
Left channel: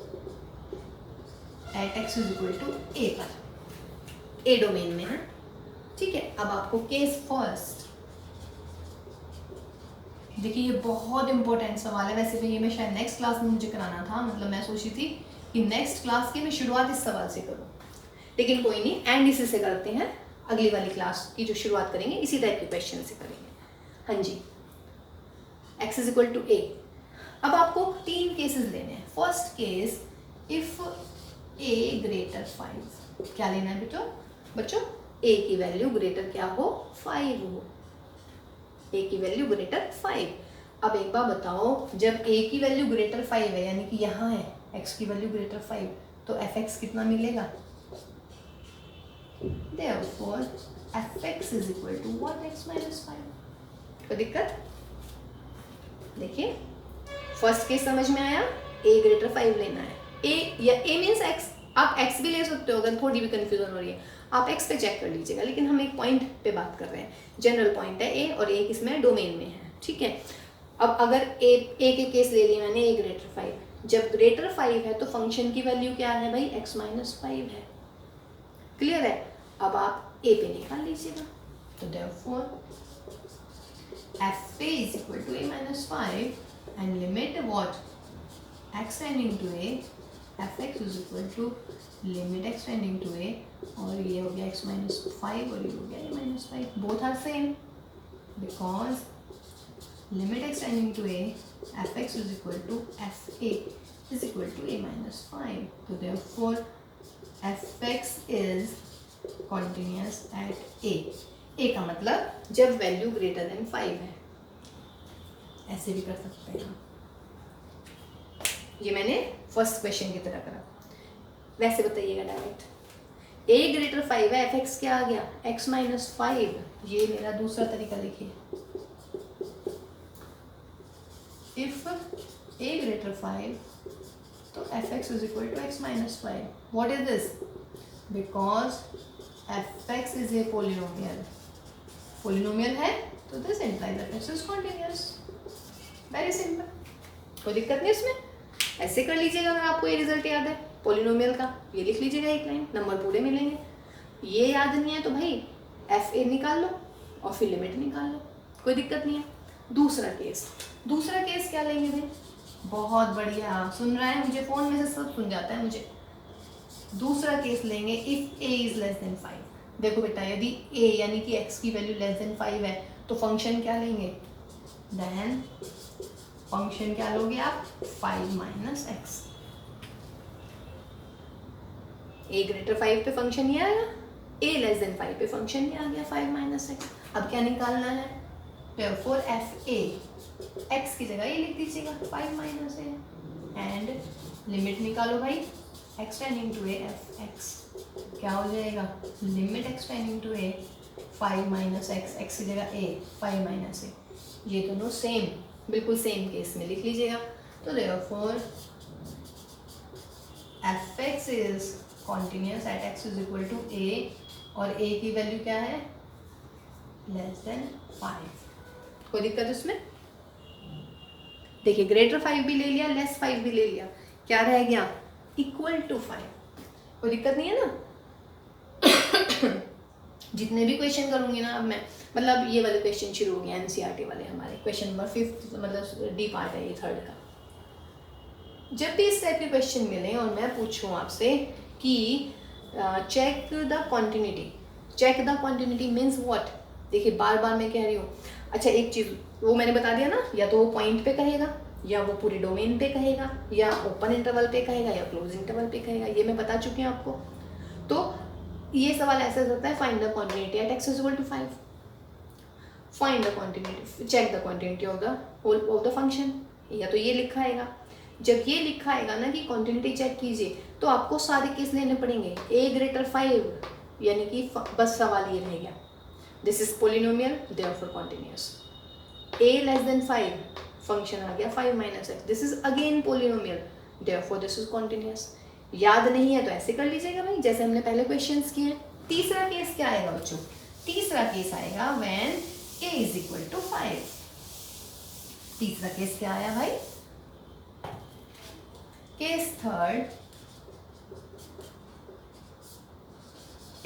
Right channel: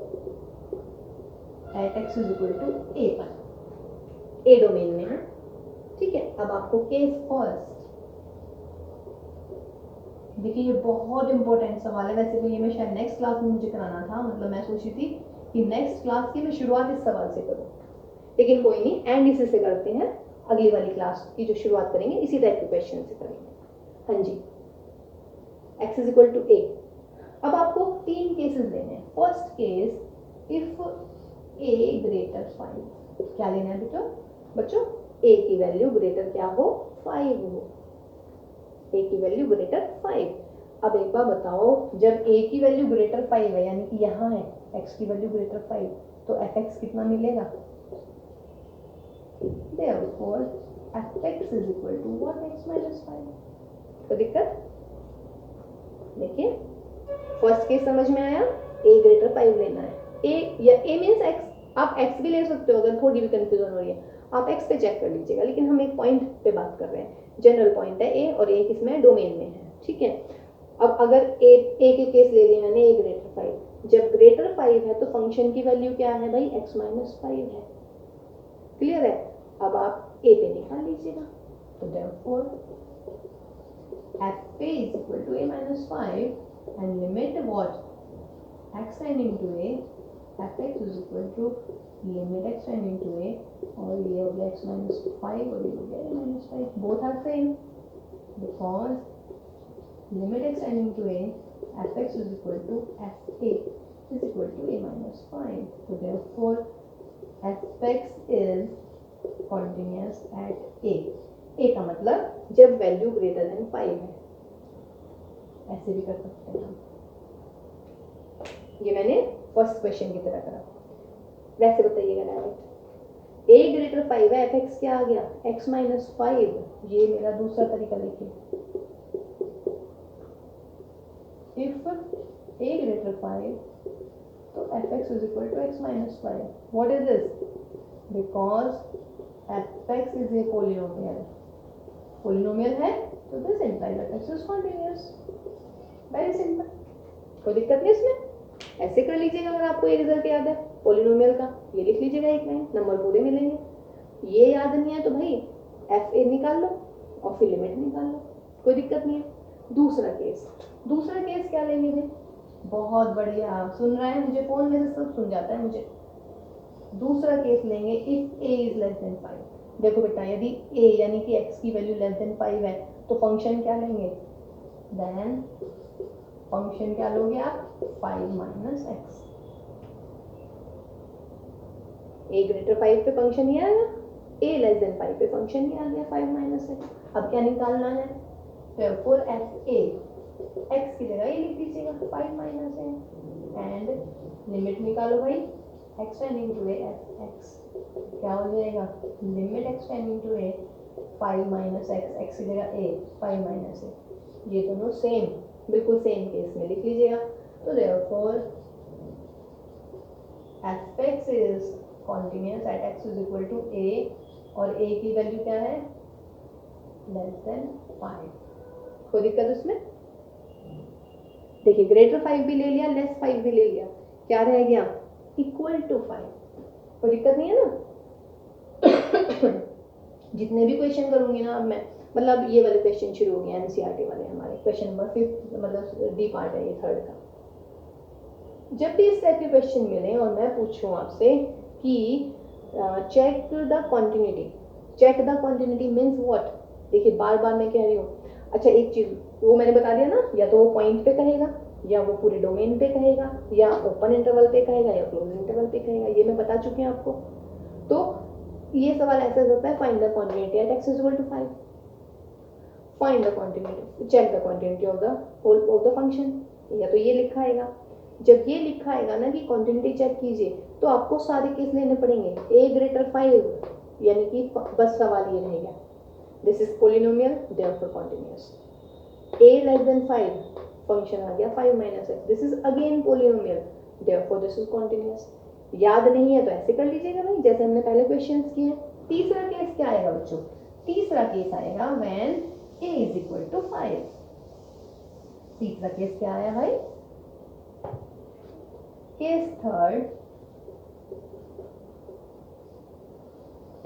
at x is equal to a पर, ए डोमेन में है, ठीक है। अब आपको केस फर्स्ट, देखिए ये बहुत इंपॉर्टेंट सवाल है। वैसे भी ये मैं शायद नेक्स्ट क्लास में मुझे कराना था, मतलब मैं सोची थी कि नेक्स्ट क्लास की मैं शुरुआत इस सवाल से करूं, लेकिन कोई नहीं, एंड इसी से करते हैं। अगली वाली क्लास की जो शुरुआत करेंगे इसी टाइप के क्वेश्चन से करेंगे। हाँ जी, x इज इक्वल टू ए। अब आपको 3 केसेस लेने हैं। First case, if a greater 5, क्या लेना है बेटो बच्चों, a की वैल्यू ग्रेटर क्या हो, 5 हो, a की वैल्यू ग्रेटर 5। अब एक बार बताओ, जब a की वैल्यू ग्रेटर 5 है, यानी कि यहाँ है x की वैल्यू ग्रेटर 5, तो fx कितना मिलेगा, therefore fx is equal to what, x minus 5। कोई दिक्कत? देखिए फर्स्ट केस समझ में आया, a ग्रेटर 5 लेना है, a या a मीन्स x, आप x भी ले सकते हो अगर थोड़ी भी कंफ्यूजन हो रही है, आप x पे चेक कर लीजिएगा। लेकिन हम एक पॉइंट पे बात कर रहे हैं, जनरल पॉइंट है a, और a किसमें, डोमेन में है, ठीक है। अब अगर a के केस ले लिया मैंने, a ग्रेटर 5, जब ग्रेटर 5 है तो फंक्शन की वैल्यू क्या है भाई, x माइनस 5 है, क्लियर है। अब आप a पे निकाल लीजिएगा, तो therefore f is equal to a minus 5 and limit what, x tending to a, fx is equal to limit x tending to a, और ये हो गया x minus 5 और ये हो गया a minus 5, both are same because limit x tending to a, fx is equal to fa is equal to a minus 5, so therefore fx is continuous at a। a का मतलब जब value greater than 5 है, ऐसे भी कर सकते हैं। ये मैंने फर्स्ट क्वेश्चन की तरह करा। वैसे बताइएगा डायरेक्ट, a ग्रेटर 5 है, fx क्या आ गया, x माइनस 5। ये मेरा दूसरा तरीका लिखिए, इफ a ग्रेटर 5 तो fx is equal to x minus 5। What is this, because fx is a polynomial, polynomial है तो this implies fx is continuous, very simple, कोई दिक्कत नहीं इसमें। ऐसे कर लीजिएगा अगर आपको ये रिजल्ट याद है पोलिनोमियल का, ये लिख लीजिएगा एक लाइन, नंबर पूरे मिलेंगे। ये याद नहीं है तो भाई एफ ए निकाल लो और फिर लिमिट निकाल लो, कोई दिक्कत नहीं है। दूसरा केस क्या लेंगे भाई, बहुत बढ़िया, आप सुन रहे हैं, मुझे फ़ोन में से सब सुन जाता है मुझे। दूसरा केस लेंगे, if A is less than 5। देखो बेटा, यदि a यानी कि x की वैल्यू लेस देन 5 है तो फंक्शन क्या लेंगे, देन फंक्शन क्या लोगे आप, 5 माइनस एक्स। a ग्रेटर 5 पे फंक्शन ये आएगा, a लेस देन 5 पे फंक्शन ये आ गया 5 माइनस एक्स। अब क्या निकालना है, therefore एफ ए, x की जगह ये लिख दीजिएगा 5 माइनस ए, एंड लिमिट निकालो भाई, x tending to a F X क्या हो जाएगा, limit x tending to a 5 minus X, X की जगह a 5 माइनस ए, ये दोनों सेम, बिल्कुल सेम केस में लिख लीजिएगा। तो therefore fx is continuous at x is equal to a, और a की वैल्यू क्या है, लेस देन 5। कोई दिक्कत उसमें, देखिए ग्रेटर 5 भी ले लिया, लेस 5 भी ले लिया, क्या रह गया, इक्वल टू 5। कोई दिक्कत नहीं है ना। जितने भी क्वेश्चन करूंगी ना अब मैं, मतलब ये वाले क्वेश्चन शुरू हो गए एनसीईआरटी वाले हमारे, क्वेश्चन नंबर 5, मतलब डी पार्ट है ये 3rd का। जब भी इस टाइप के क्वेश्चन मिले और मैं पूछूं आपसे कि check the continuity means what, देखिए बार बार मैं कह रही हूँ। अच्छा एक चीज़ वो मैंने बता दिया ना, या तो वो पॉइंट पे कहेगा, या वो पूरे डोमेन पे कहेगा, या ओपन इंटरवल पे कहेगा, या क्लोज इंटरवल पे कहेगा, ये मैं बता चुकी हूँ आपको। तो ये सवाल ऐसे होता है, find the continuity at x is equal to 5, find the continuity, check the continuity of the function, या तो ये लिखा आएगा। जब ये लिखा आएगा ना कि कॉन्टिन्यूटी चेक कीजिए, तो आपको सारे केस लेने पड़ेंगे, a ग्रेटर 5, यानी कि बस सवाल ये रह गया, this is polynomial therefore continuous. a less than 5, function आ गया 5 minus x, this is again polynomial therefore this is continuous. याद नहीं है तो ऐसे कर लीजिएगा भाई, जैसे हमने पहले क्वेश्चंस किए हैं। तीसरा केस क्या आएगा बच्चों? तीसरा केस आएगा when a is equal to 5। तीसरा केस क्या आया भाई? Case third,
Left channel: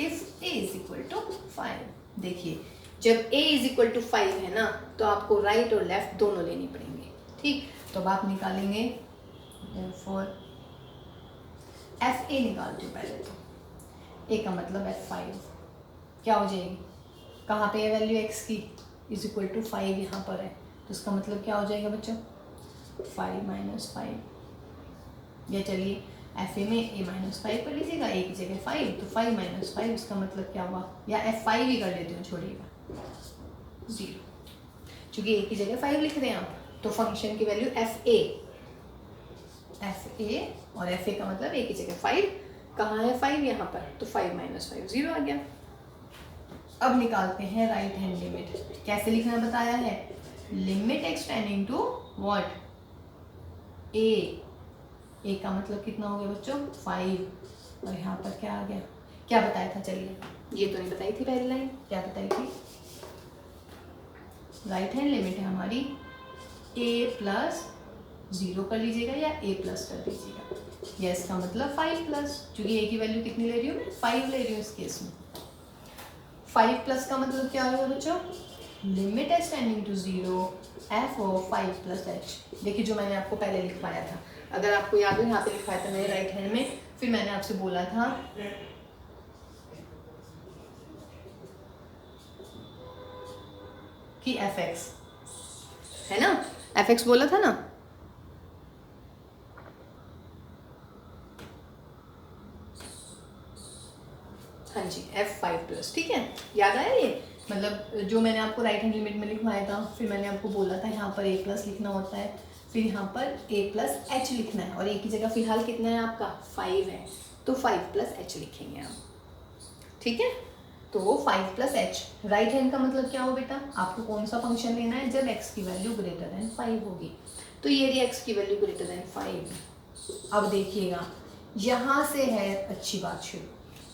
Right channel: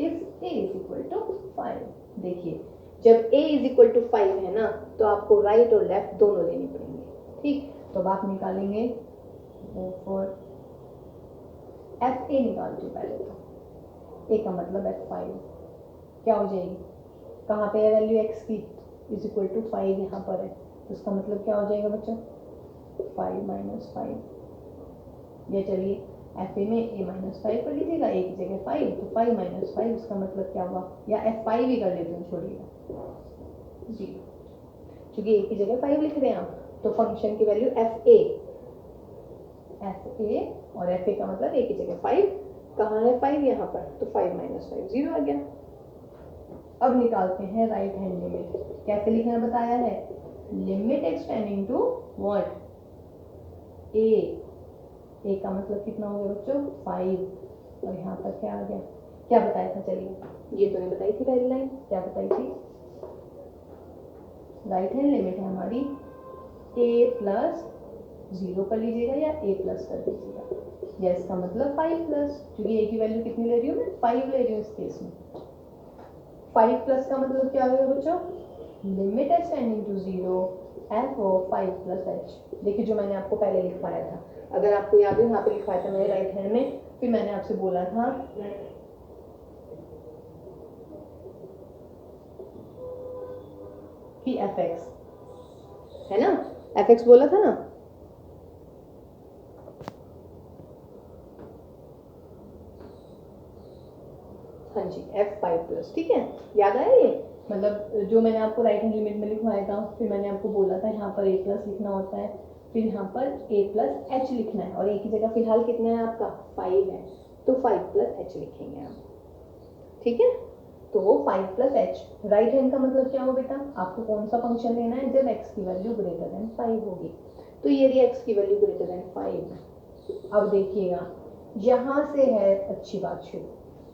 if a is equal to 5। देखिए, जब a इज इक्वल टू 5 है ना, तो आपको राइट और लेफ्ट दोनों लेनी पड़ेंगे, ठीक। तो अब आप निकालेंगे फॉर एफ ए निकालते हो पहले, तो a का मतलब F5 क्या हो जाएगी, कहाँ पे है वैल्यू x की, इज इक्वल टू 5 यहाँ पर है, तो इसका मतलब क्या हो जाएगा बच्चों, 5 माइनस 5, या चलिए एफ ए में a माइनस 5 कर लीजिएगा, a की जगह 5, तो 5 माइनस 5, इसका मतलब क्या हुआ, या F5 ही कर लेते हो, छोड़िएगा 0, क्योंकि a की जगह 5 लिख रहे हैं आप, तो फंक्शन की वैल्यू एफ ए और एफ ए का मतलब a की जगह 5, कहाँ है 5 यहाँ पर, तो 5 माइनस 5 0 आ गया। अब निकालते हैं राइट हैंड लिमिट, कैसे लिखना बताया है, limit x tending to what, a का मतलब कितना हो गया बच्चों 5, और यहाँ पर क्या आ गया, क्या बताया था, चलिए ये तो नहीं बताई थी पहली लाइन, क्या बताई थी, राइट हैंड लिमिट है हमारी a प्लस 0 कर लीजिएगा या a प्लस कर दीजिएगा, या इसका मतलब 5 प्लस, क्योंकि a की वैल्यू कितनी ले रही हूँ मैं, 5 ले रही हूँ इस केस में। 5 प्लस का मतलब क्या होगा बच्चों, limit x tending to 0 f of 5 plus h। देखिए जो मैंने आपको पहले लिखवाया था, अगर आपको याद हो, यहाँ पे लिखवाया था मैंने राइट हैंड में, फिर मैंने आपसे बोला था कि fx है ना, fx बोला था ना, हाँ जी F5 प्लस, ठीक है, याद आया ये, मतलब जो मैंने आपको राइट हैंड लिमिट में लिखवाया था, फिर मैंने आपको बोला था यहाँ पर a प्लस लिखना होता है, फिर यहाँ पर a प्लस h लिखना है, और a की जगह फिलहाल कितना है आपका 5 है, तो 5 प्लस h लिखेंगे हम, ठीक है। तो 5 प्लस h, राइट हैंड का मतलब क्या हो बेटा, आपको कौन सा फंक्शन लेना है, जब x की वैल्यू ग्रेटर देन 5 होगी, तो ये रही x की वैल्यू ग्रेटर देन 5। अब देखिएगा यहाँ से है अच्छी बात शुरू,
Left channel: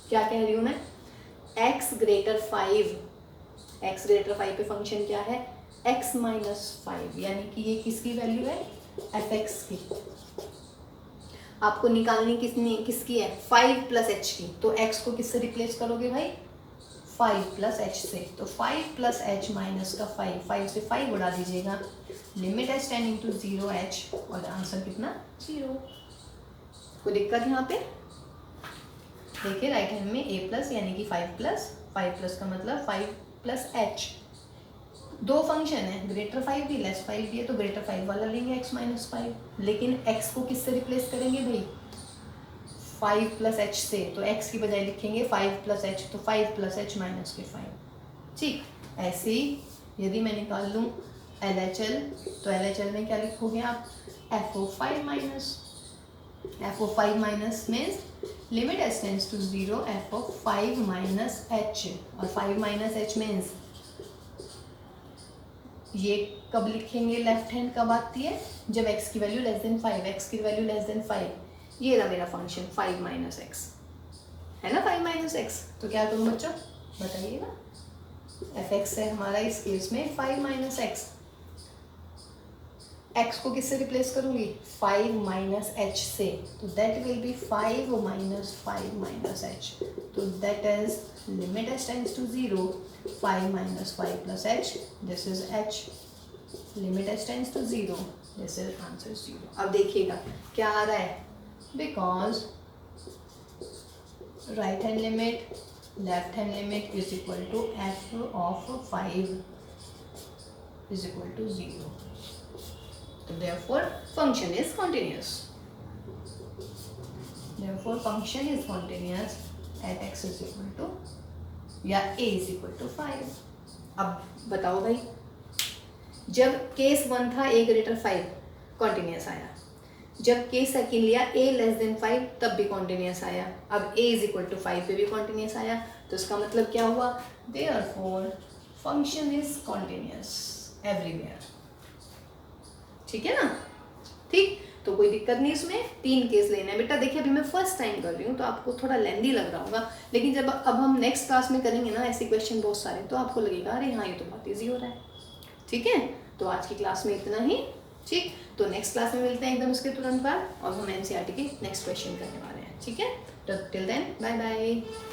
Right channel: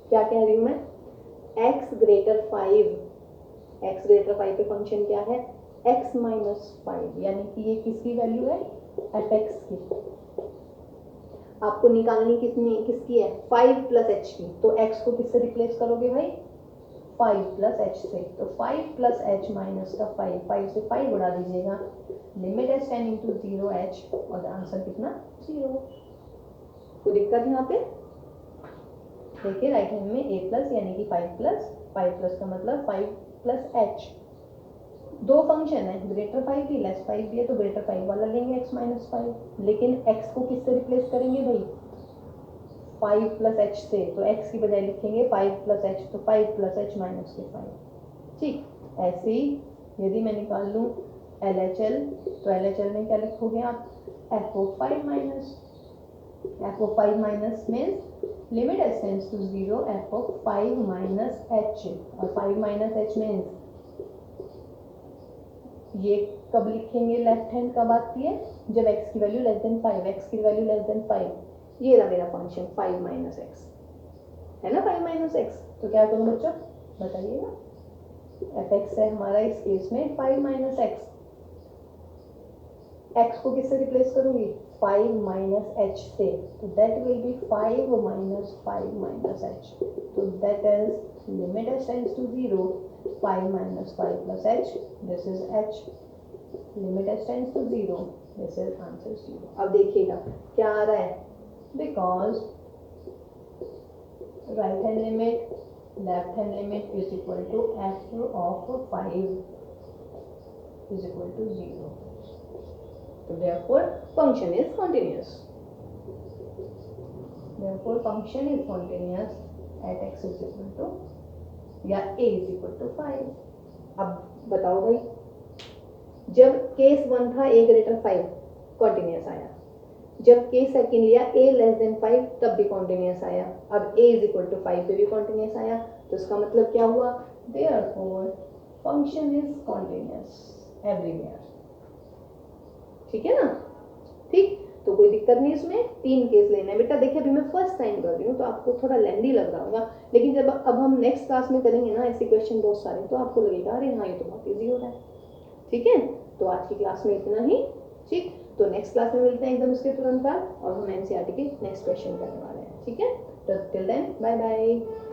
क्या कह रही हूँ मैं, x ग्रेटर 5, x ग्रेटर 5 पे फंक्शन क्या है, x माइनस 5, यानी कि ये किसकी वैल्यू है, fx की, आपको निकालनी किसकी है, 5 प्लस h की, तो x को किससे रिप्लेस करोगे भाई, 5 प्लस h से, तो 5 प्लस h माइनस का 5 से 5 उड़ा दीजिएगा, limit H tending to 0 h, और आंसर कितना 0। कोई दिक्कत यहाँ पे, देखिए राइट हैंड में a प्लस यानी कि 5 प्लस का मतलब 5 प्लस h, दो फंक्शन है, ग्रेटर 5 भी लेस 5 भी है, तो ग्रेटर 5 वाला लेंगे x माइनस 5, लेकिन x को किससे रिप्लेस करेंगे भाई, 5 प्लस h से, तो x की बजाय लिखेंगे 5 प्लस h, तो 5 प्लस h माइनस के 5, ठीक। ऐसे ही यदि मैं निकाल लूँ LHL, तो LHL में क्या लिखोगे आप, f of 5 minus, f of 5 minus means limit S tends to 0 f of 5 minus h, और 5 माइनस h मीन्स ये कब लिखेंगे, लेफ्ट हैंड कब आती है, जब x की वैल्यू लेस देन 5, x की वैल्यू लेस देन 5, ये रहा मेरा फंक्शन 5 माइनस एक्स है ना, 5 माइनस एक्स, तो क्या करूँ बच्चों बताइएगा, fx है हमारा इस केस में 5 माइनस एक्स, x को किससे रिप्लेस करूंगी, 5 माइनस h से, तो that will be 5 minus 5 minus h, तो that is limit h tends to 0, 5 minus 5 plus h, this is h, limit h tends to 0, this is answer 0। अब देखिएगा क्या आ रहा है, because right hand limit left hand limit is equal to f of 5 is equal to 0, so therefore function is continuous, therefore function is continuous at x is equal to या a is equal to 5। अब बताओ भाई, जब case 1 था a greater 5 continuous आया, जब case second लिया a less than 5 तब भी कॉन्टिन्यूस आया, अब a इज इक्वल टू 5 पे भी कॉन्टिन्यूस आया, तो इसका मतलब क्या हुआ, therefore function is continuous everywhere. ठीक है ना, ठीक, तो कोई दिक्कत नहीं इसमें, 3 केस लेने हैं बेटा। देखिए अभी मैं फर्स्ट टाइम कर रही हूँ तो आपको थोड़ा लेंदी लग रहा होगा, लेकिन जब अब हम नेक्स्ट क्लास में करेंगे ना ऐसे क्वेश्चन बहुत सारे, तो आपको लगेगा अरे हाँ ये तो बहुत ईजी हो रहा है। ठीक है, तो आज की क्लास में इतना ही। ठीक, तो नेक्स्ट क्लास में मिलते हैं एकदम उसके तुरंत बाद, और हम एनसीईआरटी के नेक्स्ट क्वेश्चन करने वाले हैं। ठीक है, तो टिल देन बाय बाय।